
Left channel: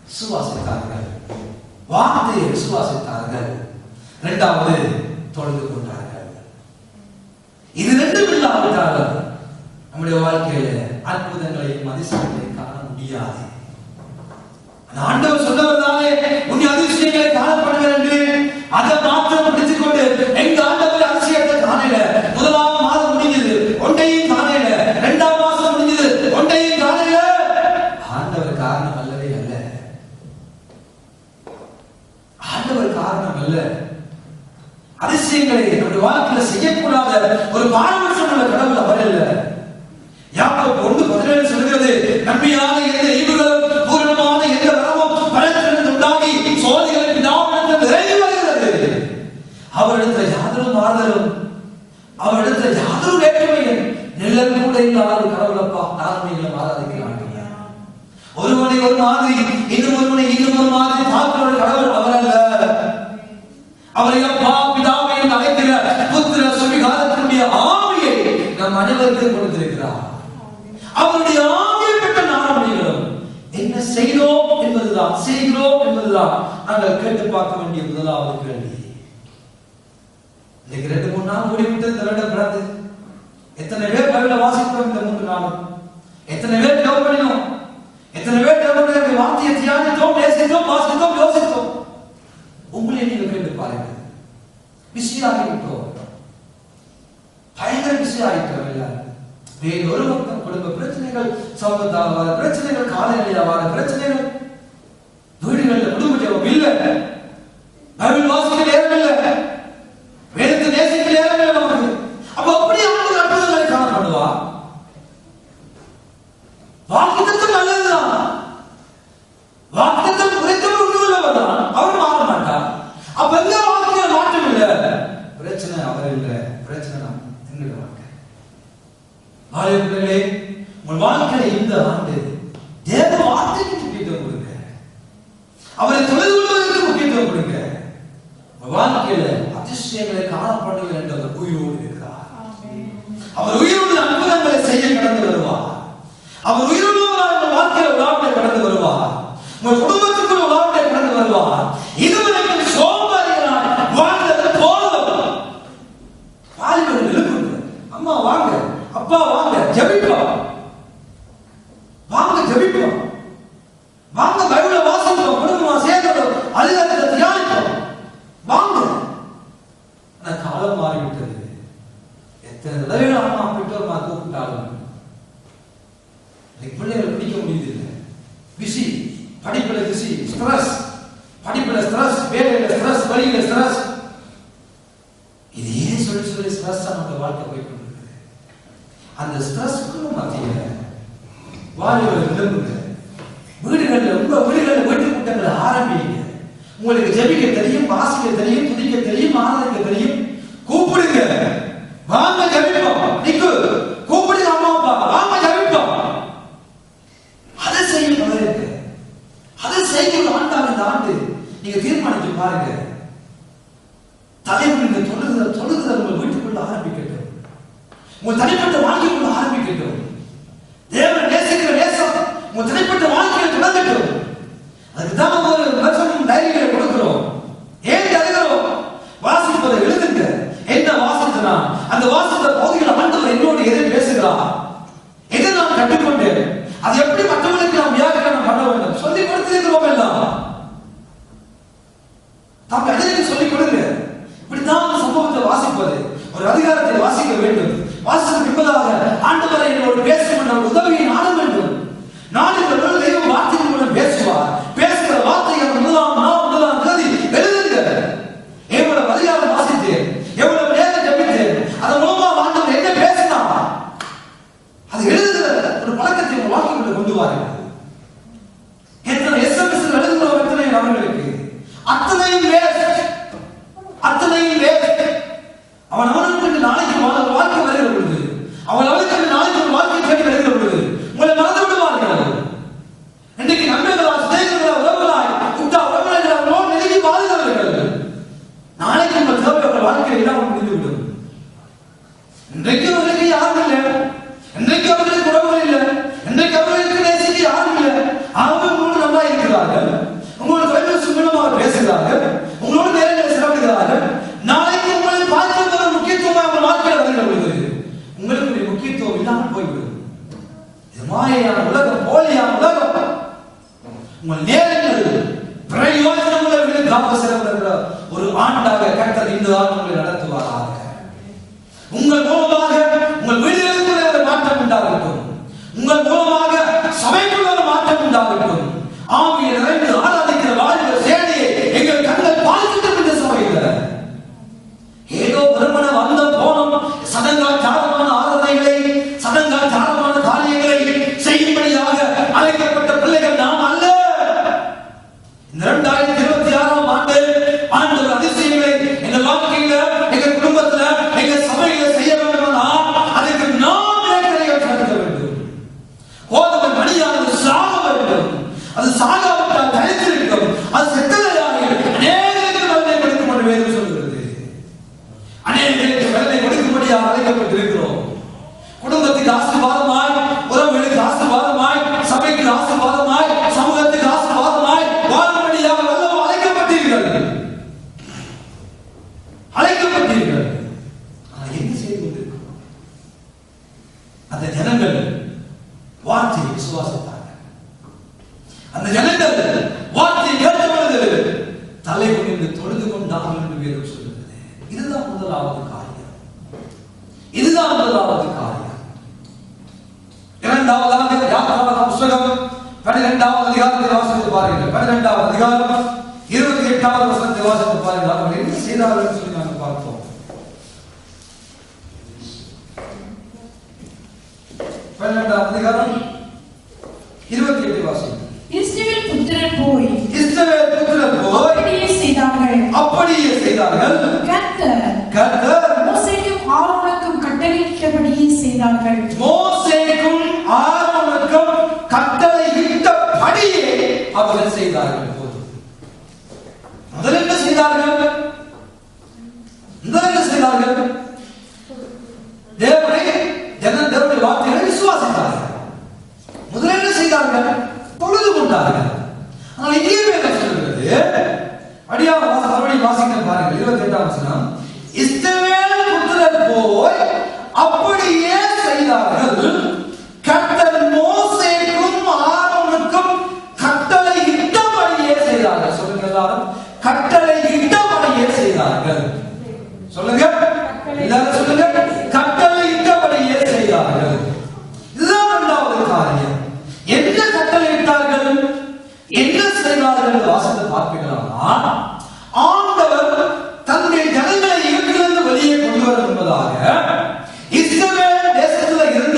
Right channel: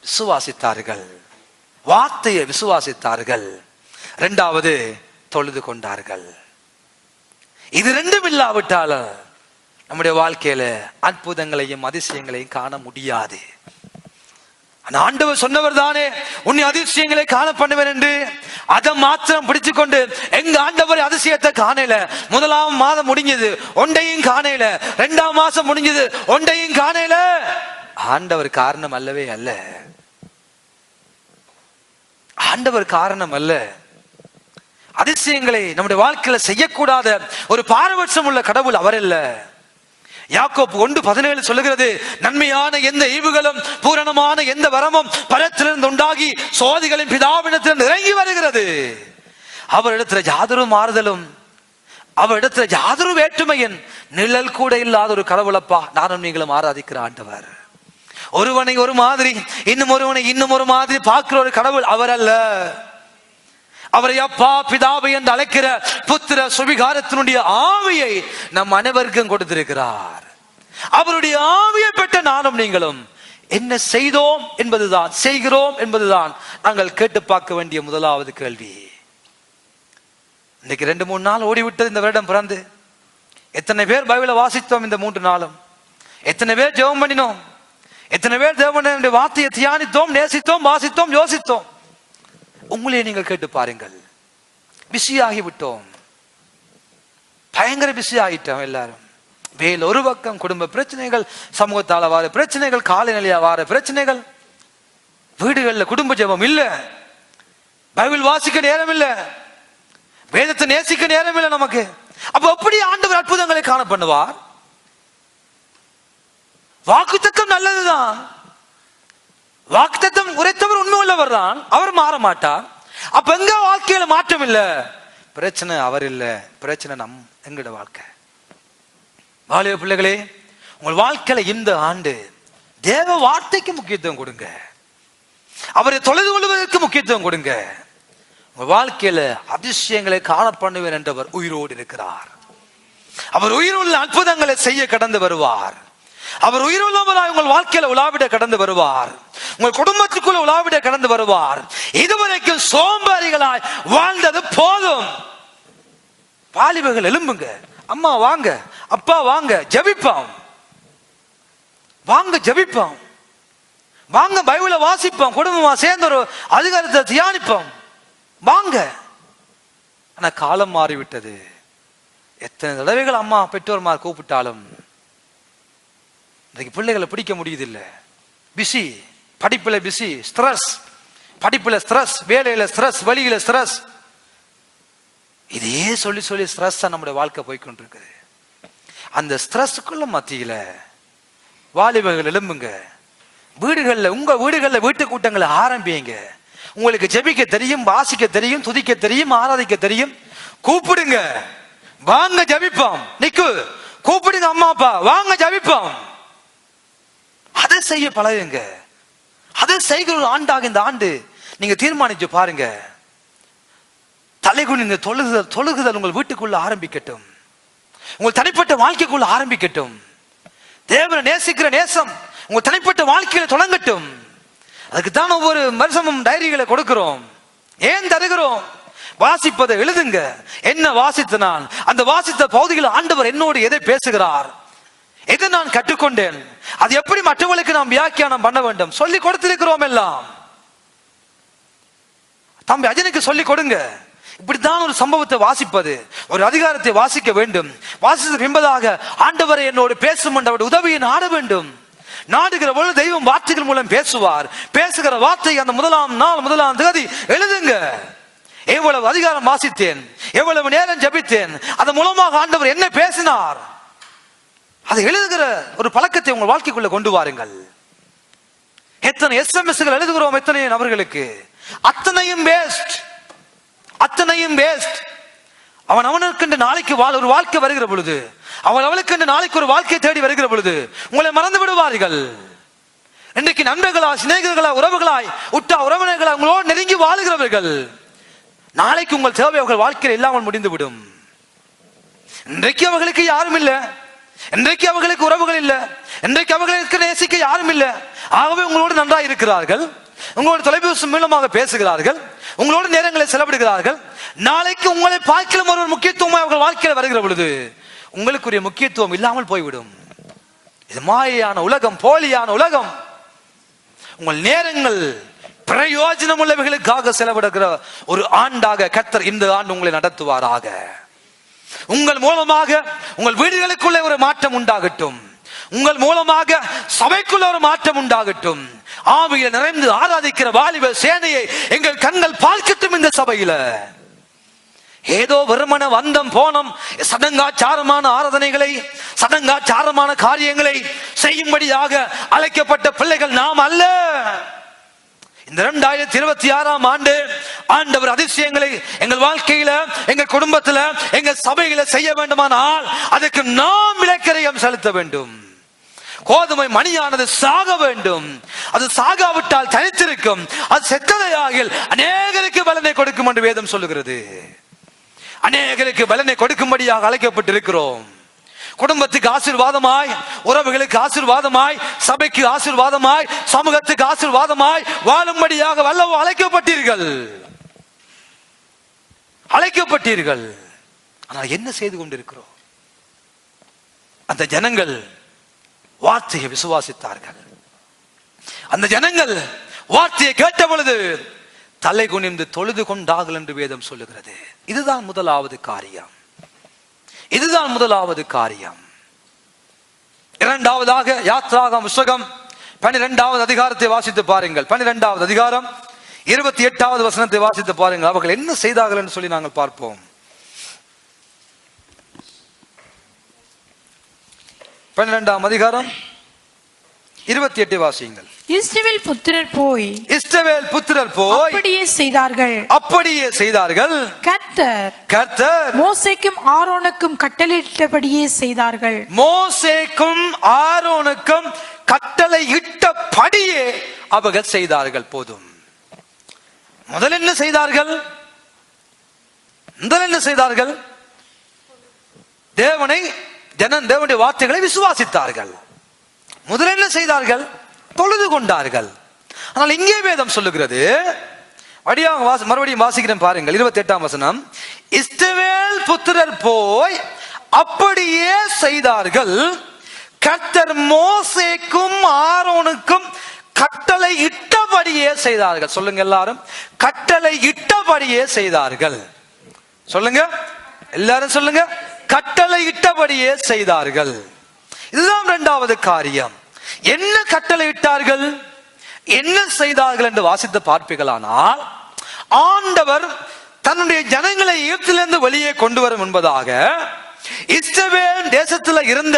விசுவாசித்தார்கள், வார்த்தையை விசுவாசித்தார்கள். இரண்டாவது, தொழுது கொண்டார்கள். இது ரெண்டும் இல்லாவிட்டாலும் நம்முடைய வாழ்க்கையில அற்புதங்களையும் அதிசயங்களையும் காண முடியாது. அந்த ஆண்டவர் சொன்னவர் தானே உன்னை அதிசயங்களை காண பண்ணுவேன் என்று. அதை மாத்திரம் பிடிச்சுக் கொண்டு எங்க ஆண்டவர் அதிசயத்தை காணல. முதலாம் மாதம் முடிஞ்சது, ஒன்றையும் காணல. இரண்டாம் மாசம் முடிஞ்சது, ஒன்றையும் காணல. ஆண்டவர் காரணம் அல்லவே அல்ல. ஆண்டவர் காரணம் அல்ல. அதிசயங்களை நம்முடைய வாழ்க்கையில செய்யக்கூடாத ஒரு பாரபட்சம் உள்ள கடவுள் அவர் அல்ல. யாக்கோபு 1:17 சொல்லுகிறது, நன்மையான எந்த ஈவுகளும் பூரணமான எந்த வரமும் பலத்திலிருந்து உண்டாகி சோதிகளின் பிதாவிடத்தில் நிறைய வருகிறது. அவரிடத்துல யாதொரு மாறுதலும், அவரிடத்துல யாதொரு வேற்றுமையின் நிழல் கூட இல்லாத ஒரு கடவுளப்பா நானும் நீங்களும் ஆராதிக்கிற ஆண்டவர். ஒருவனை ஒரு மாதிரி, இன்னும் ஒருவனை இன்னும் ஒரு மாதிரி பார்க்கிற ஒரு கடவுள் அவர் அல்ல. அவரை அப்பா பிதாவை என்று அழைக்கிற புத்திர சுவிகாரத்தினுடைய ஆவியை நம் அனைவருக்கும் கொடுத்திருக்கிறார். அவருடைய ஆவியை பெற்ற நானும் நீங்களும் என்ன செய்தோம் என்பதுதான், செய்கிறோம் என்பதுதான் நாங்கள் கேட்டு பார்க்க வேண்டிய முதலாவது கேள்வி. இன்னைக்கு 2-3 நாள் ஓடிவிட்டது இந்த வருடம் பிறந்து. எத்தனை பேர் பைபிளை வாசித்தோம் இந்த 3 நாளும்? எத்தனை பேர் ஜெபம் பண்ணினோம்? எத்தனை பேர் தேவனுடைய வார்த்தையை தியானித்தோம், நேசித்தோம், வாசித்தோம், யோசித்தோம்? உங்களே நீங்கள் கேட்டு பாருங்கள். பிஸியாகி விட்டோம், பயங்கர பிஸி ஆகிட்டோம் எல்லாரும். வேல் ஒரு பக்கம், குடும்ப பிரச்சனைகள், சமூகத்தால வார பிரச்சனைகள், காலநிலையா வார பிரச்சனைகள், வீடுகளில் குடும்ப ஜெபம் இல்ல, பைபிள் வாசிக்க நேரம் இல்ல, வேதத்தை நேசிக்க நேரம் இல்லை நமக்கு. அப்ப எப்படி ஆண்டவர் அற்புதங்களை காண பண்ணுவா? வாக்குத்தத்தம் நல்லதுதான், வாக்குத்தத்தம் உரைத்தவர் உண்மையுள்ளவர் தான், அவர் மாற மாட்டார். அப்ப எங்க வாழ்க்கையில மாற்றம் இல்ல, பிரச்சனை அவர் இல்ல, பிரச்சனை நம் எங்கட வாழ்க்கை. வாலிப பிள்ளைகளே, உங்கள் வாழ்க்கையில இந்த ஆண்டு தேவ வார்த்தைக்கு முக்கியத்துவம் கொடுங்க, அவரை தொலைது கொள்வதற்கு முக்கியத்துவம் கொடுங்க. உங்கள் வாழ்க்கையில அதிசயங்களை காண பண்ணுவேன் என்றவர் உயிரோடு இருக்கிறார். அவர் உயிருள்ள அற்புதங்களை செய்ய கடந்து வருவார். அவர் உயிருள்ளவராக உங்கள் வாழ்க்கையில உலாவிட கடந்து வருவார். உங்கள் குடும்பத்துக்குள் உலாவிட கடந்து வருவார். இதுவரைக்கும் சோம்பேறிகளாய் வாழ்ந்தது போதும். வாலிபர்கள் எழும்புங்க, அம்மா வாங்க, அப்பா வாங்க, ஜெபிப்போம், வாங்க ஜெபிப்போம், வாங்க பைபிளை வாசிப்போம், குடும்பமா சேர்ந்து அதிகாரத்தை தியானிப்போம், வாங்க. ஆனா காலம் மாறிவிட்டது. எத்தனை தடவைகள் அம்மா பெற்றோர்மா கூப்பிட்டாலும் பிள்ளைகளை பிடிக்க முடியுதில்லை. பிஸி, படிப்புல பிஸி, ஸ்ட்ரெஸ், படிப்புல ஸ்ட்ரெஸ், வேலையில ஸ்ட்ரெஸ், வழியில ஸ்ட்ரெஸ், இதையே சொல்லி சொல்லி ஸ்ட்ரெஸ் நம்முடைய வாழ்க்கை போய்கொண்டிருக்குது. அந்த ஸ்ட்ரெஸ்க்குள்ள மத்தியில வாலிபர்கள் எழும்புங்க. வீடுகள்ல, உங்க வீடுகள்ல வீட்டு கூட்டங்களை ஆரம்பிங்க. உங்களுக்கு ஜெபிக்க தெரியும், வாசிக்க தெரியும், துதிக்க தெரியும், ஆராதிக்க தெரியும். கூப்பிடுங்க, வாங்க ஜெபிப்போம். நிக்கு கூப்பிடுங்க, அம்மா அப்பா வாங்க ஜெபிப்போம். அதை செய்ய பழகுங்க. அதை செய்கிற ஒரு ஆண்டாக இந்த ஆண்டு நீங்க தீர்மானிச்சு பாருங்க. தலைகுனிந்து தொழுகுதல் உங்கள் வீட்டுக்குள்ள ஆரம்பிக்கட்டும். உங்கள் தனிப்பட்ட வாழ்க்கைக்குள்ள ஆரம்பிக்கட்டும். தேவனை நேசிக்கிற நேசம் உங்கள் தனிப்பட்ட வாழ்க்கையில் தொடங்கட்டும். அதுக்கு தான் ஒவ்வொரு வருஷமும் டைரிகளை கொடுக்கிறோம். ஏன் தருகிறோம்? வாசிப்பதை எழுதுங்க. என்ன வாசித்தனா, அந்த வாசித்த பகுதியில் ஆண்டவர் என்னோடு எதை பேசுகிறார், எதை நான் கற்றுக்கொண்டேன், அது எப்படி மற்றவர்களுக்கு நாம் வியாக்கியானம் பண்ண வேண்டும் சொல்லிக் கொடுத்திருக்கிறோம். எல்லாம் தம்பி அஜனுக்கு சொல்லிக் கொடுங்க. இப்படித்தான் ஒரு சம்பவத்தை வாசிப்பது, ஒரு அதிகாரத்தை வாசிக்க வேண்டும். வாசித்த என்பதாக ஆண்டவரை என்னோடு பேசும் அவருடைய உதவியை நாட வேண்டும். நாடுகிற பொழுது தெய்வம் வார்த்தைகள் மூலம் பேசுவார். பேசுகிற வார்த்தை அந்த முதலாம் தேதி எழுதுங்க. எவ்வளவு அதிகாரம் வாசித்தேன், எவ்வளவு நேரம் ஜெபித்தேன், அதன் மூலமாக ஆண்டவர் என்ன பேசினார், அதை எழுதுகிற ஒரு பழக்கத்தை உங்கள் வாழ்க்கைக்குள்ள கொண்டு வாருங்கள். எத்தனை SMS எழுதுகிறோம் எத்தனை அவர்களுக்கு, அத்தனையும் வேஸ்ட், அத்தனையும் வேஸ்ட். அவன் அவனுக்கு நாளைக்கு ஒரு வாழ்க்கை வருகிற பொழுது, அவன் அவனுக்கு நாளைக்கு ஒரு வாழ்க்கை தேடி வருகிற பொழுது உங்களை மறந்து விடுவார்கள். இன்றைக்கு நண்பர்களாய், சிநேகிதர்களா, உறவுகளாய், உற்றா உறவினர்களாய் அவங்களோடு நெருங்கி வாழ்கிறவர்கள், நாளைக்கு உங்கள் தேவை அவர்கள் வாழ்க்கையில் இல்லாமல் முடிந்துவிடும். இன்றைக்கு அவர்களுக்கு யாரும் இல்லை, இன்றைக்கு அவர்களுக்கு உறவுகள் இல்லை, இன்றைக்கு அவர்களுக்கு நேசிக்க யாரும் இல்லை. ஆகவே உங்களோடு நன்றாக இருக்கிறார்கள், உங்களோட தொலைபேசி மூலமாக பேசுகிறார்கள், உங்களோட நேரங்களை செலவிடுகிறார்கள். நாளைக்கு உங்களை பார்க்க ஒரு முக்கியத்துவம் அவர்கள் வாழ்க்கையில் வருகிற பொழுது உங்களுக்குரிய முக்கியத்துவம் இல்லாமல் போய்விடும். இது மாயையான உலகம், போலியான உலகம். உங்கள் நேரங்கள் பிரயோஜனம் உள்ளவர்களுக்காக செலவிடுகிற ஒரு ஆண்டாக கர்த்தர் இந்த ஆண்டு உங்களை நடத்துவாராக. உங்கள் மூலமாக உங்கள் வீடுகளுக்குள்ளே ஒரு மாற்றம் உண்டாகட்டும். உங்கள் மூலமாக சபைக்குள்ள ஒரு மாற்றம் உண்டாகட்டும். ஆவியில் நிறைந்து ஆராதிக்கிற வாலிப சேனையை எங்கள் கண்கள் பார்க்கட்டும். இந்த சபையில ஏதோ வருமான வந்தம் போனோம் சடங்காச்சாரமான ஆராதனைகளை, சடங்காச்சாரமான காரியங்களை செய்யும்படியாக அழைக்கப்பட்ட பிள்ளைகள் நாம் அல்ல. இந்த 2026ஆம் ஆண்டு ஆண்டவர் அதிசயங்களை எங்கள் வாழ்க்கையில, எங்கள் குடும்பத்துல, எங்கள் சபையில செய்ய வேண்டுமானால் அதுக்கு நாம் விளக்கரையும் செலுத்த வேண்டும். கோதுமை மணியானது சாக வேண்டும். அது சாகாவிட்டால் தனித்திருக்கும். அது செத்ததாக அநேகருக்கு பலனை கொடுக்கும் என்று வேதம் சொல்லுகிறது. அநேகருக்கு பலனை கொடுக்கும்படியாக அழைக்கப்பட்டிருக்கிறோம். குடும்பத்துக்கு ஆசீர்வாதமாய், உறவுகளுக்கு ஆசீர்வாதமாய், சபைக்கு ஆசீர்வாதமாய், சமூகத்துக்கு ஆசீர்வாதமாய் வாழும்படியாக வல்லவோ அழைக்கப்பட்டீர்கள். அழைக்கப்பட்டீர்கள். ஆனால் என்ன செய்து கொண்டிருக்கிறோம்? அந்த ஜனங்கள் வார்த்தையை விசுவாசித்தார்கள். அந்த ஜனங்கள் வார்த்தையை கேட்ட பொழுது தலை குனிந்து தொழுது கொண்டார்கள் என்று வேதம் சொல்லுகிறது. இதுதான் முதலாவது காரியம். இதுதான் முதலாவது காரியம். இரண்டாவதாக யாத்ராகமம் புத்தகம் 12வது அதிகாரத்தை வாசித்து பாருங்கள். 12வது அதிகாரம் 28வது வசனத்தை வாசித்து பாருங்கள். அவர்கள் என்ன செய்தார்கள் என்று சொல்லி நாங்கள் பார்ப்போம். 12ஆம் அதிகாரம் 28 வாசிங்கள். இஸ்ரவேல் புத்திரர் போய் அப்படியே செய்தார்கள். கர்த்தர் மோசேக்கும் ஆரோனுக்கும் கட்டளையிட்டபடியே செய்தார்கள். மோசேக்கும் ஆரோனுக்கும் கட்டளையிட்டபடியே அவர்கள் செய்தார்கள். போதும். முதல்ல என்ன செய்தார்கள்? தேவனுடைய வார்த்தைகளை விசுவாசித்தார்கள். முதல்ல என்ன செய்தார்கள்? தொழுது கொண்டார்கள். ஆனால் இங்கே வேதம் சொல்லுகிறது, மறுபடியும் வாசிக்கிற பாருங்கள். 28ஆம் வசனம். இஸ்ரவேல் புத்திரர் போய் அப்படியே செய்தார்கள். கர்த்தர் மோசேக்கும் ஆரோனுக்கும் கட்டளை இட்டபடியே செய்தார்கள். சொல்லுங்க எல்லாரும், கட்டளை இட்டபடியே செய்தார்கள். சொல்லுங்க எல்லாரும், சொல்லுங்க கட்டளை இட்டபடியே செய்தார்கள். இதுதான் இரண்டாவது காரியம். என்ன கட்டளை இட்டார்கள், என்ன செய்தார்கள் என்று வாசித்து பார்ப்பீர்களானால், ஆண்டவர் தன்னுடைய ஜனங்களை எகிப்திலிருந்து வெளியே கொண்டு வரும் என்பதாக இஸ்ரவேல் தேசத்தில் இருந்த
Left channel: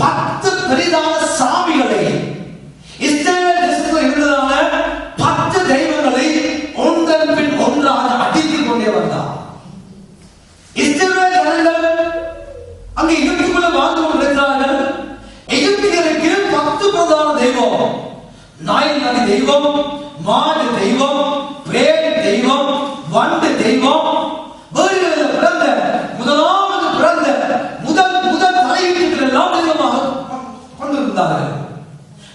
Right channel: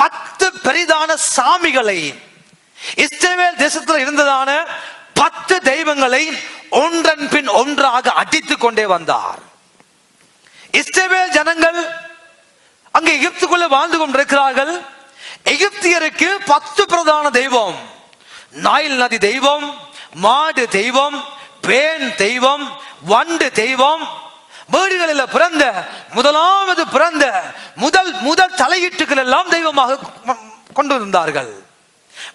10 பெரிதான சாமிகளை வந்தார். இஸ்ரவேல் ஜனங்கள் அங்கே எகிப்துக்குள்ள வாழ்ந்து கொண்டிருக்கிறார்கள். எகிப்தியருக்கு 10 பிரதான தெய்வம். நைல் நதி தெய்வம், மாடு தெய்வம், பேன் தெய்வம், வண்டு தெய்வம், வீடுகளில் பிறந்த முதலாவது பிறந்த முதல் தலையீட்டுகள் எல்லாம் தெய்வமாக கொண்டிருந்தார்கள்.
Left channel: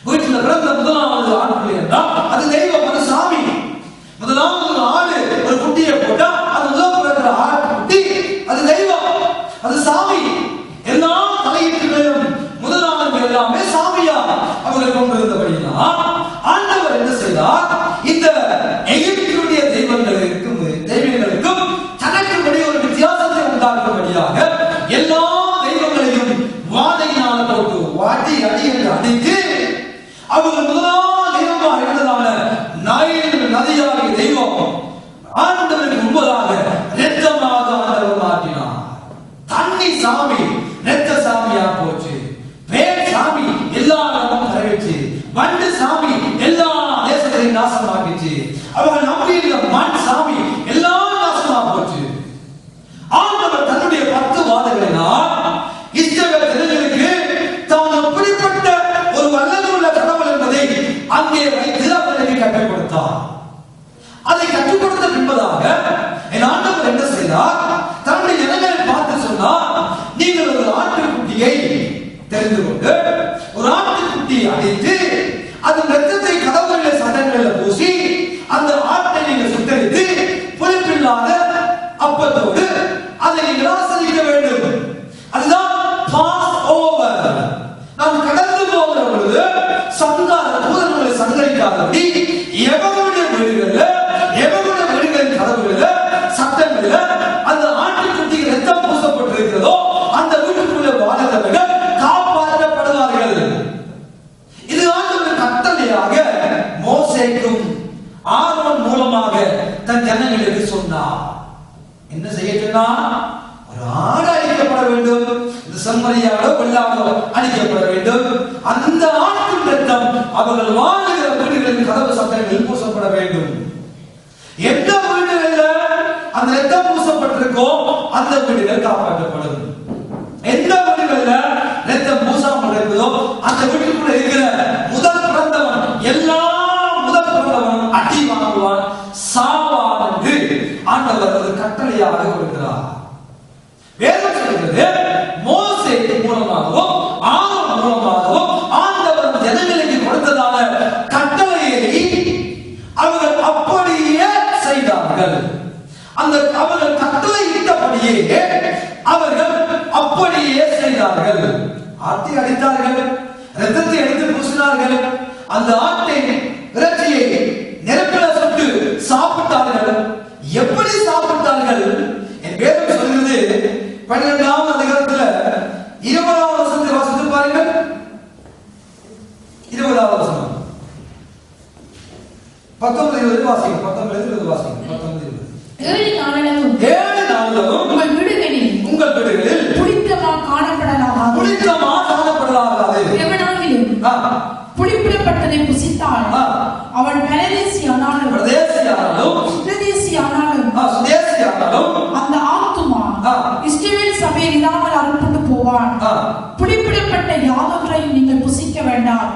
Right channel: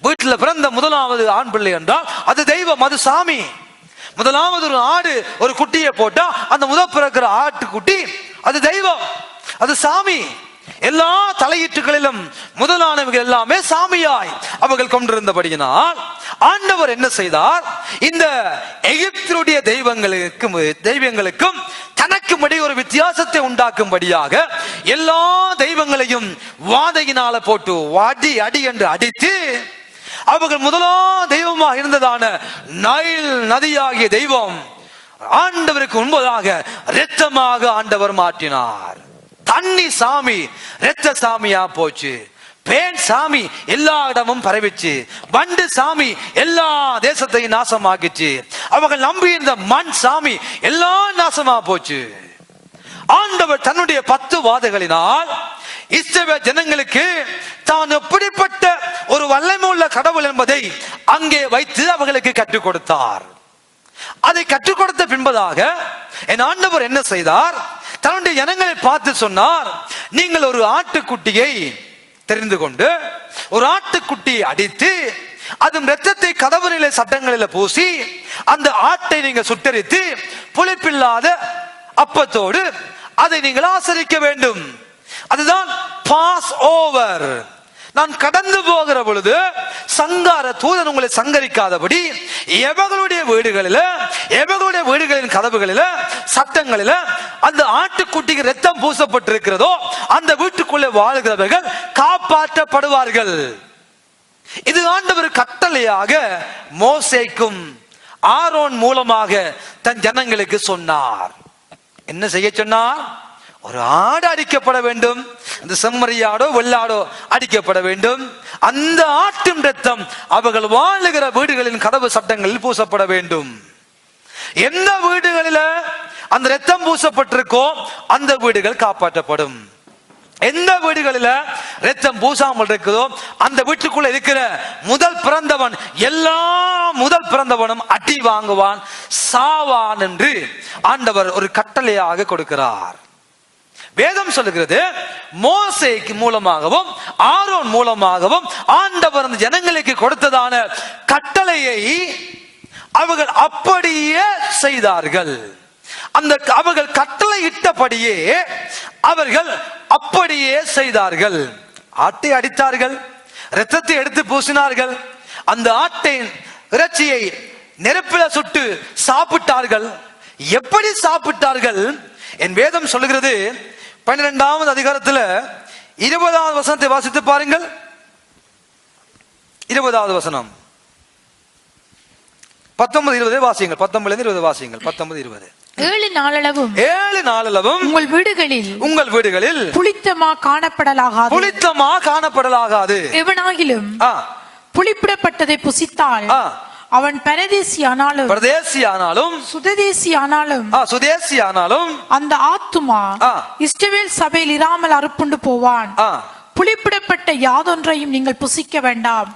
வீட்டில் பிறந்த முதலாவது ஆண் பிள்ளை என்றால் அது தெய்வம், அது சாமி. முதலாவது ஒரு ஆடு ஒரு குட்டியை போட்டா அந்த முதல் பிறக்கிற ஆட்டு குட்டி அது தெய்வம், அது சாமி. எல்லா தலையீட்டுகளிலும் முதலானவர்கள் எல்லாமே சாமியாய் அவர்கள் கொண்டிருந்தபடியினால் ஆண்டவர் என்ன செய்தார்? இந்த எகிப்தினுடைய தெய்வங்களுக்கும் தனக்கும்படி ஒரு வித்தியாசத்தை உண்டாக்கும்படியாக எல்லா தெய்வங்களையும் வாதையினால போட்டு வாடி அடி என்று அடித்து அவர்கள் முதலாம் தெய்வமாக இருந்ததான நைல் நதியாகிய தெய்வம் ஆண்டவருக்கு முன்பதாக இரத்தமாக ஆண்டவர் மாற்றினார். தண்ணி சாமி இரத்த சாமியா போச்சு. பேர் சாமி எல்லா இடமும் பரவிச்சு. வண்டு சாமி எல்லா தேசத்தையும் நாசமாக்கிச்சு. அவங்க நம்பி இந்த மண் சாமி எல்லா நாசமா போச்சு. ஆண்டவர் தன்னுடைய 10 வாதைகளினால் இஸ்ரவேல் ஜனங்களுக்கு தான் எப்படிப்பட்ட ஒரு வல்லமையுள்ள கடவுள் என்பதை அங்கே வைத்து அவர்களுக்கு கற்றுக் கொடுத்தார். அதை கற்றுக் கொடுத்த பின்பதாக என் ஆண்டவர் என்ன செய்தார்? தன்னுடைய ஜனங்களை பார்த்து சொன்னார், நீங்கள் ஒரு ஆட்டுக்குட்டியை தெரிந்து கொண்டு ஒரு ஆட்டுக்குட்டியை அடித்து அதன் இரத்தத்தை கதவரிலே சட்டங்களில் பூசி அந்த ஆட்டை நீங்கள் சுட்டரித்து புளிப்பில்லாத அப்பத்தோடு அதை நீங்கள் ஆசரிக்க வேண்டும். அதுதான் பாஸ் ஓவர். நாம் கடந்து போகிற பொழுது சங்கார தூதன் உங்களை சங்கரிக்காதபடி எவர்களுடைய வீடுகளின் கதவுகளில் சட்டங்களில் அந்த ஆட்டுக்குட்டிக்கு இரத்தம் பூசப்பட்டிருக்கிறதோ அந்த வீட்டுக்குள்ளே வாழ்கிறவர்கள் காப்பாற்றப்படுவார்கள். இது ஆண்டவர் கட்டளையாக மோசேக்கும் ஆரோன் மூலமாக தன் ஜனங்களுக்கு சொன்னார். என்ன செய்ய சொன்னார்? ஒரு ஆடு அடிக்கப்பட வேண்டும். இந்த செம்மறியாடோ வெள்ளாடோ அடிக்கப்பட வேண்டும். அந்த ஆட்டின் இரத்தம் அவர்கள் வாழுகிற வீடுகளின் கதவு சட்டங்களில் பூசப்பட வேண்டும். எந்த வீடுகளில் அந்த இரத்தம் பூசப்பட்டிருக்கோ அந்த வீடுகள் காப்பாற்றப்படும். எந்த வீடுகளில் இரத்தம் பூசாமல் இருக்குதோ அந்த வீட்டுக்குள்ள இருக்கிற முதல் பிறந்தவன் எல்லா முதல் பிறந்தவனும் அடி வாங்குவான், சாவான் என்று ஆண்டவர் ஒரு கட்டளையாக கொடுக்கிறார். வேதம் சொல்லுகிறது, மோசேக்கு மூலமாகவும் ஆரோன் மூலமாகவும் ஆண்டவர் அந்த ஜனங்களுக்கு கொடுத்ததான கட்டளையை அவர்கள் அப்படியே செய்தார்கள். அந்த அவர்கள் கட்டளை இட்டபடியே அவர்கள் அப்படியே செய்தார்கள். ஆட்டை அடித்தார்கள், இரத்தத்தை எடுத்து பூசினார்கள், அந்த ஆட்டின் இறைச்சியை நெருப்பில் சுட்டு சாப்பிட்டார்கள். எப்படி சாப்பிட்டார்கள்? என் வேதம் சொல்லுகிறது 12வது அதிகாரத்தில் 20வது வசனத்தை வாசித்து பாருங்கள். 20வது வசனம் 19-20 வாசியுங்கள். 19-20 வாசியுங்கள். 19-20 7 நாளளவும் உங்கள் வீடுகளில் புளித்தமா காணப்படலாகாது. எவனாகிலும் புளிப்பிடப்பட்டதை புசித்தால் அவன் பரதேசியானாலும் சுதேசியானாலும் அந்த ஆத்துமா இஸ்ரவேல் சபையில் இராமல் அறுப்புண்டு போவான். புளிப்பிடப்பட்ட யாதொன்றையும் நீங்கள் புசிக்க வேண்டாம்.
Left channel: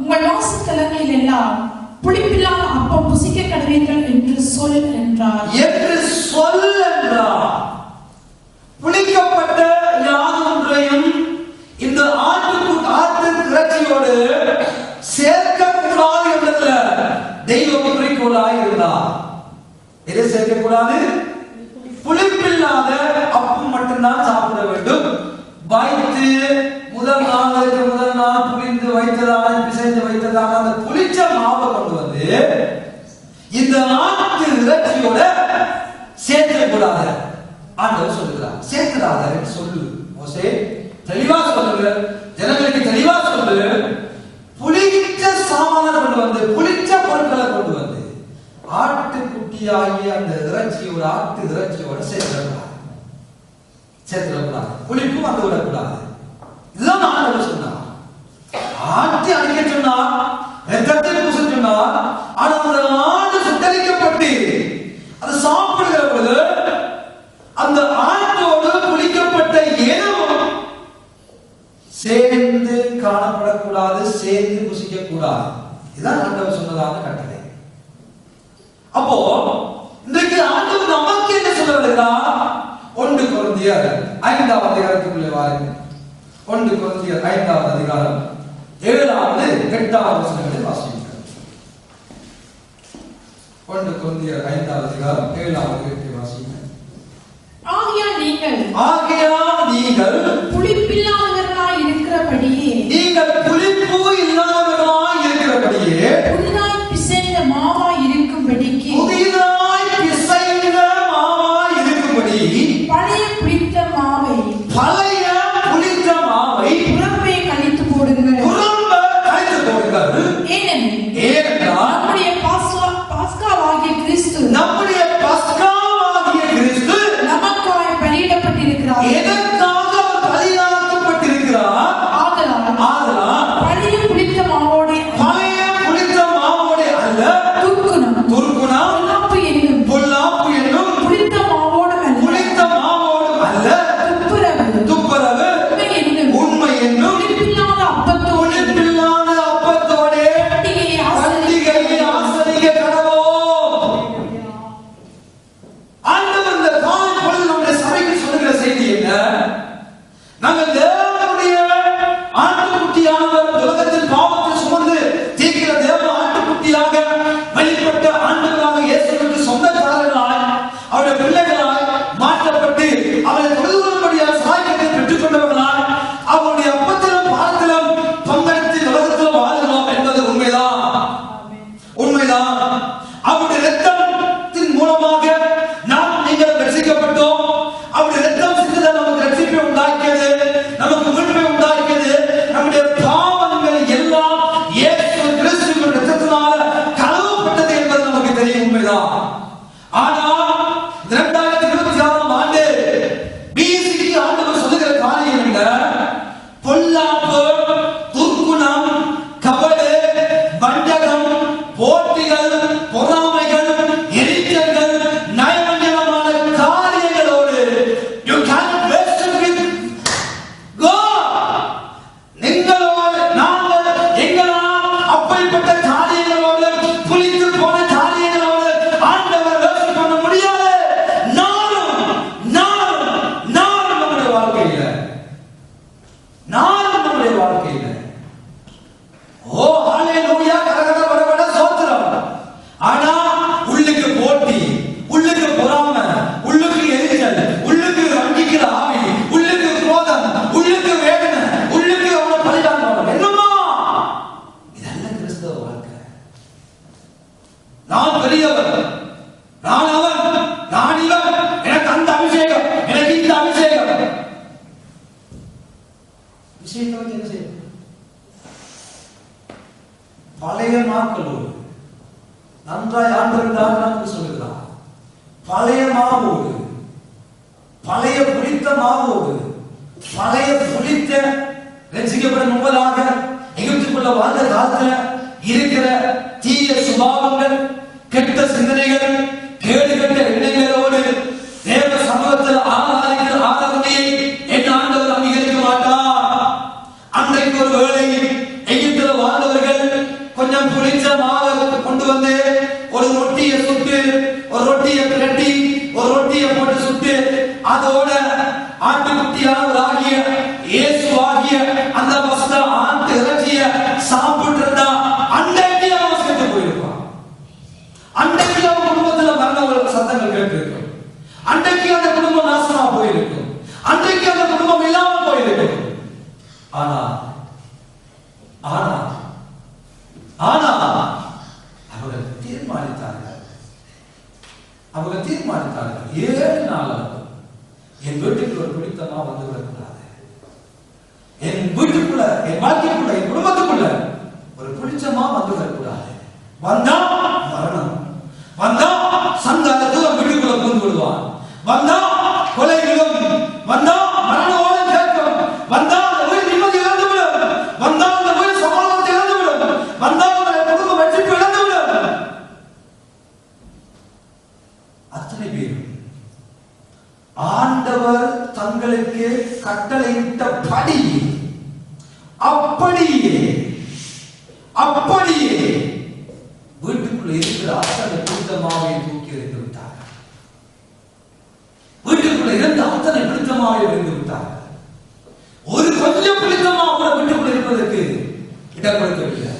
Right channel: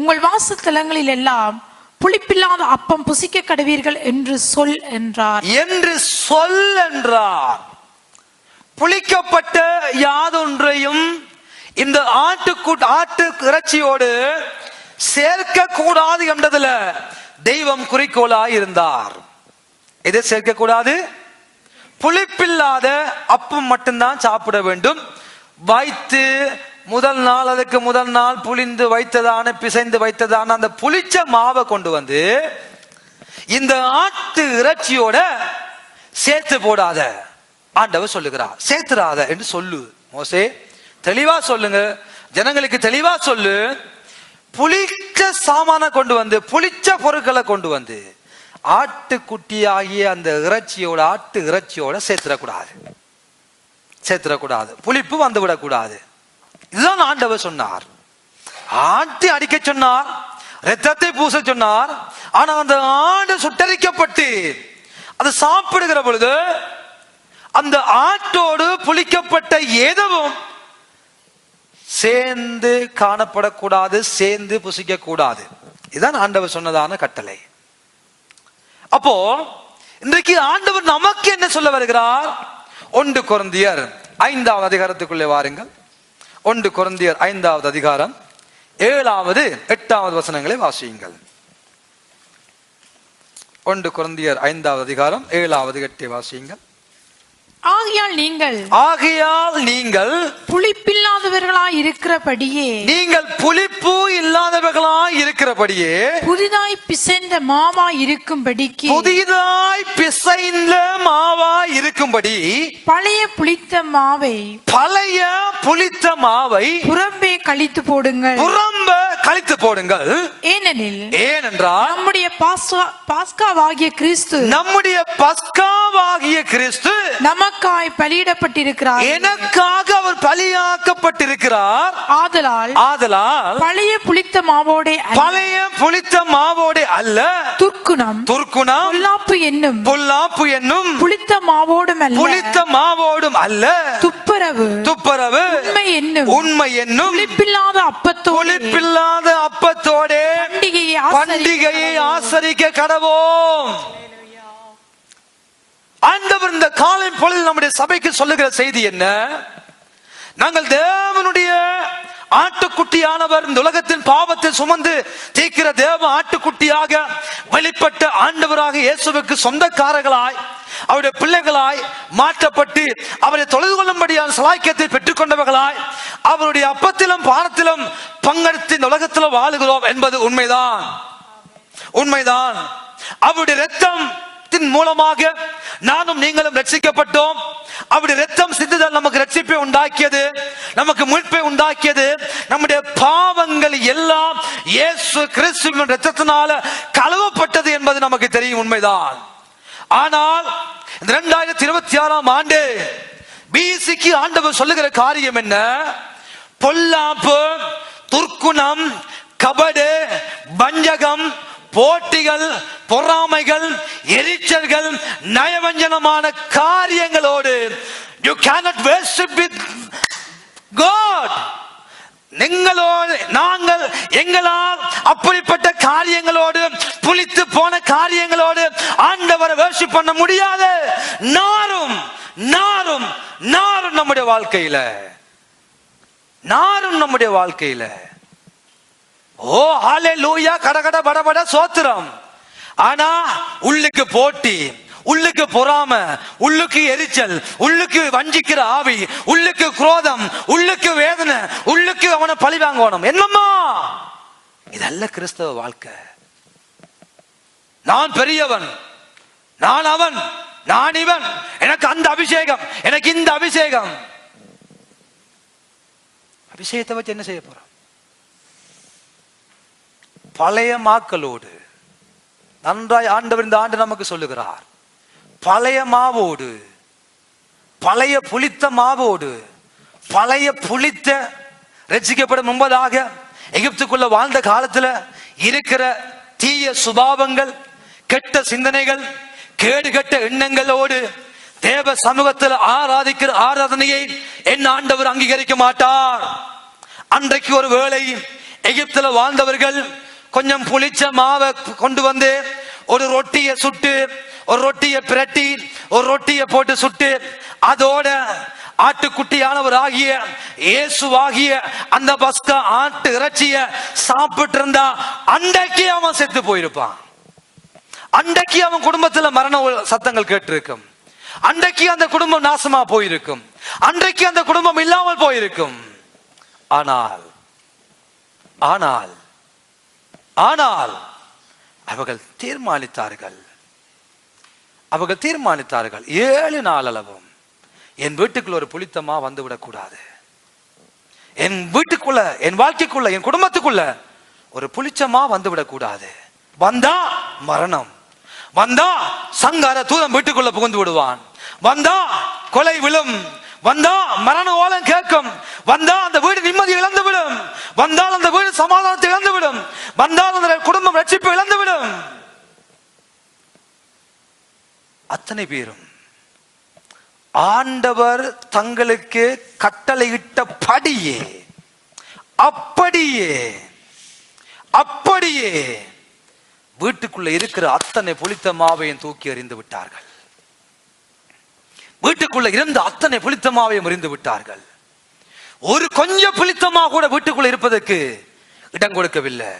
உங்கள் வாசஸ்தலங்களில் எல்லாம் புளிப்பில்லாத அப்பம் புசிக்க கடவீர்கள் என்று சொல் என்றார். புளிக்கப்பட்ட யாதொன்றையும் இந்த ஆட்டு இறைச்சியோடு சேர்க்க கூடாது என்றதுல தெய்வம் குறிக்கோளாக இருந்தார். எதை சேர்க்க கூடாது? புளிப்பில்லாத அப்பம் மட்டும்தான் சாப்பிட வேண்டும். வைத்து முதல் நாள் புளிந்து வைத்ததான பிசைந்து வைத்ததான அந்த புளிச்ச மாவை கொண்டு வந்து இந்த ஆட்டு இறைச்சியோட சேர்த்து போடாத ஆண்டவர் சொல்லுகிறார். சேர்த்துறாத என்று சொல்லு மோசே, தெளிவா சொல்லுங்க, ஜனங்களுக்கு தெளிவா சொல்லு. புளிச்ச சாமான கொண்டு வந்து புளிச்ச பொருட்களை கொண்டு வந்து ஆட்டுக்குட்டியாகிய அந்த ஆட்டு இறைச்சியோட சேர்த்துடக்கூடாது. புளிப்பு வந்து விடக்கூடாது. இதுதான் ஆண்டவர் சொன்னார். ஆட்டை அடிக்க சொன்னார், இரத்தத்தை பூச சொன்னார். ஆனால் அந்த ஆடு சுட்டரிக்கப்பட்டு அது சாப்பிடுகிற பொழுது அந்த ஆட்டோடு புளிக்கப்பட்ட எதுவும் சேர்ந்து காணப்படக்கூடாது, சேர்ந்து புசிக்க கூடாது. இதுதான் ஆண்டவர் சொன்னதான கட்டளை. அப்போ இன்றைக்கு ஆண்டவர் நமக்கு என்ன சொல்ல வருகிறார்? 1 கொரிந்தியர் 5வது அதிகாரத்துக்குள்ளே வாருங்கள். 1 கொரிந்தியர் 5வது அதிகாரம் 7வது 8வது வசனங்களை வாசியுங்கள். 1 கொரிந்தியர் 5வது அதிகாரம் 7வது 8 வாசியுங்கள். ஆகையால் நீங்கள் புளிப்பில்லாதவர்களாய் இருக்கிறபடியே, நீங்கள் புளிப்பு இல்லாதவர்களாய் இருக்கிறபடியே, புதிதாய் பிசைந்த மாவாய் இருக்கும்படிக்கு, பழைய புளித்த மாவை புறம்பே கழித்து போடுங்கள். ஏனென்றால் நம்முடைய பாஸ்காவாகிய கிறிஸ்து நமக்காய் பலியிடப்பட்டிருக்கிறார். எனக்காக அவர் பலியாக்கப்பட்டிருக்கிறார். ஆதலால் பழைய புளித்த மாவோடே அல்ல, துர்க்குணம் பொல்லாப்பு என்னும் புளித்த மாவோடும் அல்ல, துப்புரவு உண்மை என்னும் புளிப்பில்லாத அப்பத்தோடே பண்டிகையை ஆசரிக்க கடவோம். ஆண்டவர் இந்த காலை பொழுது நம்முடைய சபைக்கு சொல்லுகிற செய்தி என்ன? நாங்கள் தேவனுடைய ஆட்டுக்குட்டியானவர், இந்த உலகத்தில் பாவத்தை சுமந்து தீர்க்கிற தேவ ஆட்டுக்குட்டியாக வெளிப்பட்ட ஆண்டவராக இயேசுவுக்கு சொந்தக்காரர்களாய், அவருடைய பிள்ளைகளாய் மாற்றப்பட்டு அவரை தொழுது கொள்ளும்படியான சலாக்கியத்தை பெற்றுக் கொண்டவர்களாய், அவருடைய அப்பத்திலும் பாரத்திலும் பங்கெடுத்து இந்த உலகத்தில் வாழுகிறோம் என்பது உண்மைதான். அவருடைய இரத்தத்தின் மூலமாக நானும் நீங்களும் ரட்சிக்கப்பட்டோம். அவருடைய இரத்தம் சிந்துதல் நமக்கு ரட்சிப்பை உண்டாக்கியது, நமக்கு மீட்பை உண்டாக்கியது. நம்முடைய பாவங்கள் எல்லாம் இயேசு கிறிஸ்துவின் இரத்தத்தினால கழுவப்பட்டது என்பது நமக்கு தெரியும், உண்மைதான். ஆனால் 2026ஆம் ஆண்டு பிசிக்கு ஆண்டவர் சொல்லுகிற காரியம் என்ன? பொல்லாப்பு, துர்க்குணம், கபடு, வஞ்சகம், போட்டிகள், பொறாமைகள், எரிச்சல்கள், நயவஞ்சனமான காரியங்களோடு you cannot worship with God. நாங்கள் எங்களால் அப்படிப்பட்ட காரியங்களோடு, புளித்து போன காரியங்களோடு ஆண்டவரை worship பண்ண முடியாது. நானும் நம்முடைய வாழ்க்கையில ஓ ஹalleluya, கடகட படபட சோத்திரம். ஆனா உள்ளுக்கு போட்டி, உள்ளுக்கு பொறாமை, உள்ளுக்கு எரிச்சல், உள்ளுக்கு வஞ்சிக்கிற ஆவி, உள்ளுக்கு குரோதம், உள்ளுக்கு வேதனை, உள்ளுக்கு அவனை பழிவாங்கணும். என்னம்மா இதல்ல கிறிஸ்தவ வாழ்க்கை. நான் பெரியவர், நான் அவன், நான் இவன், எனக்கு அந்த அபிஷேகம், எனக்கு இந்த அபிஷேகம். அபிஷேகத்தை வச்சு என்ன செய்ய போறோம்? பழைய மாக்களோடு நன்றாய் ஆண்டவர் இந்த ஆண்டு நமக்கு சொல்லுகிறார். பழைய மாவோடு, பழைய புளித்த மாவோடு, பழைய புளித்த ரட்சிக்கப்படும் முன்பதாக எகிப்துக்குள்ள வாழ்ந்த காலத்துல இருக்கிற தீய சுபாவங்கள், கெட்ட சிந்தனைகள், கேடுகட்ட எண்ணங்களோடு தேவ சமூகத்தில் ஆராதிக்கிற ஆராதனையை என் ஆண்டவர் அங்கீகரிக்க மாட்டார். அன்றைக்கு ஒரு வேளை எகிப்துல வாழ்ந்தவர்கள் கொஞ்சம் புளிச்ச மாவை கொண்டு வந்து ஒரு ரொட்டியை சுட்டு, ஒரு ரொட்டியை பிரட்டி, ஒரு ரொட்டியை போட்டு சுட்டு, அதோட ஆட்டுக்குட்டியானவராகிய இயேசுவாகிய அந்த பஸ்கா ஆட்டு இறைச்சிய சாப்பிட்டு இருந்தா அன்றைக்கு அவன் செத்து போயிருப்பான். அன்றைக்கு அவன் குடும்பத்துல மரண சத்தங்கள் கேட்டிருக்கும். அன்றைக்கு அந்த குடும்பம் நாசமா போயிருக்கும். அன்றைக்கு அந்த குடும்பம் இல்லாமல் போயிருக்கும். ஆனால் ஆனால் ஆனால் அவர்கள் தீர்மானித்தார்கள். 7 நாள் அளவு என் வீட்டுக்குள்ள ஒரு புளித்தமா வந்து விடக்கூடாது. என் வீட்டுக்குள்ள, என் வாழ்க்கைக்குள்ள, என் குடும்பத்துக்குள்ள ஒரு புளிச்சமா வந்து விடக்கூடாது. வந்தா மரணம், வந்தா சங்கார தூதன் வீட்டுக்குள்ள புகுந்து விடுவான், வந்தா கொலை விழும், வந்தா மரண ஓலம் கேட்கும், வந்தா அந்த வீடு நிம்மதி இழந்து விடும், வந்தா அந்த வீடு சமாதானத்தை இழந்து விடும், வந்தா அந்த குடும்பம் ரட்சிப்பு இழந்து விடும். ஆண்டவர் தங்களுக்கு கட்டளையிட்டபடியே அப்படியே அப்படியே வீட்டுக்குள்ள இருக்கிற அத்தனை புளித்த மாவையும் தூக்கி எறிந்து விட்டார்கள். வீட்டுக்குள்ள இருந்த அத்தனை புளித்த மாவையும் எறிந்து விட்டார்கள். ஒரு கொஞ்சம் புளித்தமா கூட வீட்டுக்குள்ள இருப்பதற்கு இடம் கொடுக்கவில்லை.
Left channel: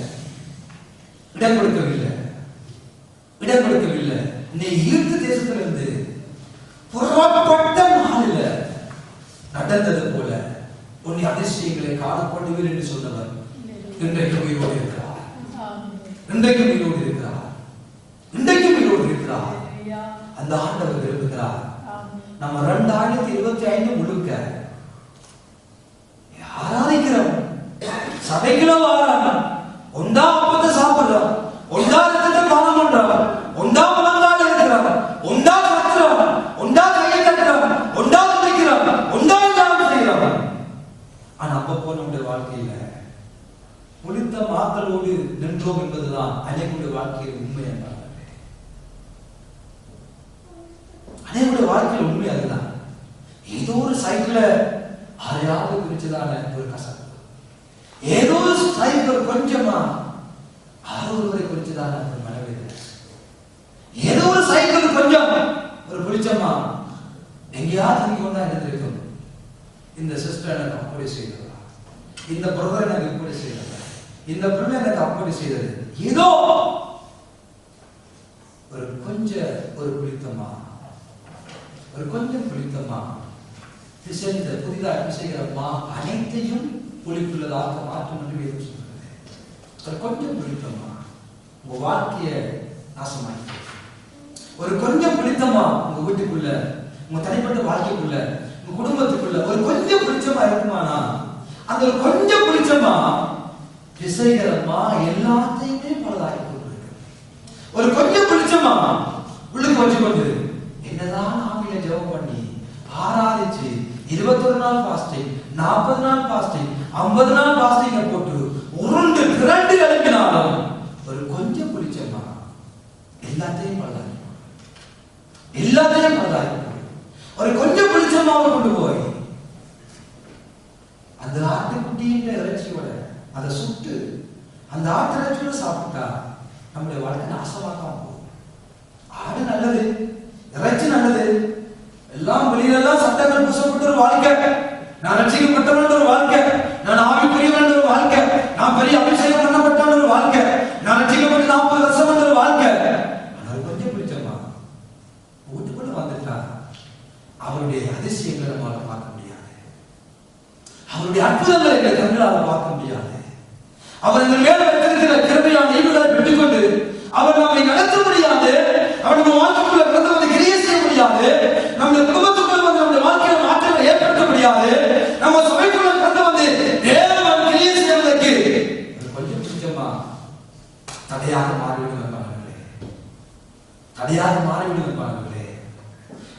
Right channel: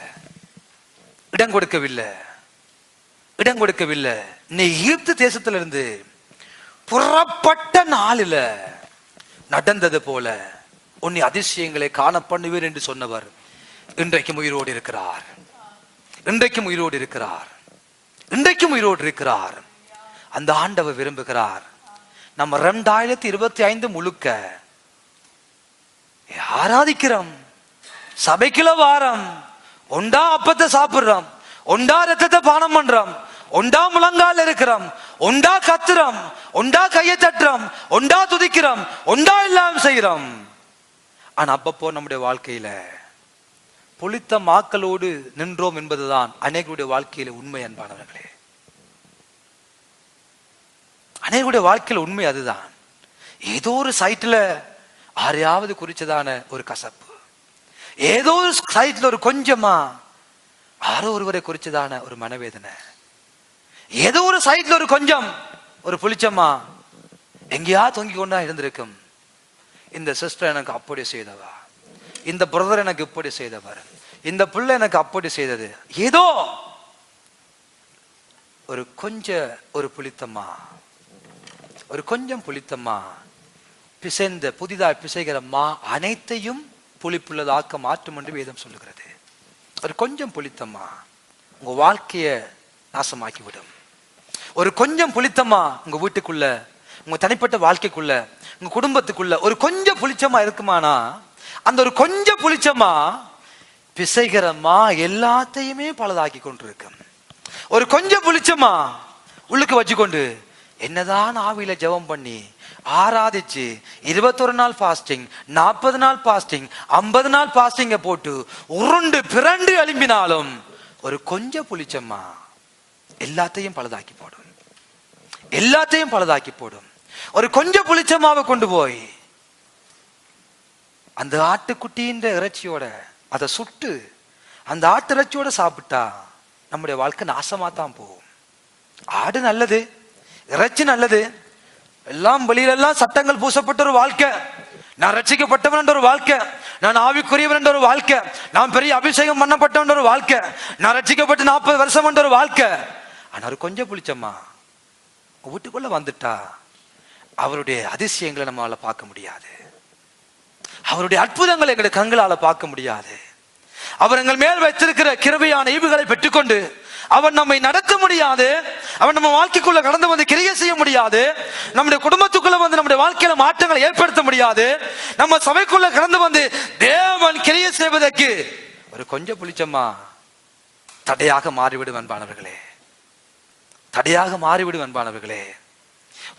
இடம் கொடுக்கவில்லை. இடம் கொடுக்கவில்லை. எகிப்து தேசத்திலிருந்து புறப்பட்ட நாளில் நடந்தது போல உன்னை அதிசயங்களை காண பண்ணுவேன் என்று சொன்னவர் இன்றைக்கும் உயிரோடு இருக்கிறார். இன்றைக்கும் உயிரோடு இருக்கிறார். இன்றைக்கும் உயிரோடு இருக்கிறார். அந்த ஆண்டவர் விரும்புகிறார். நம்ம 2025 முழுக்க ஆராதிக்கிறோம். சபைக்குள்ள வாரம் ஒண்டா அப்பத்தை சாப்பிடுறோம், ஒண்டா ரத்தத்தை பானம் பண்றோம், ஒண்டா முழங்கால் இருக்கிறோம், ஒண்டா கத்துறோம், ஒண்டா கையை தட்டுறோம், ஒண்டா துதிக்கிறோம், ஒண்டா எல்லாம் செய்யறோம். ஆனா அப்பப்போ நம்முடைய வாழ்க்கையில புளித்த மாக்களோடு நின்றோம் என்பதுதான் அநேகருடைய வாழ்க்கையில உண்மை. அன்பானவர்களே, அநேகருடைய வாழ்க்கையில உண்மை அதுதான். ஏதோ ஒரு சைட்ல யாரையாவது குறிச்சதான ஒரு கசப்பு, ஏதோ ஒரு சைட்ல ஒரு கொஞ்சமா யாரோ ஒருவரை குறிச்சதான ஒரு மனவேதனை, ஏதோ ஒரு சைட்ல ஒரு கொஞ்சம் ஒரு புளிச்சமா எங்கேயா தொங்கி கொண்டா இருந்திருக்கும். இந்த சிஸ்டர் எனக்கு அப்படி செய்தவா, இந்த பிரதர் எனக்கு இப்படி செய்தவர், இந்த பிள்ளை எனக்கு அப்படி செய்தது, ஏதோ ஒரு கொஞ்சம் ஒரு புளித்தம்மா, ஒரு கொஞ்சம் புளித்தம்மா பிசைந்த புதிதாக பிசைகிற மா அனைத்தையும் புளிப்புள்ளதாக்க மாற்றும் என்று வேதம் சொல்லுகிறது. ஒரு கொஞ்சம் புளித்தம்மா உங்க வாழ்க்கைய நாசமாக்கி விடும். ஒரு கொஞ்சம் புளித்தம்மா உங்க வீட்டுக்குள்ள, உங்க தனிப்பட்ட வாழ்க்கைக்குள்ள, உங்க குடும்பத்துக்குள்ள ஒரு கொஞ்சம் புளிச்சமா இருக்குமானா அந்த ஒரு கொஞ்சம் புளிச்சமா பிசைகிறமா எல்லாத்தையுமே பலதாக்கி கொண்டிருக்கு. ஒரு கொஞ்சம் புளிச்சமா உள்ளுக்கு வச்சுக்கொண்டு என்னதான் ஆவியில ஜெபம் பண்ணி ஆராதிச்சு 21 நாள் பாஸ்டிங், 40 நாள் பாஸ்டிங், 50 நாள் பாஸ்டிங்க போட்டு உருண்டு பிறண்டு எழுப்பினாலும் ஒரு கொஞ்சம் புளிச்சம்மா எல்லாத்தையும் பலதாக்கி போடும். எல்லாத்தையும் பலதாக்கி போடும். ஒரு கொஞ்சம் புளிச்சம்மாவை கொண்டு போய் அந்த ஆட்டுக்குட்டின்ற இறைச்சியோட அதை சுட்டு அந்த ஆட்டு இறைச்சியோட சாப்பிட்டா நம்முடைய வாழ்க்கை நாசமா தான் போகும். ஆடு நல்லது, இறைச்சி நல்லது, எல்லாம் வெளியிலெல்லாம் சட்டங்கள் பூசப்பட்ட ஒரு வாழ்க்கை, நான் ரட்சிக்கப்பட்டவன் ஒரு வாழ்க்கை, நான் ஆவிக்குரியவன் ஒரு வாழ்க்கை, நான் பெரிய அபிஷேகம் பண்ணப்பட்டவன் ஒரு வாழ்க்கை, நான் ரட்சிக்கப்பட்டு 40 வருஷம் ஒரு வாழ்க்கை. ஆனா ஒரு கொஞ்சம் புளிச்சம்மா வீட்டுக்குள்ள வந்துட்டா அவருடைய அதிசயங்களை நம்மளால பார்க்க முடியாது. அவருடைய அற்புதங்களை எங்களை கண்களால பார்க்க முடியாது. அவர் எங்கள் மேல் வைத்திருக்கிற கிருபையான ஈவுகளை பெற்றுக்கொண்டு அவர் நம்மை நடத்த முடியாது. அவர் நம்ம வாழ்க்கைக்குள்ள கடந்து வந்து கிரியை செய்ய முடியாது. நம்முடைய குடும்பத்துக்குள்ள வந்து நம்முடைய வாழ்க்கையில மாற்றங்களை ஏற்படுத்த முடியாது. நம்ம சபைக்குள்ள கடந்து வந்து தேவன் கிரியை செய்வதற்கு ஒரு கொஞ்சம் புளிச்சம்மா தடையாக மாறிவிடும் அன்பானவர்களே. தடையாக மாறிவிடும் அன்பானவர்களே.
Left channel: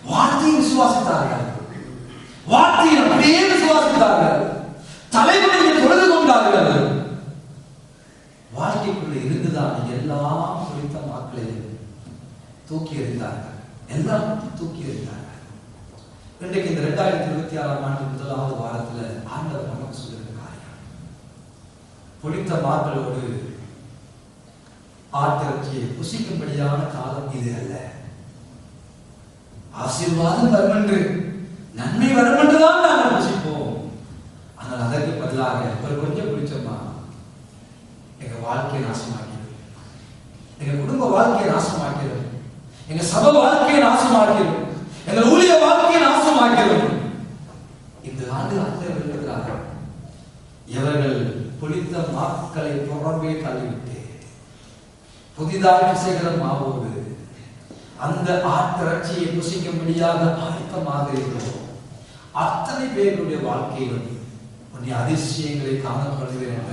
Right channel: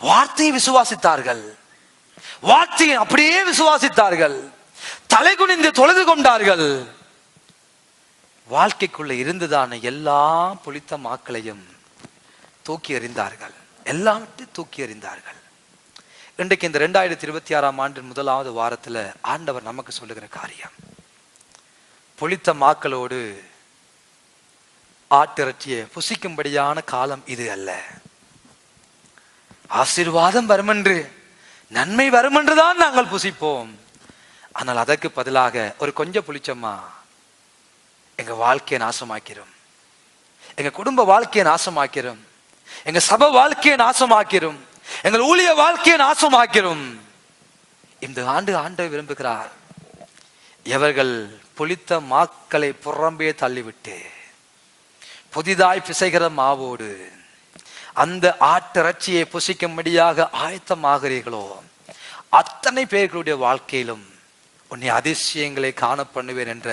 வார்த்தையை விசுவாசித்தார்கள், வார்த்தையை அப்படியே விசுவாசித்தார்கள், தலைவனின்று தொழுது கொண்டார்கள். வாழ்க்கைக்குள்ள இருந்துதான எல்லா புளித்த மாக்களையும் தூக்கி எறிந்தார்கள். எல்லாம் தூக்கி எறிந்தார்கள். இன்றைக்கு இந்த 2026ஆம் ஆண்டு முதலாவது வாரத்துல ஆண்டவர் நமக்கு சொல்லுகிற காரியம், புளித்த மாக்களோடு ஆட்டிறைச்சியை புசிக்கும்படியான காலம் இது அல்ல. ஆசீர்வாதம் வரும் என்று, நன்மை வரும் என்றுதான் நாங்கள் புசிப்போம். ஆனால் அதற்கு பதிலாக ஒரு கொஞ்சம் புளிச்சம்மா எங்க வாழ்க்கையை நாசமாக்கிறோம், எங்க குடும்ப வாழ்க்கையை நாசமாக்கிறோம், எங்க சபை வாழ்க்கையை நாசமாக்கிறோம், எங்கள் ஊழிய வாழ்க்கையை நாசமாக்கிறோம். இந்த ஆண்டு ஆண்டவர் விரும்புகிறார், எவர்கள் புளித்த மாக்களை புறம்பே தள்ளிவிட்டு புதிதாய் பிசைகிற மாவோடு அந்த ஆட்டிறைச்சியை புசிக்கும்படியாக ஆயத்தமாகிறீர்களோ அத்தனை பேர்களுடைய வாழ்க்கையிலும் உன்னை அதிசயங்களை காண பண்ணுவேன் என்ற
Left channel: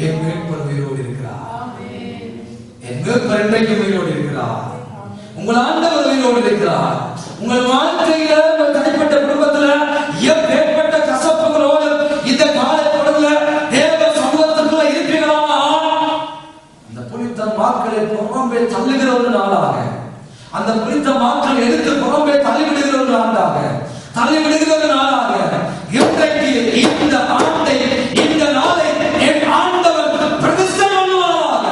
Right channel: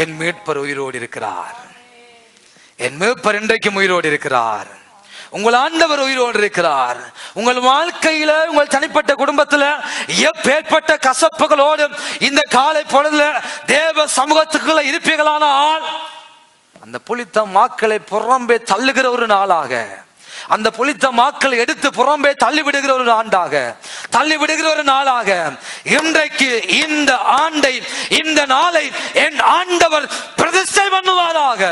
என் மீட்பர் உயிரோடு இருக்கிறார். என் மீட்பர் இன்றைக்கும் உயிரோடு இருக்கிறார். உங்கள் ஆண்டவர் உயிரோடு இருக்கிறார். உங்கள் வாழ்க்கையில, உங்கள் தனிப்பட்ட குடும்பத்துல எப்பேற்பட்ட கசப்புகளோடு இந்த காலை பொழுதுல தேவ சமூகத்துக்குள்ள இருப்பீர்களானால் அந்த புளித்த மாக்களை புறம்பே தள்ளுகிற ஒரு நாளாக, அந்த புளித்த மாக்களை எடுத்து புறம்பே தள்ளிவிடுகிற ஒரு ஆண்டாக, தள்ளிவிடுகிற ஒரு நாளாக இன்றைக்கு இந்த ஆண்டை, இந்த நாளை என் ஆண்டவர் பிரதிஷ்டை பண்ணுவாராக,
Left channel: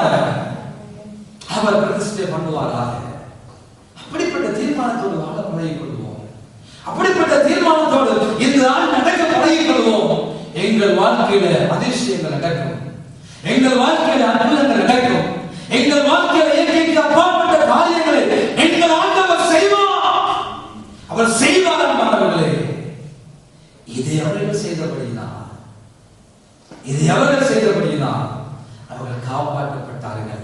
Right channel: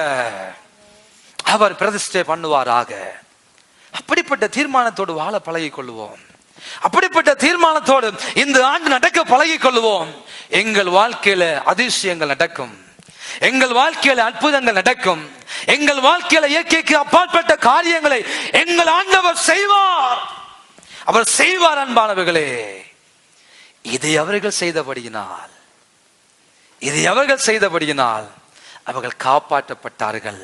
அவர் பிரதிஷ்டை பண்ணுவாராக. அப்படிப்பட்ட தீர்மானத்தோடு வாழ பழகிக் கொள்வோம். அப்படிப்பட்ட தீர்மானத்தோடு இந்த ஆண்டு நடக்க பழகிக் கொள்வோம். எங்கள் வாழ்க்கையில அதிசயங்கள் நடக்கும், எங்கள் வாழ்க்கையில அற்புதங்கள் நடக்கும், எங்கள் வாழ்க்கையில இயற்கைக்கு அப்பாற்பட்ட காரியங்களை எங்கள் ஆண்டவர் செய்வார். அவர் செய்வார் அன்பானவர்களே. இதை அவர்கள் செய்தபடியினால், இதை அவர்கள் செய்தபடியினால் அவர்கள் காப்பாற்றப்பட்டார்கள்.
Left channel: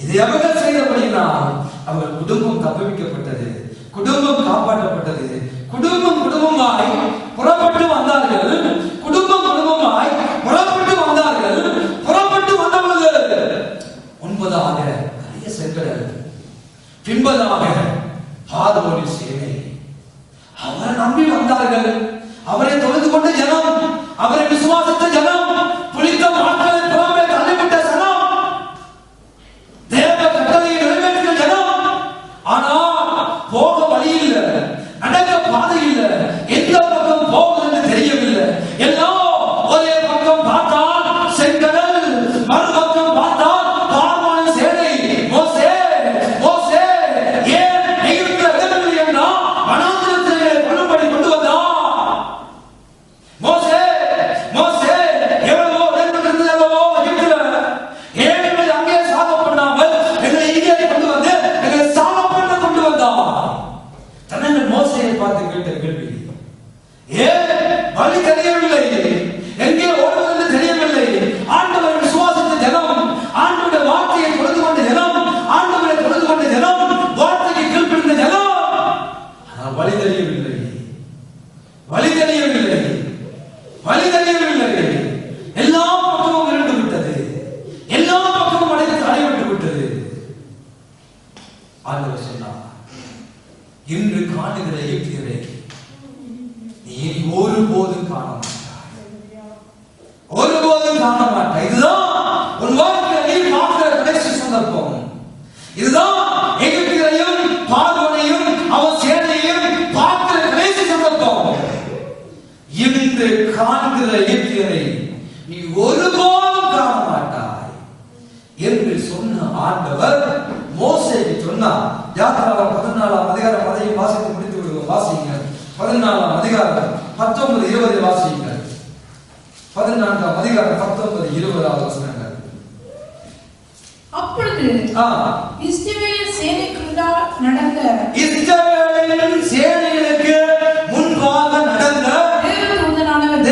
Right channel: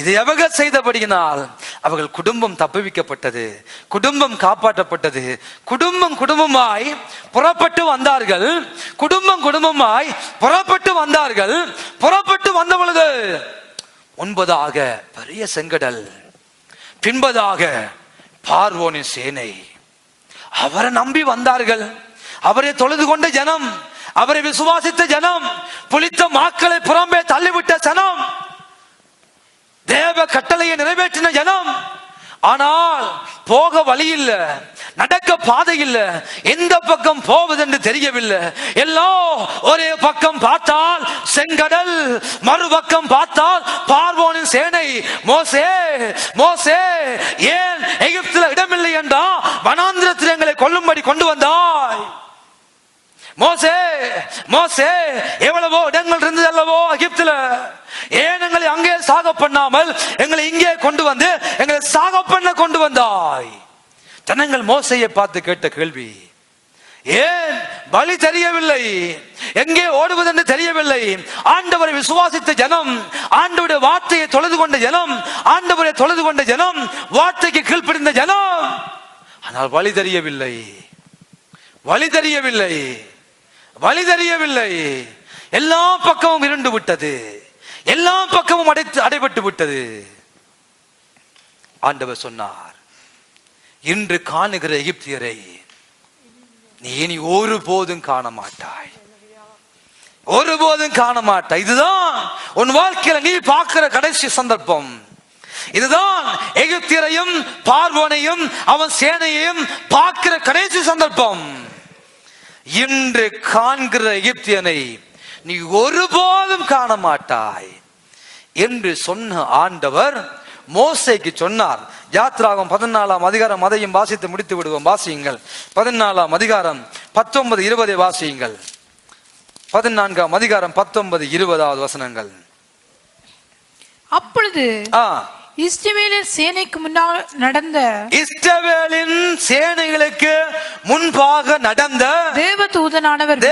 இதை அவர்கள் செய்தபடியினால் அவர்கள் குடும்பம் தப்புவிக்கப்பட்டது, குடும்பம் காப்பாற்றப்பட்டது. குடும்பம் குடும்பமாய் புறப்பட்டு வந்தார்கள், குடும்பம் குடும்பமாய் புறப்பட்டு வந்தார்கள். புறப்பட்டு வந்த பொழுது முன்பதாக பெரிய செங்கடல், பின்பதாக பார்வோனின் சேனை. அவரை நம்பி வந்தார்கள், அவரை தொழுது கொண்ட ஜனம், அவரை விசுவாசித்த ஜனம், புளித்த மாக்களை புறம்பே தள்ளிவிட்ட ஜனம், தேவ கட்டளையை நிறைவேற்றின ஜனம். ஆனால் போக வழி இல்லை, நடக்க பாதை இல்லை, எந்த பக்கம் போவதென்று தெரியவில்லை. எல்லாம் ஒரே பக்கம் பார்த்தால் செங்கடல், மறுபக்கம் பார்த்தால் பார்வோனின் சேனை. மோசே, மோசே, ஏன் எகிப்தில் இடமில்லை என்றால் வனாந்திரத்தில் எங்களை கொல்லும்படி கொண்டு வந்தாய்? மோசே, மோசே, எவ்வளவோ இடங்கள் இருந்தது அல்லவோ எகிப்தில், ஏன் எங்களை அங்கே சாக பண்ணாமல் எங்களை இங்கே கொண்டு வந்து எங்களை சாக பண்ண கொண்டு வந்தாய்? ஜனங்கள் மோசையை பார்த்து கேட்ட கேள்வி, ஏன் வழி தெரியவில்லை, எங்கே ஓடுவதென்று தெரியவில்லை. ஆண்டவரை விசுவாசித்த ஜனம், ஆண்டவருடைய வார்த்தையை தொழுது கொண்ட ஜனம், ஆண்டவரை தொழுது கொண்ட ஜனம், வார்த்தைக்கு கீழ்ப்படிந்த ஜனம். ஆனால் வழி தெரியவில்லை, வழி தெரியவில்லை, வழி தெரியவில்லை. எல்லா பக்கமும் இருண்டு விட்டது, எல்லா பக்கமும் அடைபட்டு விட்டது. ஆண்டவர் சொன்னார், இன்று காணுகிற எகிப்தியரை நீ இனி ஒருபோதும் காண மாட்டாய், ஒருபோதும் காண மாட்டாய். இதுதான் உன் வாழ்க்கையில நீ பார்க்கிற கடைசி சந்தர்ப்பம். இதுதான் எகிப்தியரையும் பார்வோனையும் அவன் சேனையையும் பார்க்கிற கடைசி சந்தர்ப்பம். இன்று காண்கிற எகிப்தியனை நீ ஒருபோதும் காண மாட்டாய் என்று சொன்ன ஆண்டவர் மோசேக்கு சொன்னார். யாத்ராகம் 14ஆம் அதிகாரம், அதையும் வாசித்து முடித்து விடுவோம். வாசியுங்கள். 14ஆம் அதிகாரம் 19, 20 வாசியுங்கள். 14ஆம் அதிகாரம் 19, 20 வசனங்கள். அப்பொழுது இஸ்ரவேலின் சேனைக்கு முன்னால் நடந்த, இஸ்ரவேலின் சேனைகளுக்கு முன்பாக நடந்த தேவதூதனானவர்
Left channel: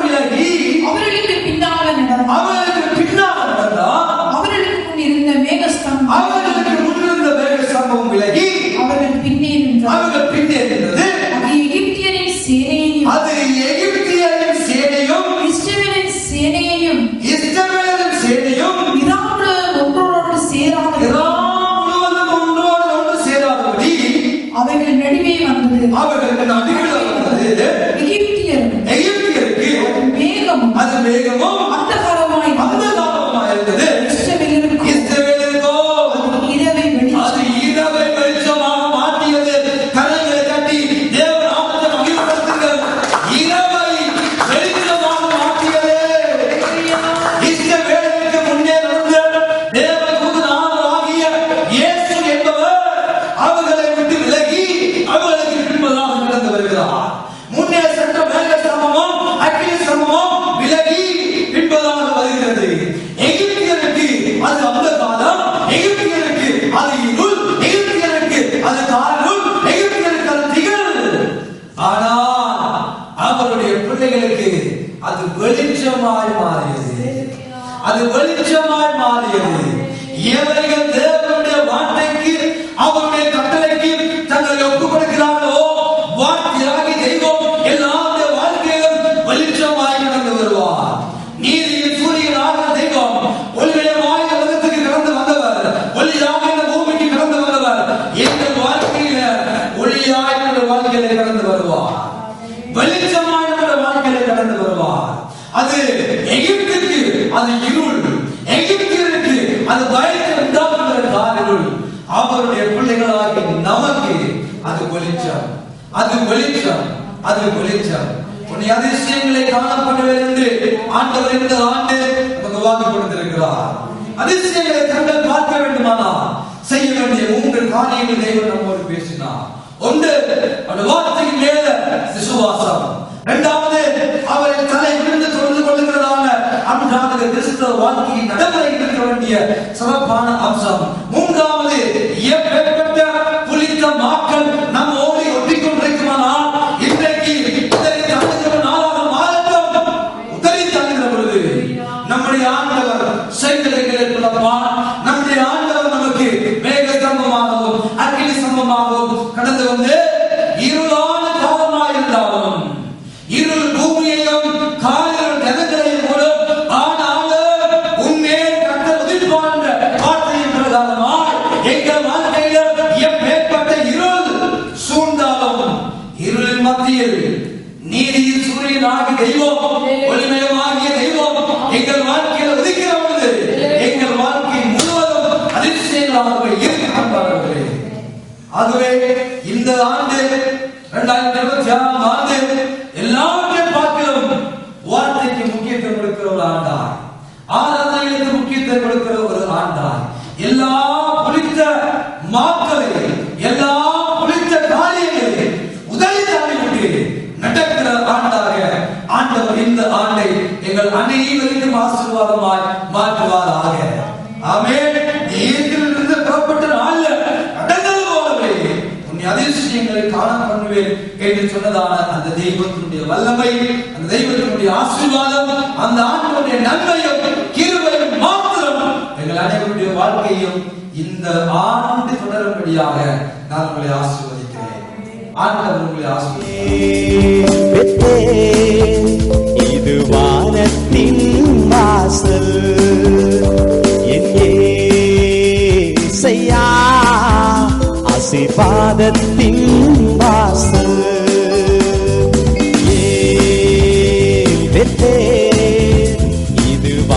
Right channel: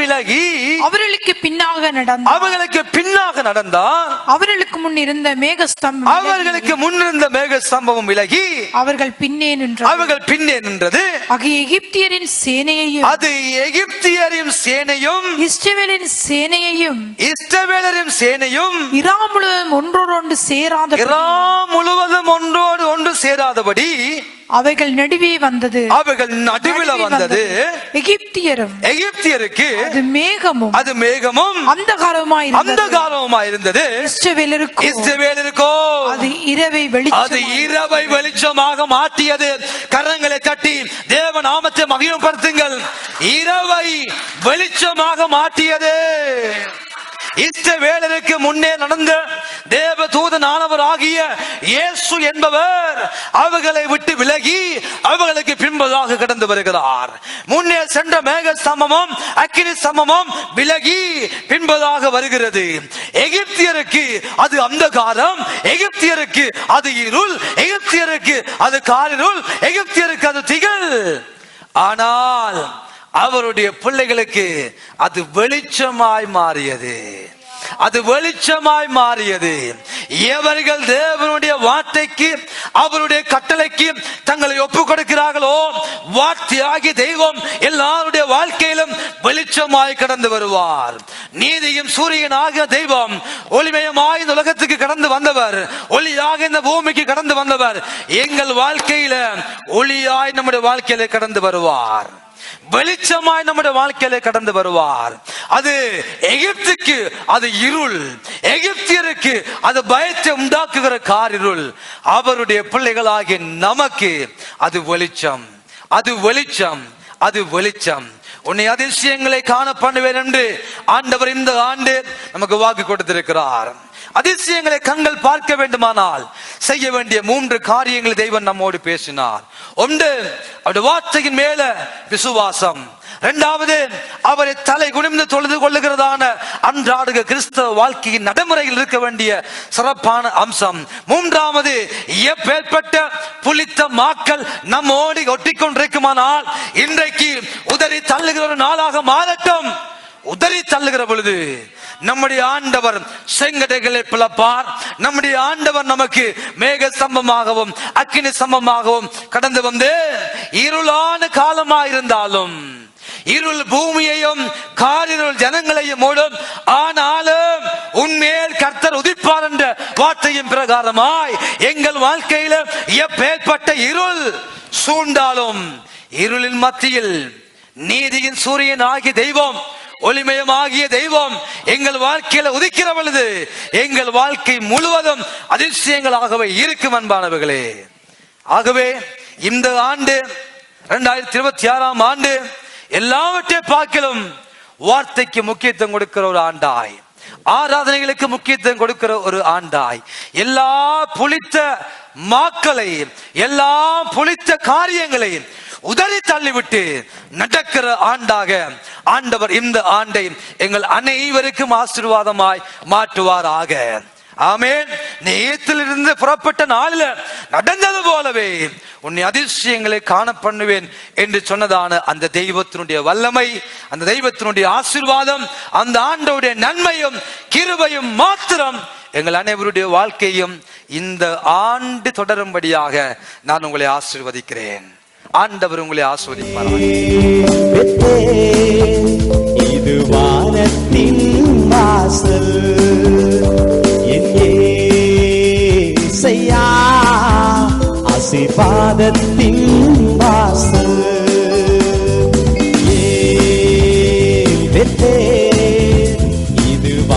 விலகி அவர்களுக்கு பின்னாக நடந்தார். அவர்களுக்கு பின்னாக நடந்தார். அவர்களுக்கு முன் இருந்த மேகஸ்தம்பம், அவர்களுக்கு முன் இருந்த மேகஸ்தம்பம் விலகி அவர்கள் பின்னே நின்றது. அவர்கள் பின்னே நின்றது. அது எகிப்தியரின் சேனையையும், அது எகிப்தியரின் சேனையும், இஸ்ரவேலின் சேனையையும், இஸ்ரவேலரின் சேனையும் இரா முழுவதும் ஒன்றோடு சேராத, இரா முழுவதும் ஒன்றோடு ஒன்று சேராதபடி அவைகள் நடுவே வந்தது. அவர்கள் நடுவில் வந்தது. எகிப்தியருக்கு அது மேகமும், அது மேகமும் அந்தகாரமாய் இருந்தது. இஸ்ரவேலருக்கோ அது இரவை வெளிச்சமாக மாற்றியது. கரங்களை தட்டி தேவ நாமத்தை மகிழ்ப்படுத்துங்கள். இரவை வெளிச்சமாக மாற்றியது. இஸ்ரவேலருக்கு முன்னே நடந்த தேவ தூதனானவராகிய இயேசு என்பவர் அவர்களை விட்டு விலகி அவர்களுக்கு பின்பதாக கடந்து வருகிறார். முன்னே சென்ற மேக ஸ்தம்பமும் அக்கினி ஸ்தம்பமும் விலகி பின்பதாக வருகிறது. எகிப்தியருக்கு அது அந்தகாரம், எகிப்தியருக்கு அது இருள், எகிப்தியருக்கு அது காரிருள், எகிப்தியருக்கு அது திகழ். ஆனால் அவருடைய பிள்ளைகளுக்கு அது வெளிச்சமாய் மாறியது, அது வெளிச்சமாய் மாறியது. எவர்கள் தேவனுடைய வார்த்தைக்கு, அவருடைய கட்டளைக்கு தங்களை ஒப்புக் கொடுக்கிறார்களோ, வார்த்தையாகி தெய்வம் எல்லாருடைய வாழ்க்கையிலும் வெளிச்சமாய் கடந்து வருவார். நீதியின் சூரியனாக தெய்வம் ஒளிமயமாய் இந்த உலகத்துக்கு கடந்து வந்தவர், ஒளியாக இந்த பூமிக்கு கடந்து வந்தவர் எங்கள் வாழ்க்கையில ஒளியாய் நம்முடைய வாழ்க்கையில கடந்து வருவார், வெளிச்சமாய் நம்முடைய வாழ்க்கையில கடந்து வருவார். அது எகிப்துக்கு அது இருள், எகிப்தியருக்கு அது பயத்தை உண்டாக்குகிற காரிருள் அவருடைய பிள்ளைகளாகிய நமக்கு அது வெளிச்சம், அது வெளிச்சம், அது வெளிச்சம். உன்னை அதிசயங்களை காண பண்ணுவேன் என்று ஆண்டவர் இந்த ஆண்டு நமக்கு வாக்கு கொடுத்திருக்கிறார். அதிசயங்களை கண்கள் பார்க்க வேண்டுமானால் செய்ய வேண்டிய 3 காரியங்களை தெய்வம் நம்மோடு பேசினார். ஒன்று, அவருடைய வார்த்தையின் மேல விசுவாசம். இரண்டாவது, அவரை தலை குனிந்து தொழுது கொள்ளுகிறதான அன்றாட கிறிஸ்தவ வாழ்க்கையின் நடைமுறையில் இருக்க வேண்டிய சிறப்பான அம்சம். மூன்றாவது, எப்பேற்பட்ட புளித்த மாக்கள் நம்மோடு ஒட்டிக்கொண்டிருக்குமானால் இன்றைக்கு உதறி தள்ளுகிற நாளாக மாறட்டும். உதறி தள்ளுகிற பொழுது நம்முடைய ஆண்டவர் செங்கடைகளை பிளப்பார். நம்முடைய ஆண்டவர் நமக்கு மேக ஸ்தம்பமாகவும் அக்கினி ஸ்தம்பமாகவும் கடந்து வந்து இருளான காலமாயிருந்தாலும் இருள் பூமியையும் காலிருள் ஜனங்களையும் மூடும், ஆனாலும் உன்மேல் கர்த்தர் உதிப்பார் என்ற வார்த்தையின் பிரகாரமாய் எங்கள் வாழ்க்கையில எப்பேற்பட்ட இருள் சூழ்ந்தாலும் இருளின் மத்தியில் நீதியின் சூரியன் ஆகிய தெய்வம், ஒளிமயமாகிய தெய்வம் எங்கள் வாழ்க்கையில உதிக்கிற பொழுது எங்கள் வாழ்க்கை முழுவதும் அதிசயங்களாகவே இருக்கும் அன்பானவர்களே. ஆகவே இந்த ஆண்டு 2026 ஆண்டு எல்லாவற்றை பார்க்கலும் வார்த்தைக்கு முக்கியத்துவம் கொடுக்கிற ஒரு ஆண்டாய், ஆராதனைகளுக்கு முக்கியத்துவம் கொடுக்கிற ஒரு ஆண்டாய், எல்லா புளித்த மாக்களை எல்லா புளித்த காரியங்களை உதறி தள்ளிவிட்டு நடக்கிற ஆண்டாக ஆண்டவர் இந்த ஆண்டை எங்கள் அனைவருக்கும் ஆசீர்வாதமாய் மாற்றுவாராக. ஆமென். நேயத்திலிருந்து புறப்பட்ட நாள்ல நடந்தது போலவே உன்னை அதிசயங்களை காண பண்ணுவேன் என்று சொன்னதான அந்த தெய்வத்தினுடைய வல்லமை, அந்த தெய்வத்தினுடைய ஆசீர்வாதம், அந்த ஆண்டவருடைய நன்மையும் கிருபையும் மாத்திரம் எங்கள் அனைவருடைய வாழ்க்கையும் இந்த ஆண்டு தொடரும்படியாக நான் உங்களை ஆசீர்வதிக்கிறேன். ஆண்டவர் உங்களை ஆசீர்வதிப்பார். இது வானத்தின் வாசல், என் இயேசையா ஆசீர்வாதத்தின்